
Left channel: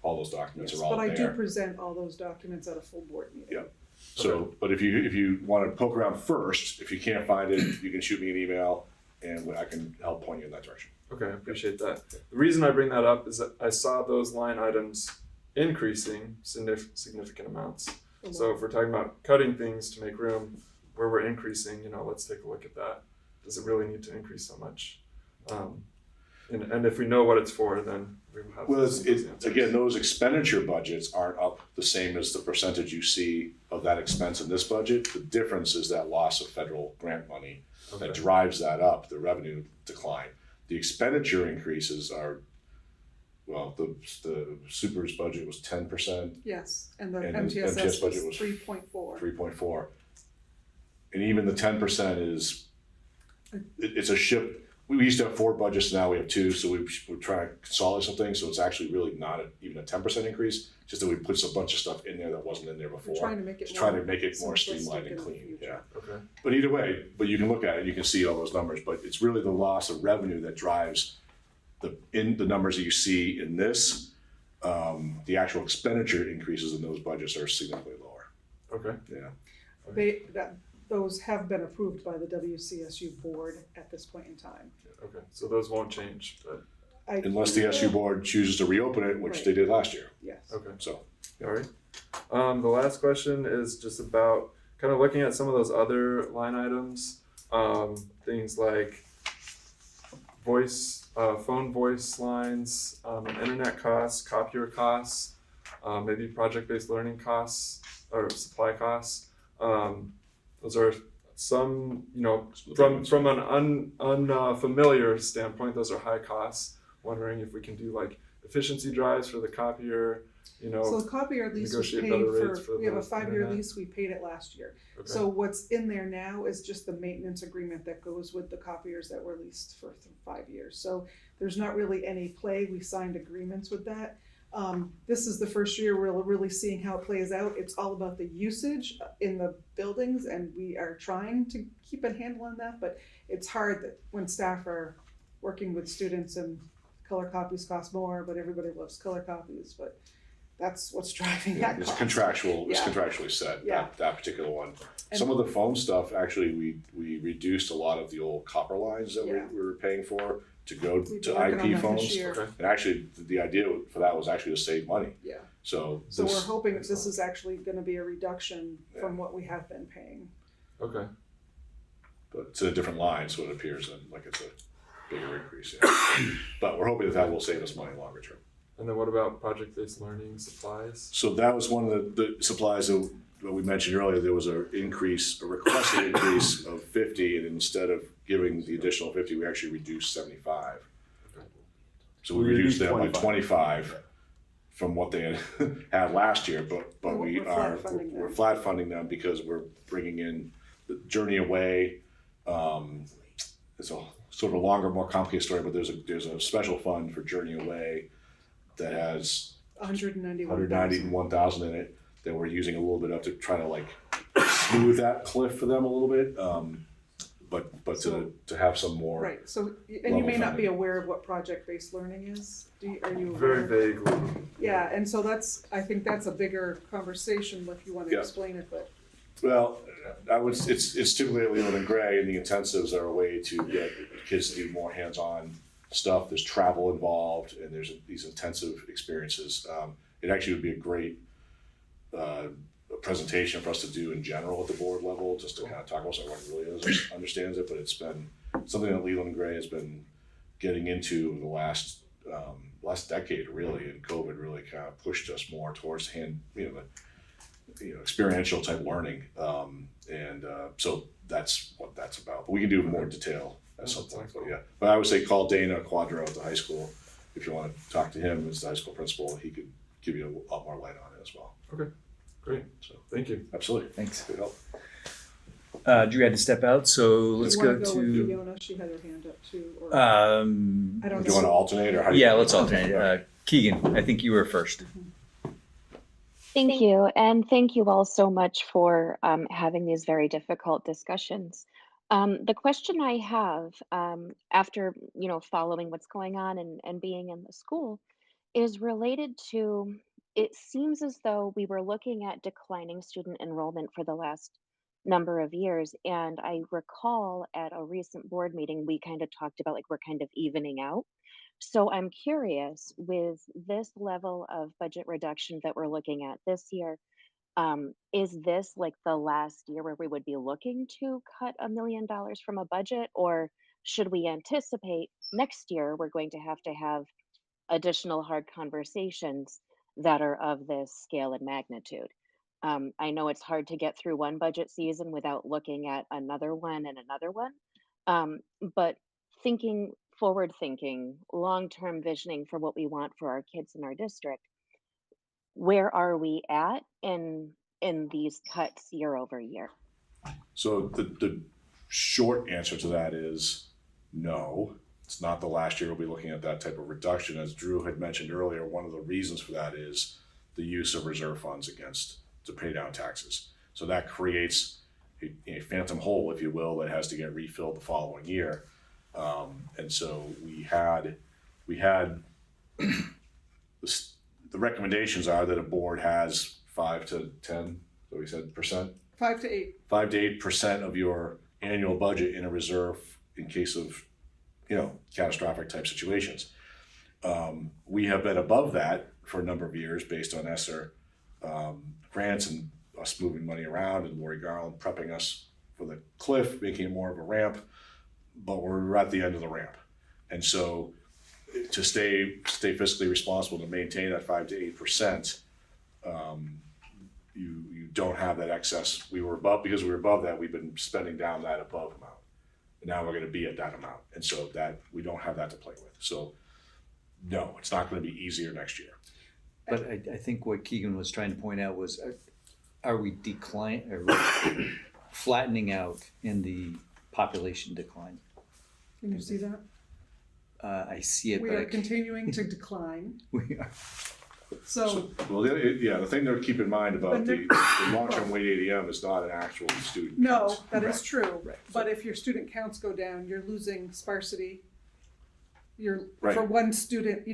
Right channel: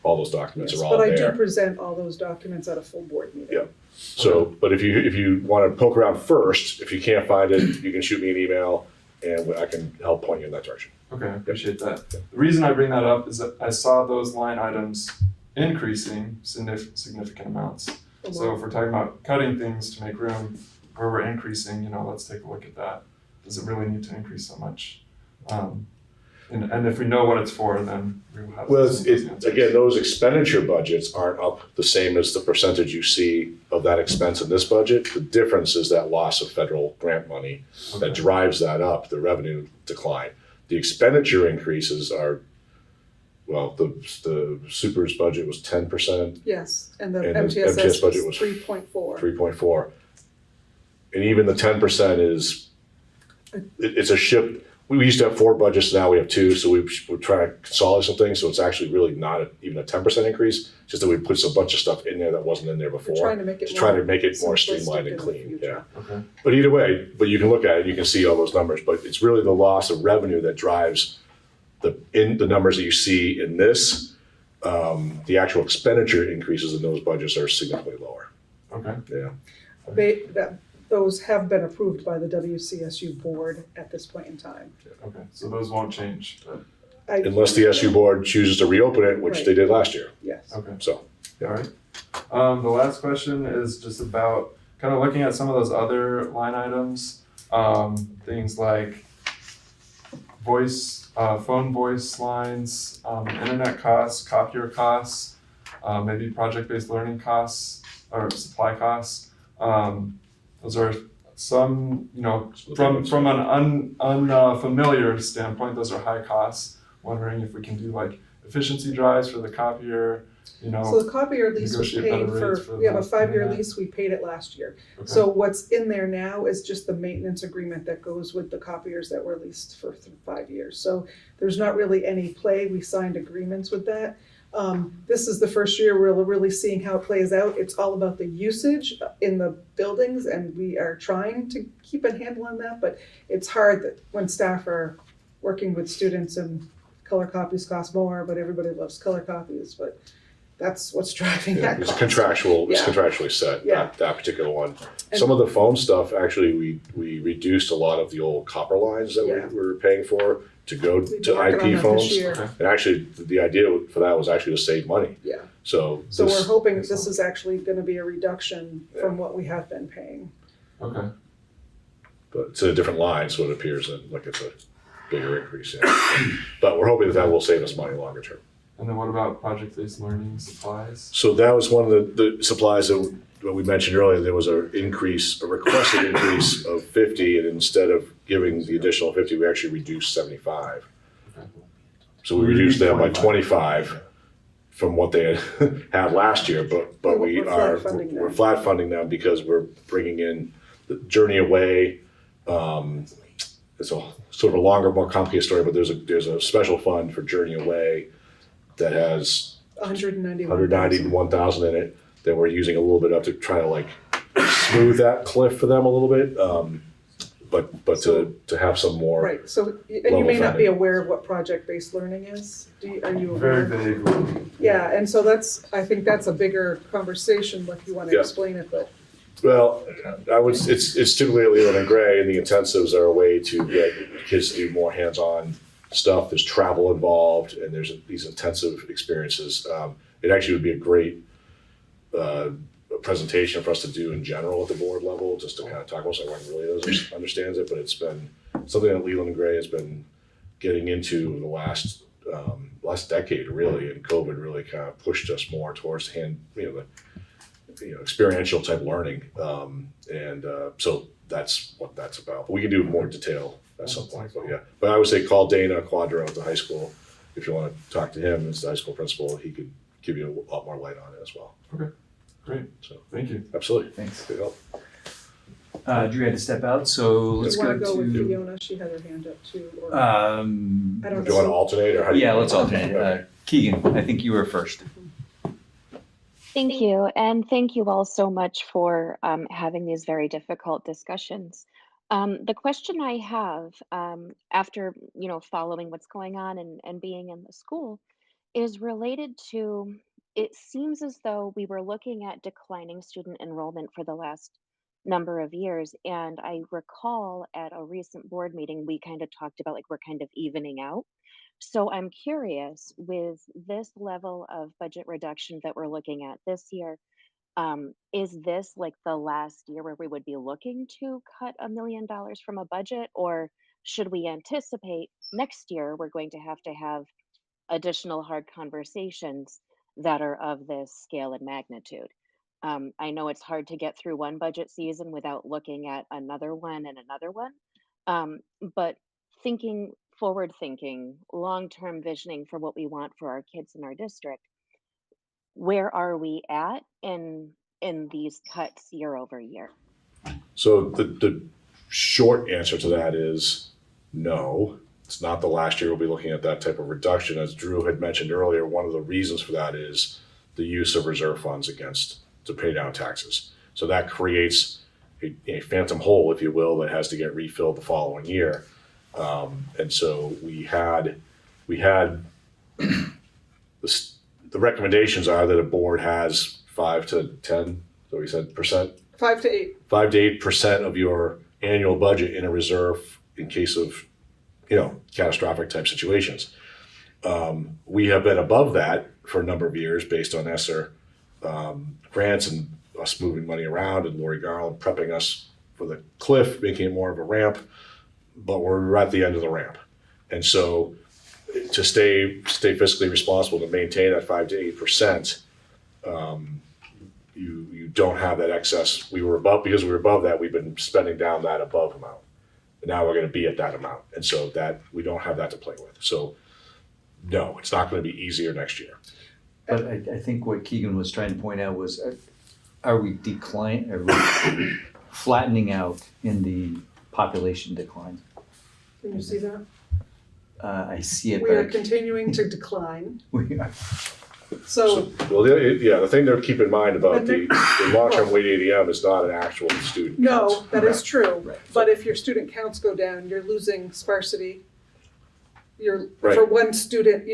All those documents Yes, are all but I there. do present all those documents at a full board meeting. Yeah. So, but if you want to poke around first, if you can't find it, you can shoot me an email and I can help point you in that direction. Okay, I appreciate that. The reason I bring that up is that I saw those line items increasing significant amounts. So if we're talking about cutting things to make room where we're increasing, let's take a look at that. Does it really need to increase so much? And if we know what it's for, then we will have. Well, those answers. again, those expenditure budgets aren't up the same as the percentage you see of that expense in this budget. The difference is that loss of federal grant money that drives that up, the revenue decline. The expenditure increases are, well, the super's budget was 10%, Yes, and the And the MTSS MTS budget was was 3.4. 3.4. And even the 10% is, it's a shift. We used to have 4 budgets, now we have 2, so we're trying to consolidate some things, so it's actually really not even a 10% increase, just that we put a bunch of stuff in there that wasn't in there before. We're trying to make it Just trying to make it more simplistic streamlined in and the clean, yeah. future. Okay. But either way, but you can look at it, you can see all those numbers, but it's really the loss of revenue that drives the numbers that you see in this. The actual expenditure increases in those budgets are significantly lower. Okay. Yeah. Those have been approved by the WCSU board at this point in time. Okay. So those won't change, but Unless the SU board chooses to reopen it, which Right. they did last year, Yes. okay. so. All right. The last question is just about kind of looking at some of those other line items, things like phone voice lines, internet costs, copier costs, maybe project-based learning costs or supply costs. Those are some, from an unfamiliar standpoint, those are high costs. Wondering if we can do like efficiency drives for the copier, So the copier lease was negotiate paid better rates for, for we have a that, 5-year internet. lease, we paid it last year. Okay. So what's in there now is just the maintenance agreement that goes with the copiers that were leased for 5 years. So there's not really any play, we signed agreements with that. This is the first year we're really seeing how it plays out. It's all about the usage in the buildings and we are trying to keep a handle on that, but it's hard that when staff are working with students and color copies cost more, but everybody loves color copies, but that's what's driving Yeah, that it's cost. contractual, it's Yeah. contractually set, Yeah. that particular one. And- Some of the phone stuff, actually, we reduced a lot of the old copper lines that Yeah. we were paying for to go We've to been working on IP that this phones. year. Okay. And actually, the idea for that was actually to save money. Yeah. So So we're this, hoping that this is actually gonna be a reduction from what we have been paying. Okay. but it's a different line, so it appears like it's a bigger increase. Yeah. But we're hoping that will save us money longer term. And then what about project-based learning supplies? So that was one of the supplies that we mentioned earlier. There was a requested increase of 50, and instead of giving the additional 50, we actually reduced 75. Okay. So we reduced them by 25 from what they had last year, but We're flat funding them. we're flat funding them because we're bringing in the Journey Away. It's a sort of a longer, more complicated story, but there's a special fund for Journey Away that has 191,000 in it that we're using a little bit of to try to like smooth that cliff for them a little bit. But to have some more. Right, so, and you level may not be funding. aware of what project-based learning is, are you aware? Very vaguely. Yeah, and so I think that's a bigger conversation, if you wanna Yeah. explain it, but. Well, it's typically at Leland and Gray, and the intensives are a way to get kids to do more hands-on stuff. There's travel involved, and there's these intensive experiences. It actually would be a great presentation for us to do in general at the board level, just to kind of talk about so everyone really understands it. But it's been something that Leland and Gray has been getting into the last decade, really, and COVID really kind of pushed us more towards experiential type learning, so that's what that's about. But we can do more detail at some point. But yeah, but I would say call Dana Quadro at the high school if you want to talk to him as the high school principal. He could give you a lot more light on it as well. Okay, great. So Thank you. absolutely, Thanks. good help. Drew had to step out, so let's You go wanna go with to, Fiona, she had her hand up too, or, um, I don't Do you want to know. alternate or how do you? yeah, let's alternate. Keegan, I think you were first. Thank you, and thank you all so much for having these very difficult discussions. The question I have after following what's going on and being in the school is related to, it seems as though we were looking at declining student enrollment for the last number of years, and I recall at a recent board meeting we kind of talked about like we're kind of evening out. So I'm curious, with this level of budget reduction that we're looking at this year, is this like the last year where we would be looking to cut $1 million from a budget, or should we anticipate next year we're going to have additional hard conversations that are of this scale and magnitude? I know it's hard to get through one budget season without looking at another one and another one, but thinking forward thinking, long-term visioning for what we want for our kids in our district, where are we at in these cuts year over year? So the short answer to that is no. It's not the last year we'll be looking at that type of reduction. As Drew had mentioned earlier, one of the reasons for that is the use of reserve funds to pay down taxes. So that creates a phantom hole, if you will, that has to get refilled the following year. And so we had the recommendations are that a board has 5 to 10, so we said percent, 5 to 8. 5 to 8% of your annual budget in a reserve in case of catastrophic type situations. We have been above that for a number of years based on ESSER grants and us moving money around, and Lori Garland prepping us for the cliff, making it more of a ramp, but we're at the end of the ramp. And so to stay fiscally responsible, to maintain that 5 to 8%, you don't have that excess. Because we were above that, we've been spending down that above amount. And now we're going to be at that amount. And so that we don't have that to play with. So no, it's not going to be easier next year. But I think what Keegan was trying to point out was, are we flattening out in the population decline? Can you see that? I see it, We but are continuing to decline. we are. So The thing to keep in mind about the long-term weight ADM is not an actual student no, count. that is true. Right. But if your student counts go down, you're losing sparsity. You're Right. for one student,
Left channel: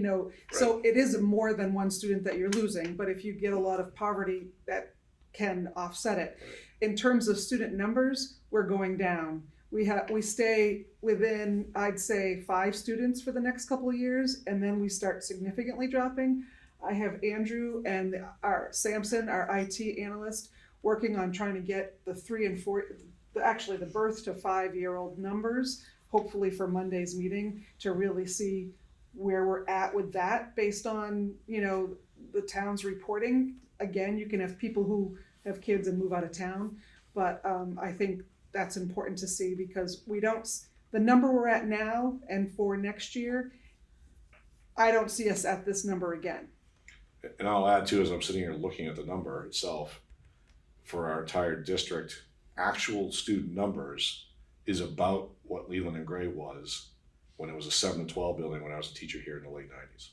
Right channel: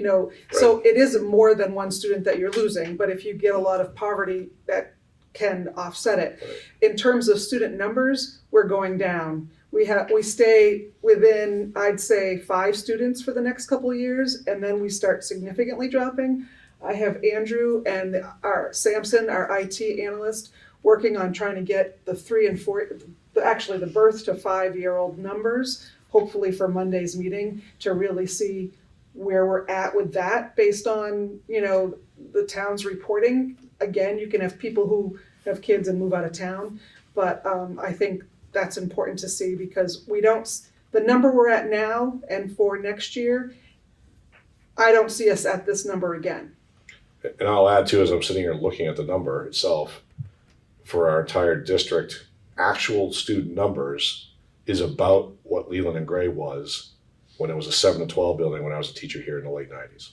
so it is more than one student that you're losing, but if you get a lot of poverty, that can offset it. In terms of student numbers, we're going down. We stay within, I'd say, 5 students for the next couple of years, and then we start significantly dropping. I have Andrew and our Samson, our IT analyst, working on trying to get the 3 and 4, the birth to 5-year-old numbers, hopefully for Monday's meeting, to really see where we're at with that based on, the town's reporting. Again, you can have people who have kids and move out of town, but I think that's important to see, because the number we're at now and for next year, I don't see us at this number again. And I'll add too, as I'm sitting here looking at the number itself, for our entire district, actual student numbers is about what Leland and Gray was when it was a 7 to 12 building when I was a teacher here in the late 90s.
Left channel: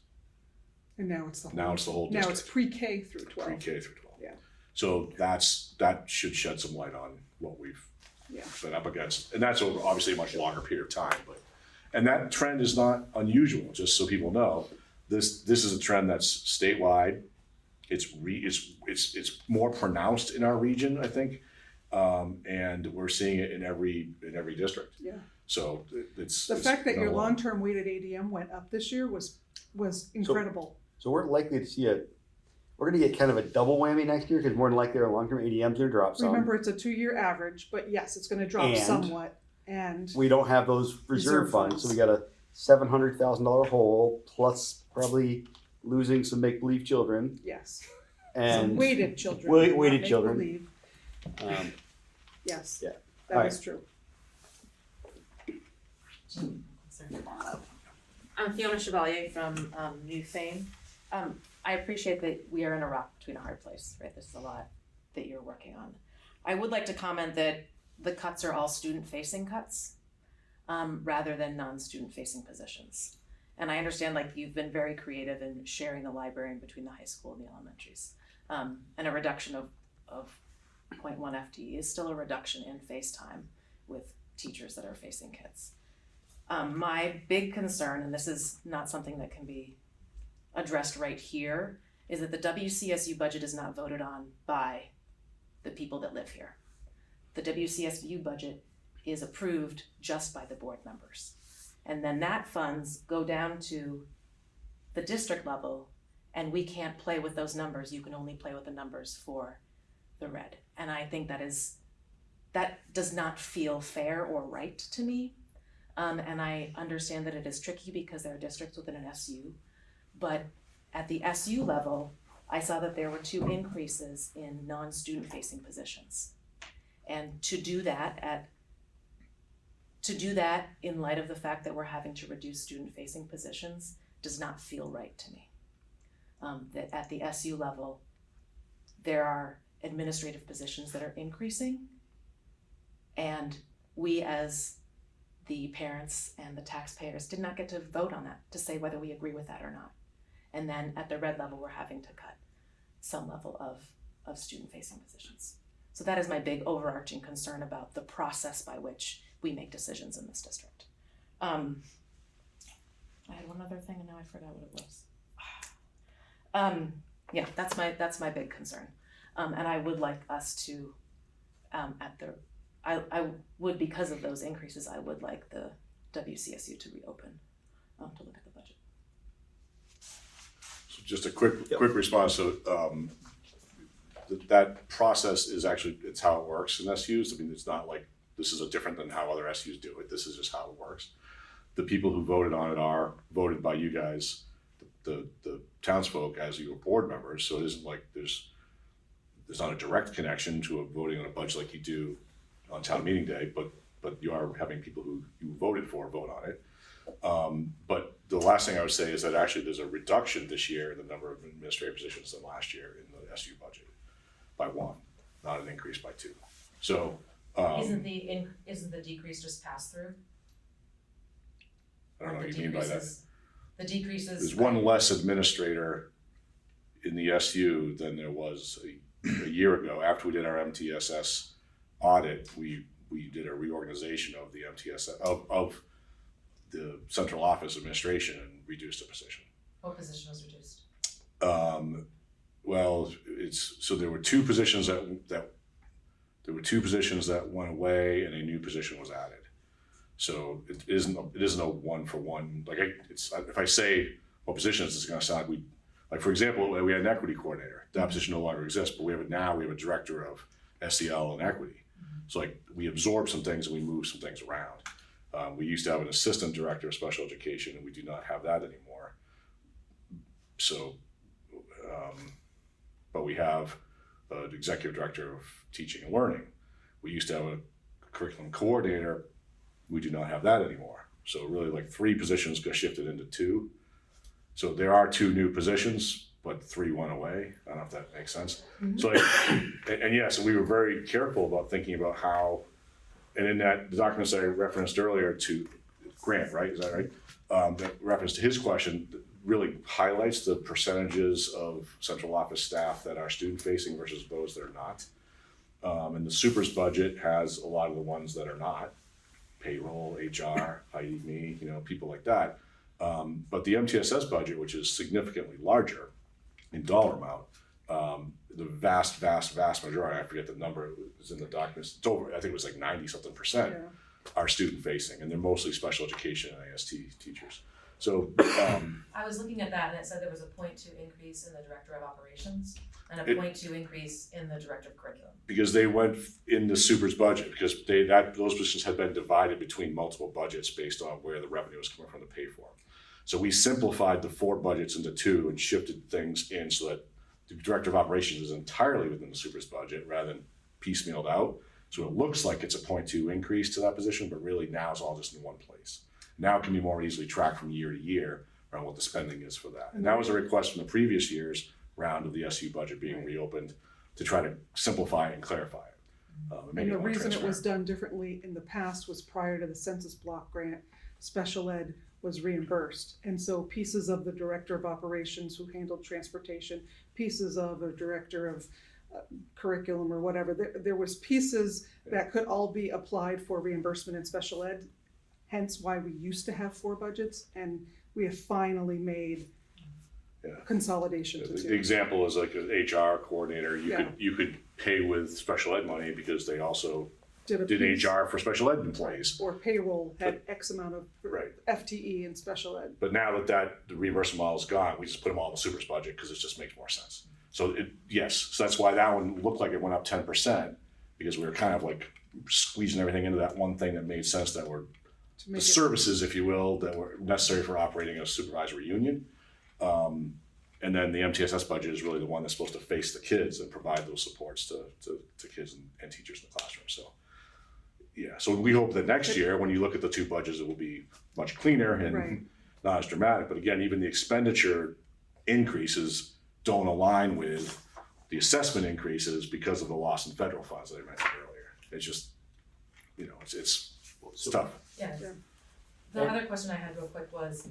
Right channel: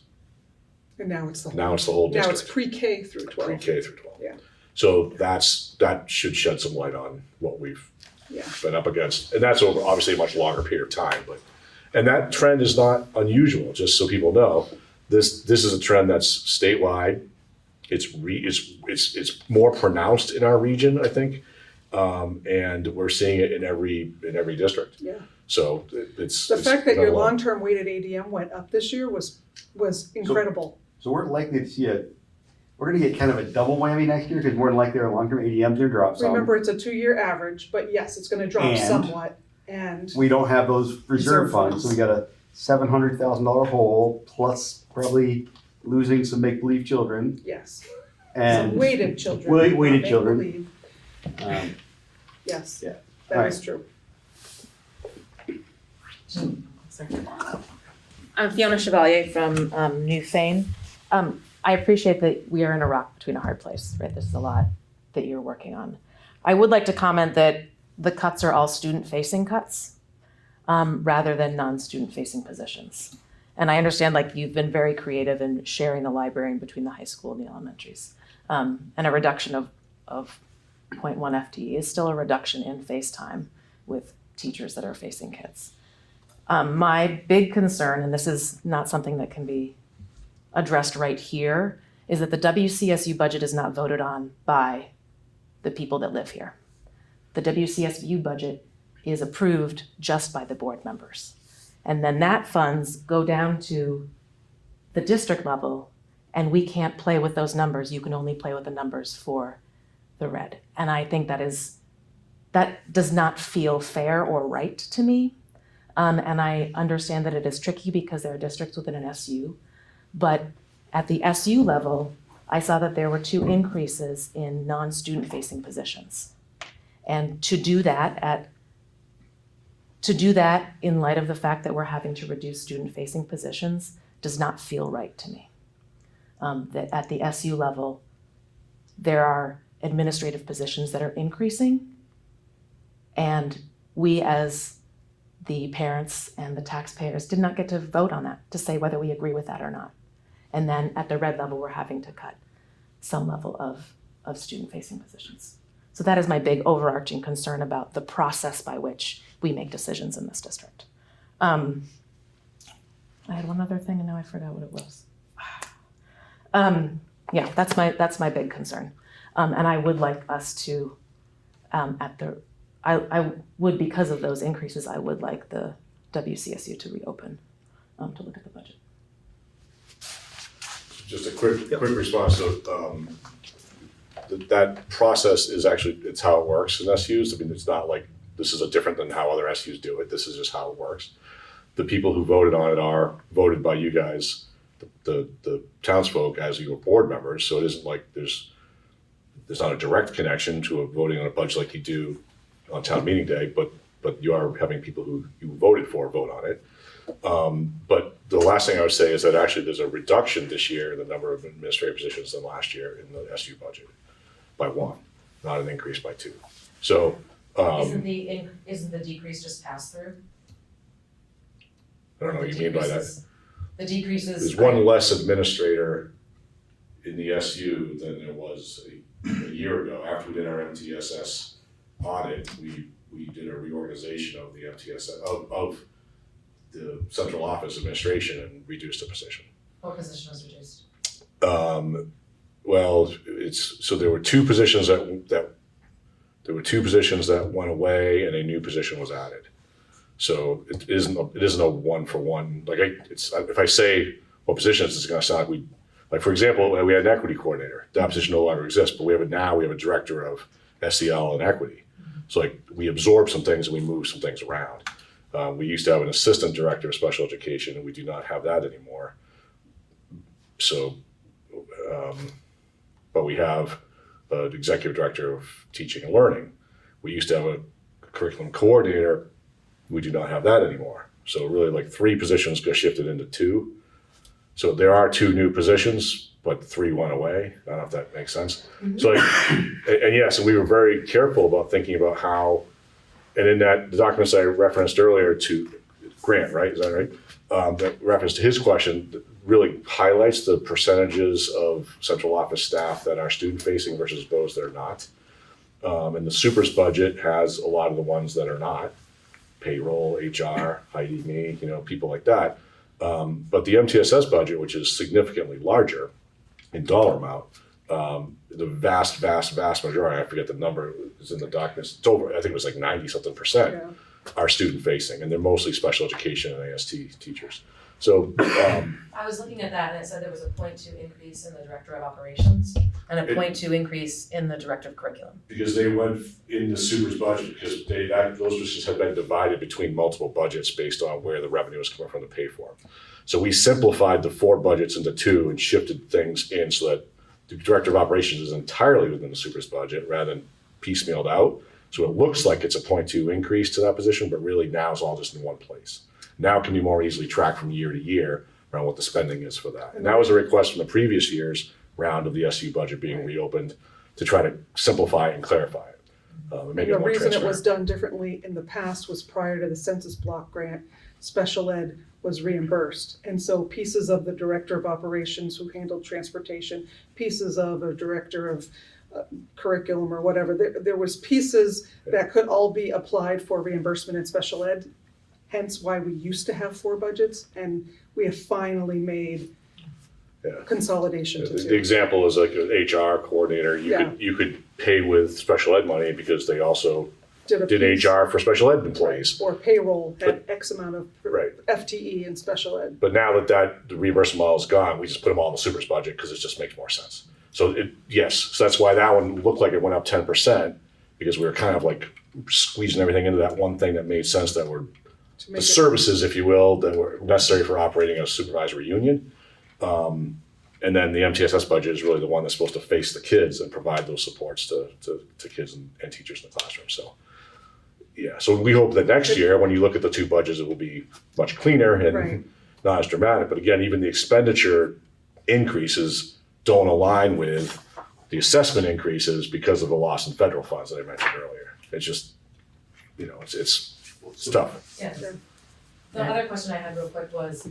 And now it's the whole. Now it's the whole district. Now it's pre-K through 12. Pre-K through 12. Yeah. So that should shed some light on what we've Yeah. been up against. And that's over obviously a much longer period of time, and that trend is not unusual, just so people know. This is a trend that's statewide. It's more pronounced in our region, I think. And we're seeing it in every district. Yeah. So it's The fact that not your a lot. long-term weighted ADM went up this year was incredible. So we're likely to see we're gonna get kind of a double whammy next year, because more than likely our long-term ADM's gonna drop some. Remember, it's a 2-year average, but yes, it's gonna drop And somewhat, and We don't have those reserve funds, so we got a $700,000 hole, plus probably losing some make-believe children. yes, And some weighted children. Weighted not children. make-believe. Yes, Yeah. that All is true. I'm Fiona Chevalier from New Fane. I appreciate that we are in a rock between a hard place, right? This is a lot that you're working on. I would like to comment that the cuts are all student-facing cuts rather than non-student facing positions. And I understand you've been very creative in sharing the library between the high school and the elementaries. And a reduction of 0.1 FTE is still a reduction in face time with teachers that are facing kids. My big concern, and this is not something that can be addressed right here, is that the WCSU budget is not voted on by the people that live here. The WCSU budget is approved just by the board members. And then that funds go down to the district level, and we can't play with those numbers. You can only play with the numbers for the RED. And I think that does not feel fair or right to me. And I understand that it is tricky because there are districts within an SU, but at the SU level, I saw that there were 2 increases in non-student facing positions. And to do that in light of the fact that we're having to reduce student facing positions does not feel right to me. That at the SU level, there are administrative positions that are increasing, and we as the parents and the taxpayers did not get to vote on that to say whether we agree with that or not. And then at the RED level, we're having to cut some level of student-facing positions. So that is my big overarching concern about the process by which we make decisions in this district. I had one other thing and now I forgot what it was. Yeah, that's my big concern. And I would like us to, I would, because of those increases, I would like the WCSU to reopen to look at the budget. Just a quick response to that process is actually, it's how it works in SUs. I mean, it's not like this is different than how other SUs do it. This is just how it works. The people who voted on it are voted by you guys, the townsfolk, as your board members. So it isn't like there's not a direct connection to voting on a budget like you do on town meeting day, but you are having people who you voted for vote on it. But the last thing I would say is that actually there's a reduction this year in the number of administrative positions than last year in the SU budget by 1, not an increase by 2. So Isn't the decrease just pass through? I don't know what you mean by that. The decreases. There's 1 less administrator in the SU than there was a year ago. After we did our MTSS audit, we did a reorganization of the MTSS of the central office administration and reduced the position. What position was reduced? Well, so there were 2 positions that went away and a new position was added. So it isn't a 1-for-1. Like if I say what positions, it's going to sound like for example, we had an equity coordinator. That position no longer exists, but we have a director of SEL and equity. So like we absorb some things and we move some things around. We used to have an assistant director of special education, and we do not have that anymore. So, but we have an executive director of teaching and learning. We used to have a curriculum coordinator. We do not have that anymore. So really like 3 positions got shifted into 2. So there are 2 new positions, but 3 went away. I don't know if that makes sense. Mm-hmm. So, and yes, and we were very careful about thinking about how, and in the documents I referenced earlier to Grant, right? Is that right? That reference to his question really highlights the percentages of central office staff that are student facing versus those that are not. And the supers budget has a lot of the ones that are not. Payroll, HR, ID, people like that. But the MTSS budget, which is significantly larger in dollar amount, the vast majority, I forget the number, is in the documents. It's over, I think it was like 90-something% are student facing, and they're mostly special education and AST teachers. So I was looking at that and it said there was a 0.2 increase in the director of operations and a 0.2 increase in the director of curriculum. Because they went in the supers budget because those positions had been divided between multiple budgets based on where the revenue was coming from to pay for them. So we simplified the 4 budgets into 2 and shifted things in so that the director of operations is entirely within the supers budget rather than piecemealed out. So it looks like it's a 0.2 increase to that position, but really now it's all just in one place. Now it can be more easily tracked from year to year around what the spending is for that. And that was a request from the previous year's round of the SU budget being reopened to try to simplify and clarify it. And the reason it was done differently in the past was prior to the census block grant. special ed was reimbursed. And so pieces of the director of operations who handled transportation, pieces of a director of curriculum or whatever, there was pieces that could all be applied for reimbursement in special ed. Hence why we used to have 4 budgets, and we have finally made consolidation to The 2. example is like an HR coordinator, you could pay with special ed money because they also did piece. HR for special ed employees. Or payroll had X amount of Right. FTE in special ed. But now that the reimbursement model is gone, we just put them all in the super's budget because it just makes more sense. So so that's why that one looked like it went up 10%, because we were kind of like squeezing everything into that one thing that made sense, that were the services, if you will, that were necessary for operating a supervisory union. And then the MTSS budget is really the one that's supposed to face the kids and provide those supports to kids and teachers in the classroom. So, so we hope that next year, when you look at the 2 budgets, it will be much cleaner and not as dramatic. But again, even the expenditure increases don't align with the assessment increases because of the loss in federal funds that I mentioned earlier. It's just, it's tough. Yeah. The other question I had real quick was,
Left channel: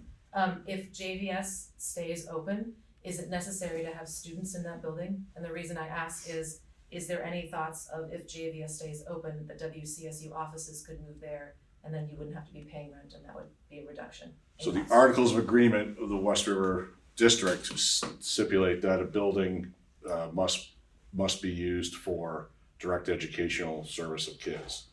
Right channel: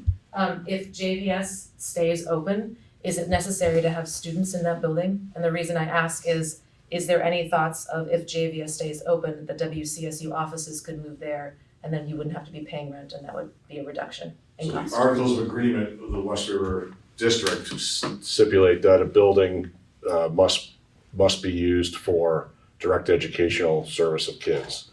if JVS stays open, is it necessary to have students in that building? And the reason I ask is there any thoughts of, if JVS stays open, the WCSU offices could move there, and then you wouldn't have to be paying rent, and that would be a reduction in So the cost? Articles of Agreement of the West River District to stipulate that a building must be used for direct educational service of kids.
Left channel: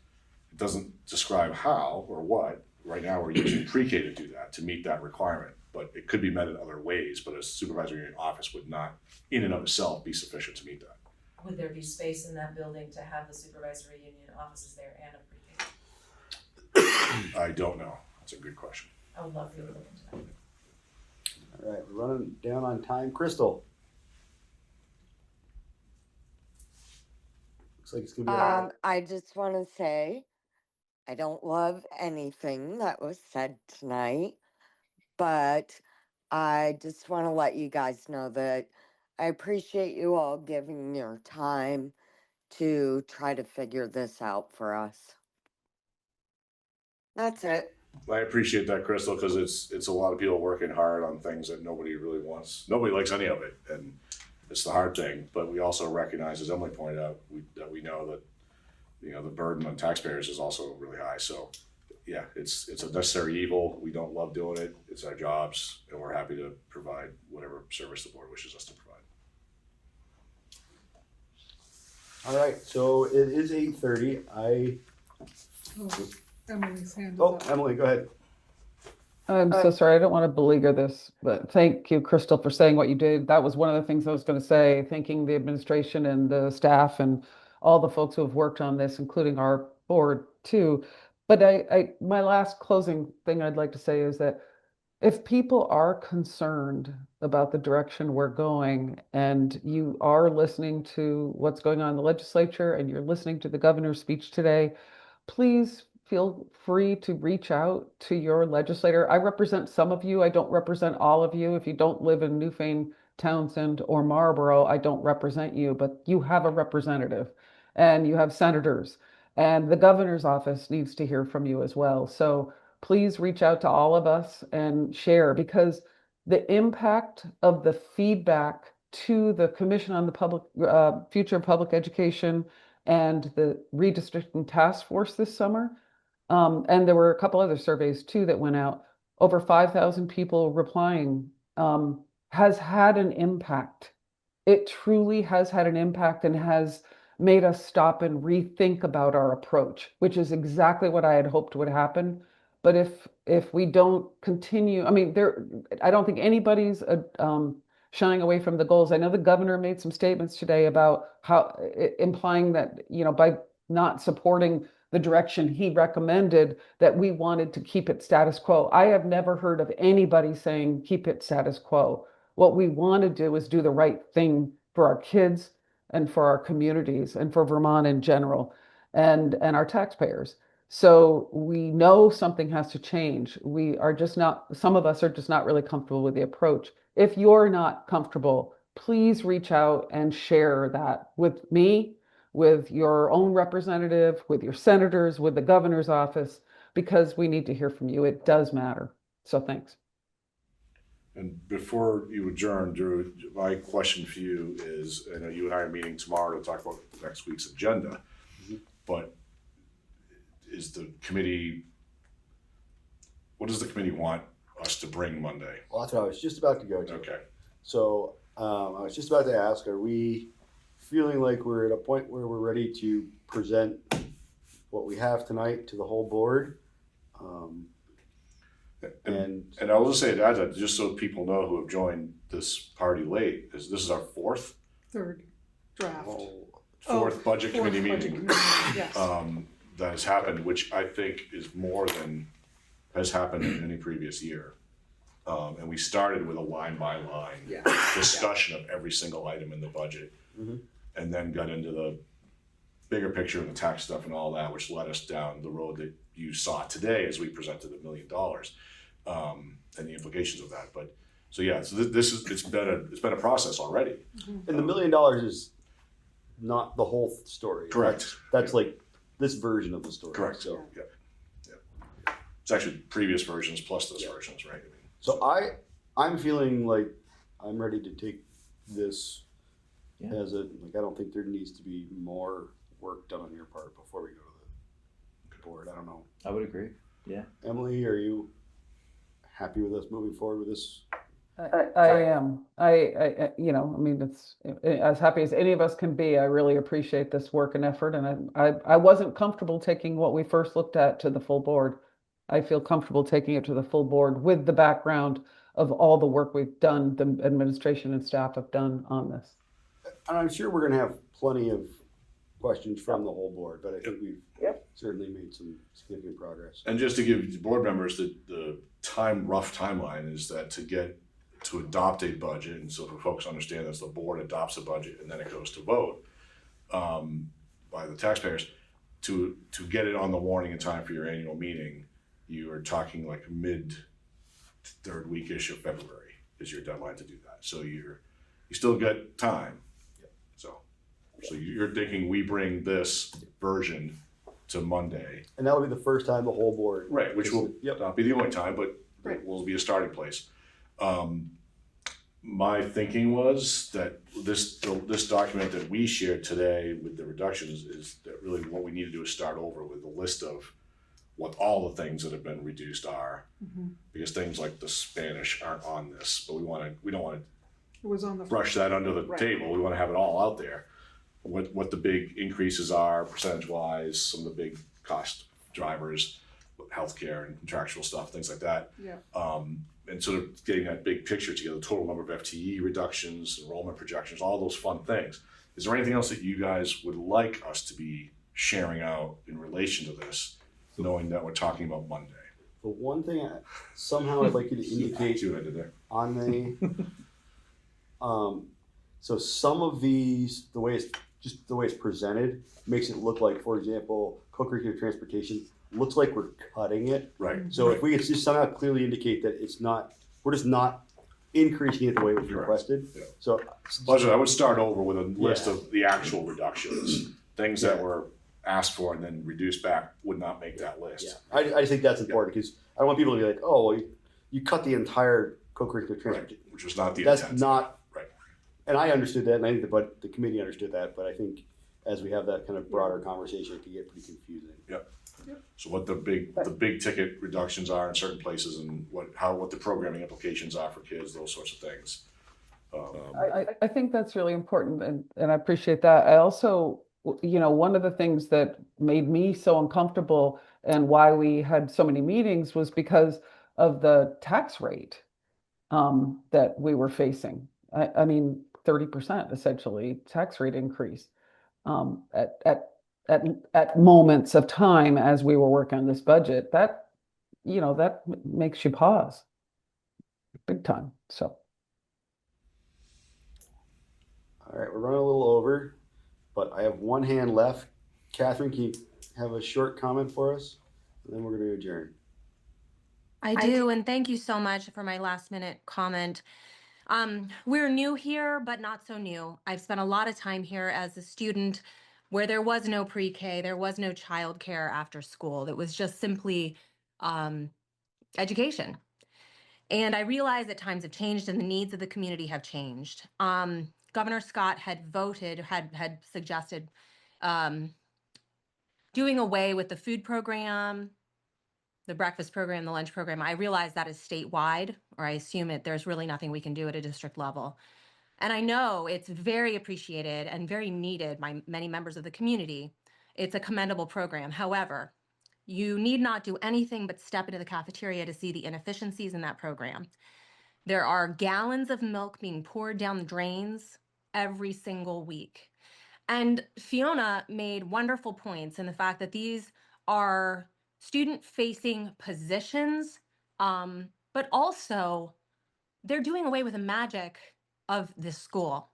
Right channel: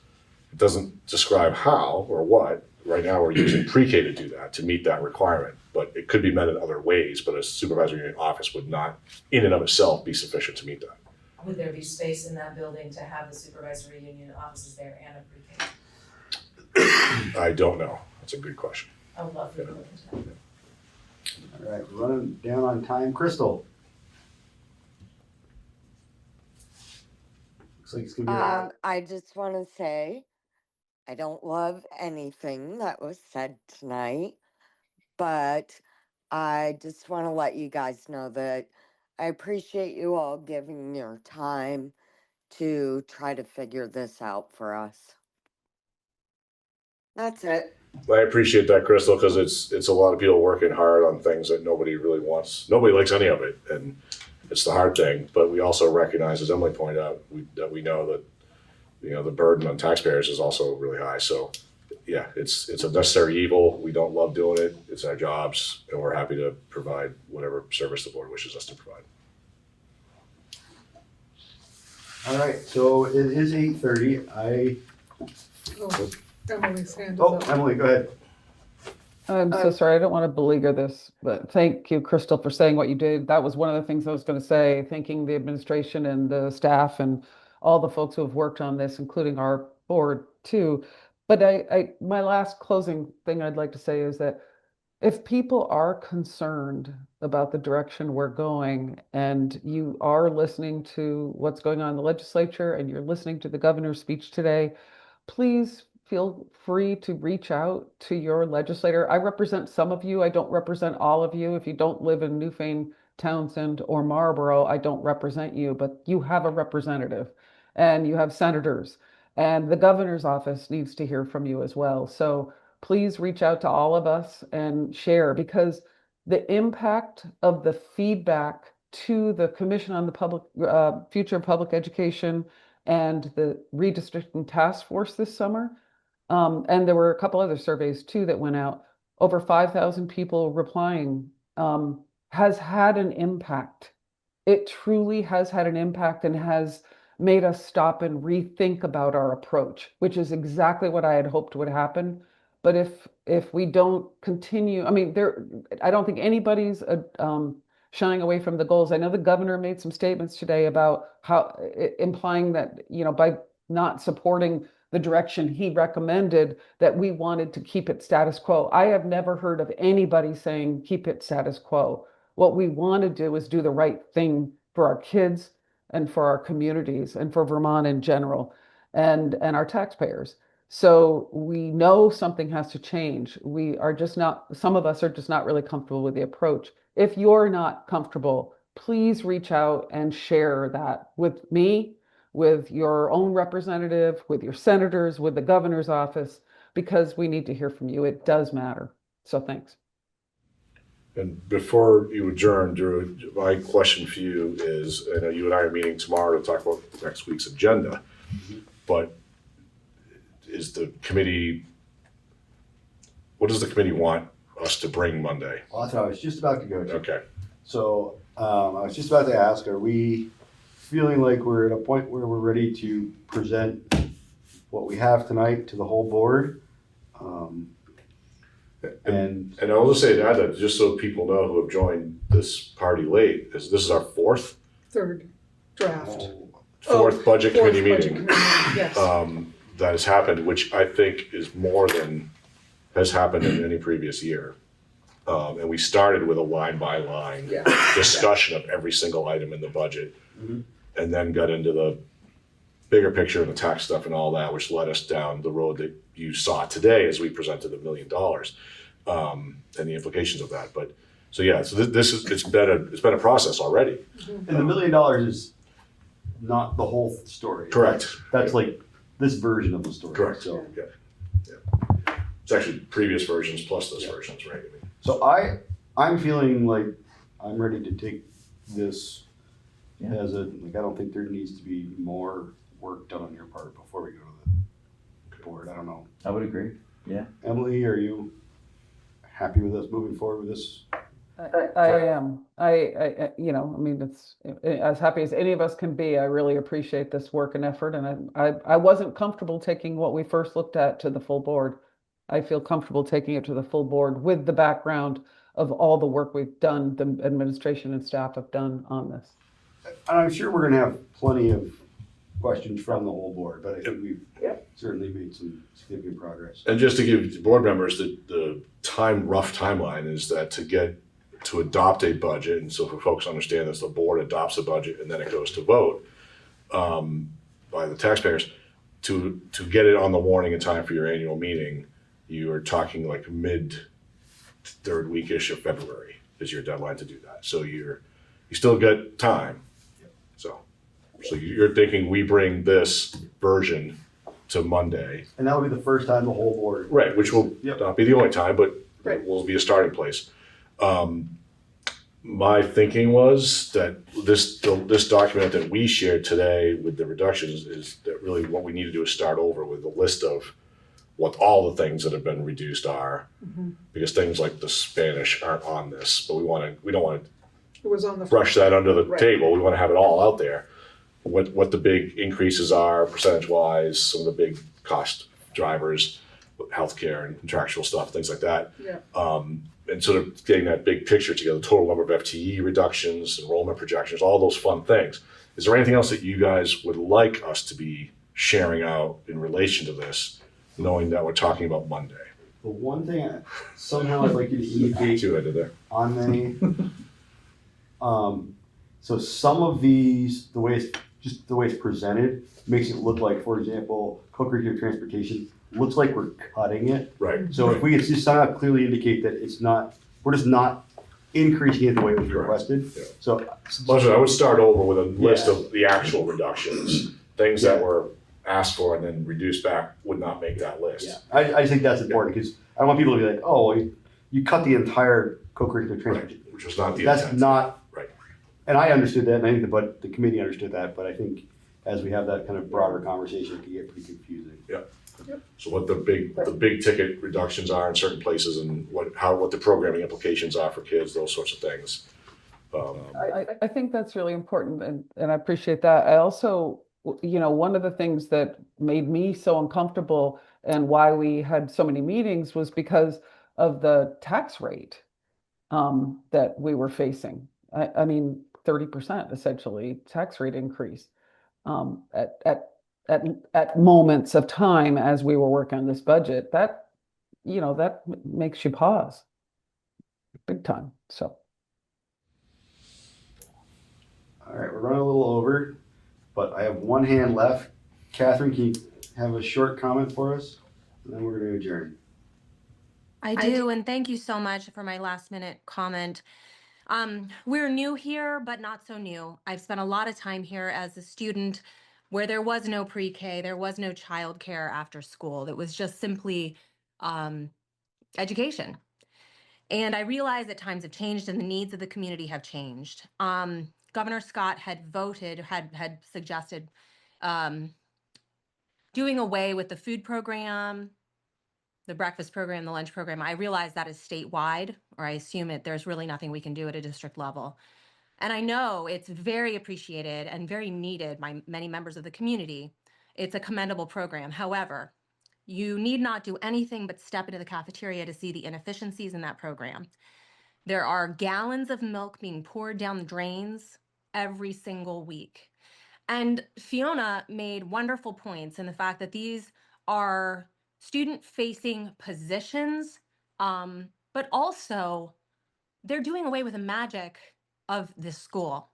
It doesn't describe how or what. Right now, we're using pre-K to do that, to meet that requirement, but it could be met in other ways, but a supervisory union office would not, in and of itself, be sufficient to meet that. Would there be space in that building to have the supervisory union offices there and a pre-K? I don't know. That's a good question. I would love for you to look into that. All right, we're running down on time. Crystal. Looks like it's gonna be I just want to say I don't love anything that was said tonight, but I just want to let you guys know that I appreciate you all giving your time to try to figure this out for us. That's it. I appreciate that, Crystal, because it's a lot of people working hard on things that nobody really wants. Nobody likes any of it, and it's the hard thing. But we also recognize, as Emily pointed out, that we know that the burden on taxpayers is also really high. So, it's a necessary evil. We don't love doing it. It's our jobs, and we're happy to provide whatever service the board wishes us to provide. All right, so it is 8:30. Emily's hand is up. Emily, go ahead. I'm so sorry, I don't want to beleaguer this, but thank you, Crystal, for saying what you did. That was one of the things I was going to say, thanking the administration and the staff and all the folks who have worked on this, including our board too. But my last closing thing I'd like to say is that if people are concerned about the direction we're going, and you are listening to what's going on in the legislature and you're listening to the governor's speech today, please feel free to reach out to your legislator. I represent some of you. I don't represent all of you. If you don't live in Newfane, Townsend, or Marlboro, I don't represent you, but you have a representative and you have senators, and the governor's office needs to hear from you as well. So please reach out to all of us and share, because the impact of the feedback to the Commission on the Future of Public Education and the redistricting task force this summer, and there were a couple other surveys too that went out, over 5,000 people replying, has had an impact. It truly has had an impact and has made us stop and rethink about our approach, which is exactly what I had hoped would happen. But if we don't continue, I don't think anybody's shying away from the goals. I know the governor made some statements today about how implying that, by not supporting the direction he recommended, that we wanted to keep it status quo. I have never heard of anybody saying keep it status quo. What we want to do is do the right thing for our kids and for our communities and for Vermont in general, and our taxpayers. So we know something has to change. Some of us are just not really comfortable with the approach. If you're not comfortable, please reach out and share that with me, with your own representative, with your senators, with the governor's office. because we need to hear from you. It does matter. So thanks. And before you adjourn, Drew, my question for you is, I know you and I are meeting tomorrow to talk about next week's agenda, but is the committee, what does the committee want us to bring Monday? Well, that's what I was just about to go to. Okay. So I was just about to ask, are we feeling like we're at a point where we're ready to present what we have tonight to the whole board? And I'll just say that just so people know who have joined this party late, this is our fourth Third draft. budget Fourth committee budget meeting committee, yes. that has happened, which I think is more than has happened in any previous year. And we started with a line by line discussion of every single item in the budget, and then got into the bigger picture and the tax stuff and all that, which led us down the road that you saw today as we presented $1 million and the implications of that. But so yeah, so this is it's been a process already. And the $1 million is not the whole story. Correct. That's like this version of the story. Correct. So, Yeah. It's actually previous versions plus this versions, right? so I'm feeling like I'm ready to take this as a, like, I don't think there needs to be more work done on your part before we go to the board. I don't know. I would agree. Yeah. Emily, are you happy with us moving forward with this? I am. You know, I mean, it's as happy as any of us can be. I really appreciate this work and effort, and I wasn't comfortable taking what we first looked at to the full board. I feel comfortable taking it to the full board with the background of all the work we've done, the administration and staff have done on this. And I'm sure we're gonna have plenty of questions from the whole board, but I think we've certainly made some significant progress. And just to give the board members the rough timeline is that to adopt a budget, and so for folks to understand this, the board adopts a budget and then it goes to vote by the taxpayers. To get it on the warning in time for your annual meeting, you are talking like mid third week-ish of February is your deadline to do that. So you still get time. So you're thinking we bring this version to Monday. And that'll be the first time the whole board. Right, which will not be the only time, but will be a starting place. My thinking was that this document that we shared today with the reductions is that really what we need to do is start over with a list of what all the things that have been reduced are, because things like the Spanish aren't on this, but we don't want to brush that under the table. We want to have it all out there. What the big increases are percentage wise, some of the big cost drivers, healthcare and contractual stuff, things like that. And sort of getting that big picture together, the total number of FTE reductions, enrollment projections, all those fun things. Is there anything else that you guys would like us to be sharing out in relation to this, knowing that we're talking about Monday? The one thing somehow I'd like you to indicate See what I did there? on the, so some of these, the way it's presented makes it look like, for example, co-curricular transportation looks like we're cutting it. Right. So if we just somehow clearly indicate that we're just not increasing it the way we requested. Yeah. So I would start over with a list of the actual reductions, things that were asked for and then reduced back would not make that list. Yeah, I think that's important because I want people to be like, oh, you cut the entire co-curricular transportation. Which was not the That's intent. not. Right. And I understood that, and I think the committee understood that, but I think as we have that kind of broader conversation, it can get pretty confusing. So what the big ticket reductions are in certain places and what the programming implications are for kids, those sorts of things. I think that's really important, and I appreciate that. I also, you know, one of the things that made me so uncomfortable and why we had so many meetings was because of the tax rate that we were facing. I mean, 30% essentially tax rate increase at moments of time as we were working on this budget. That, you know, that makes you pause big time. So. All right, we're running a little over, but I have one hand left. Catherine, can you have a short comment for us? And then we're going to adjourn. I do, and thank you so much for my last minute comment. We're new here, but not so new. I've spent a lot of time here as a student. where there was no pre-K, there was no childcare after school. It was just simply education. And I realize that times have changed and the needs of the community have changed. Governor Scott had suggested doing away with the food program, the breakfast program, the lunch program. I realize that is statewide, or I assume there's really nothing we can do at a district level. And I know it's very appreciated and very needed by many members of the community. It's a commendable program. However, you need not do anything but step into the cafeteria to see the inefficiencies in that program. There are gallons of milk being poured down the drains every single week. And Fiona made wonderful points in the fact that these are student-facing positions, but also they're doing away with the magic of this school.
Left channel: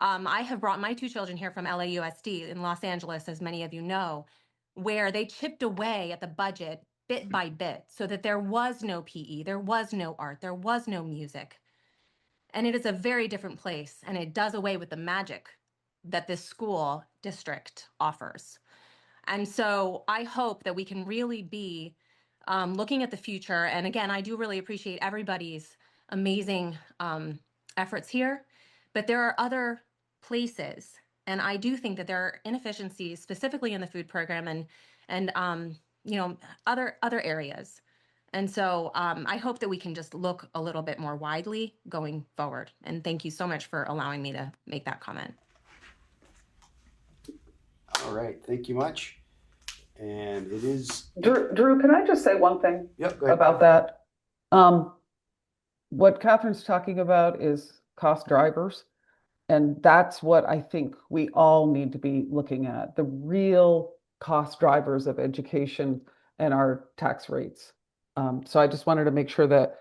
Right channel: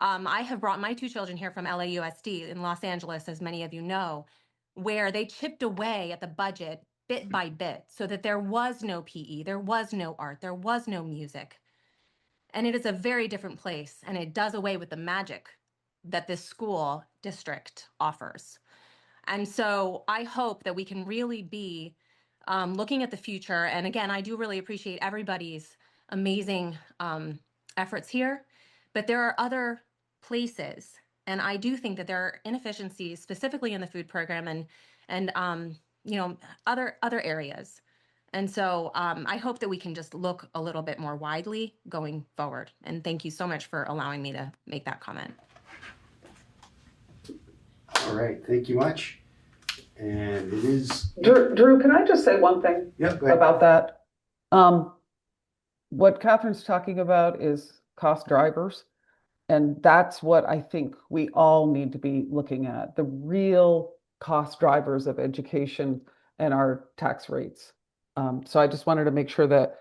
I have brought my 2 children here from LAUSD in Los Angeles, as many of you know, where they chipped away at the budget bit by bit so that there was no PE, there was no art, there was no music. And it is a very different place, and it does away with the magic that this school district offers. And so I hope that we can really be looking at the future. And again, I do really appreciate everybody's amazing efforts here, but there are other places, and I do think that there are inefficiencies, specifically in the food program and other areas. And so I hope that we can just look a little bit more widely going forward. And thank you so much for allowing me to make that comment. All right, thank you much. And it is. Drew, can I just say one thing Yep, go ahead. about that? What Catherine's talking about is cost drivers. And that's what I think we all need to be looking at, the real cost drivers of education and our tax rates. So I just wanted to make sure that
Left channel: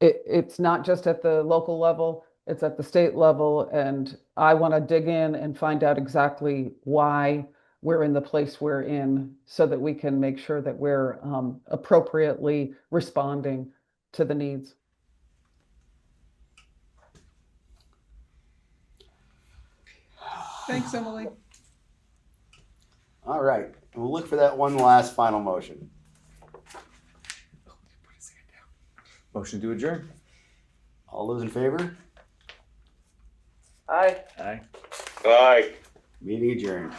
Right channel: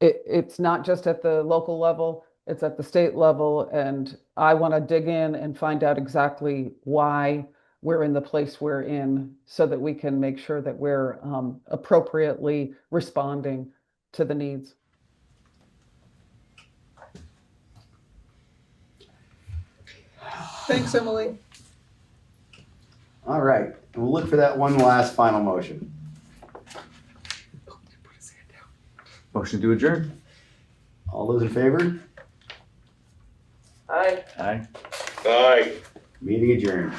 it's not just at the local level, it's at the state level. And I want to dig in and find out exactly why we're in the place we're in so that we can make sure that we're appropriately responding to the needs. Thanks, Emily. All right, and we'll look for that one last final motion. Motion to adjourn. All those in favor? Aye. Aye. Aye. Meeting adjourned.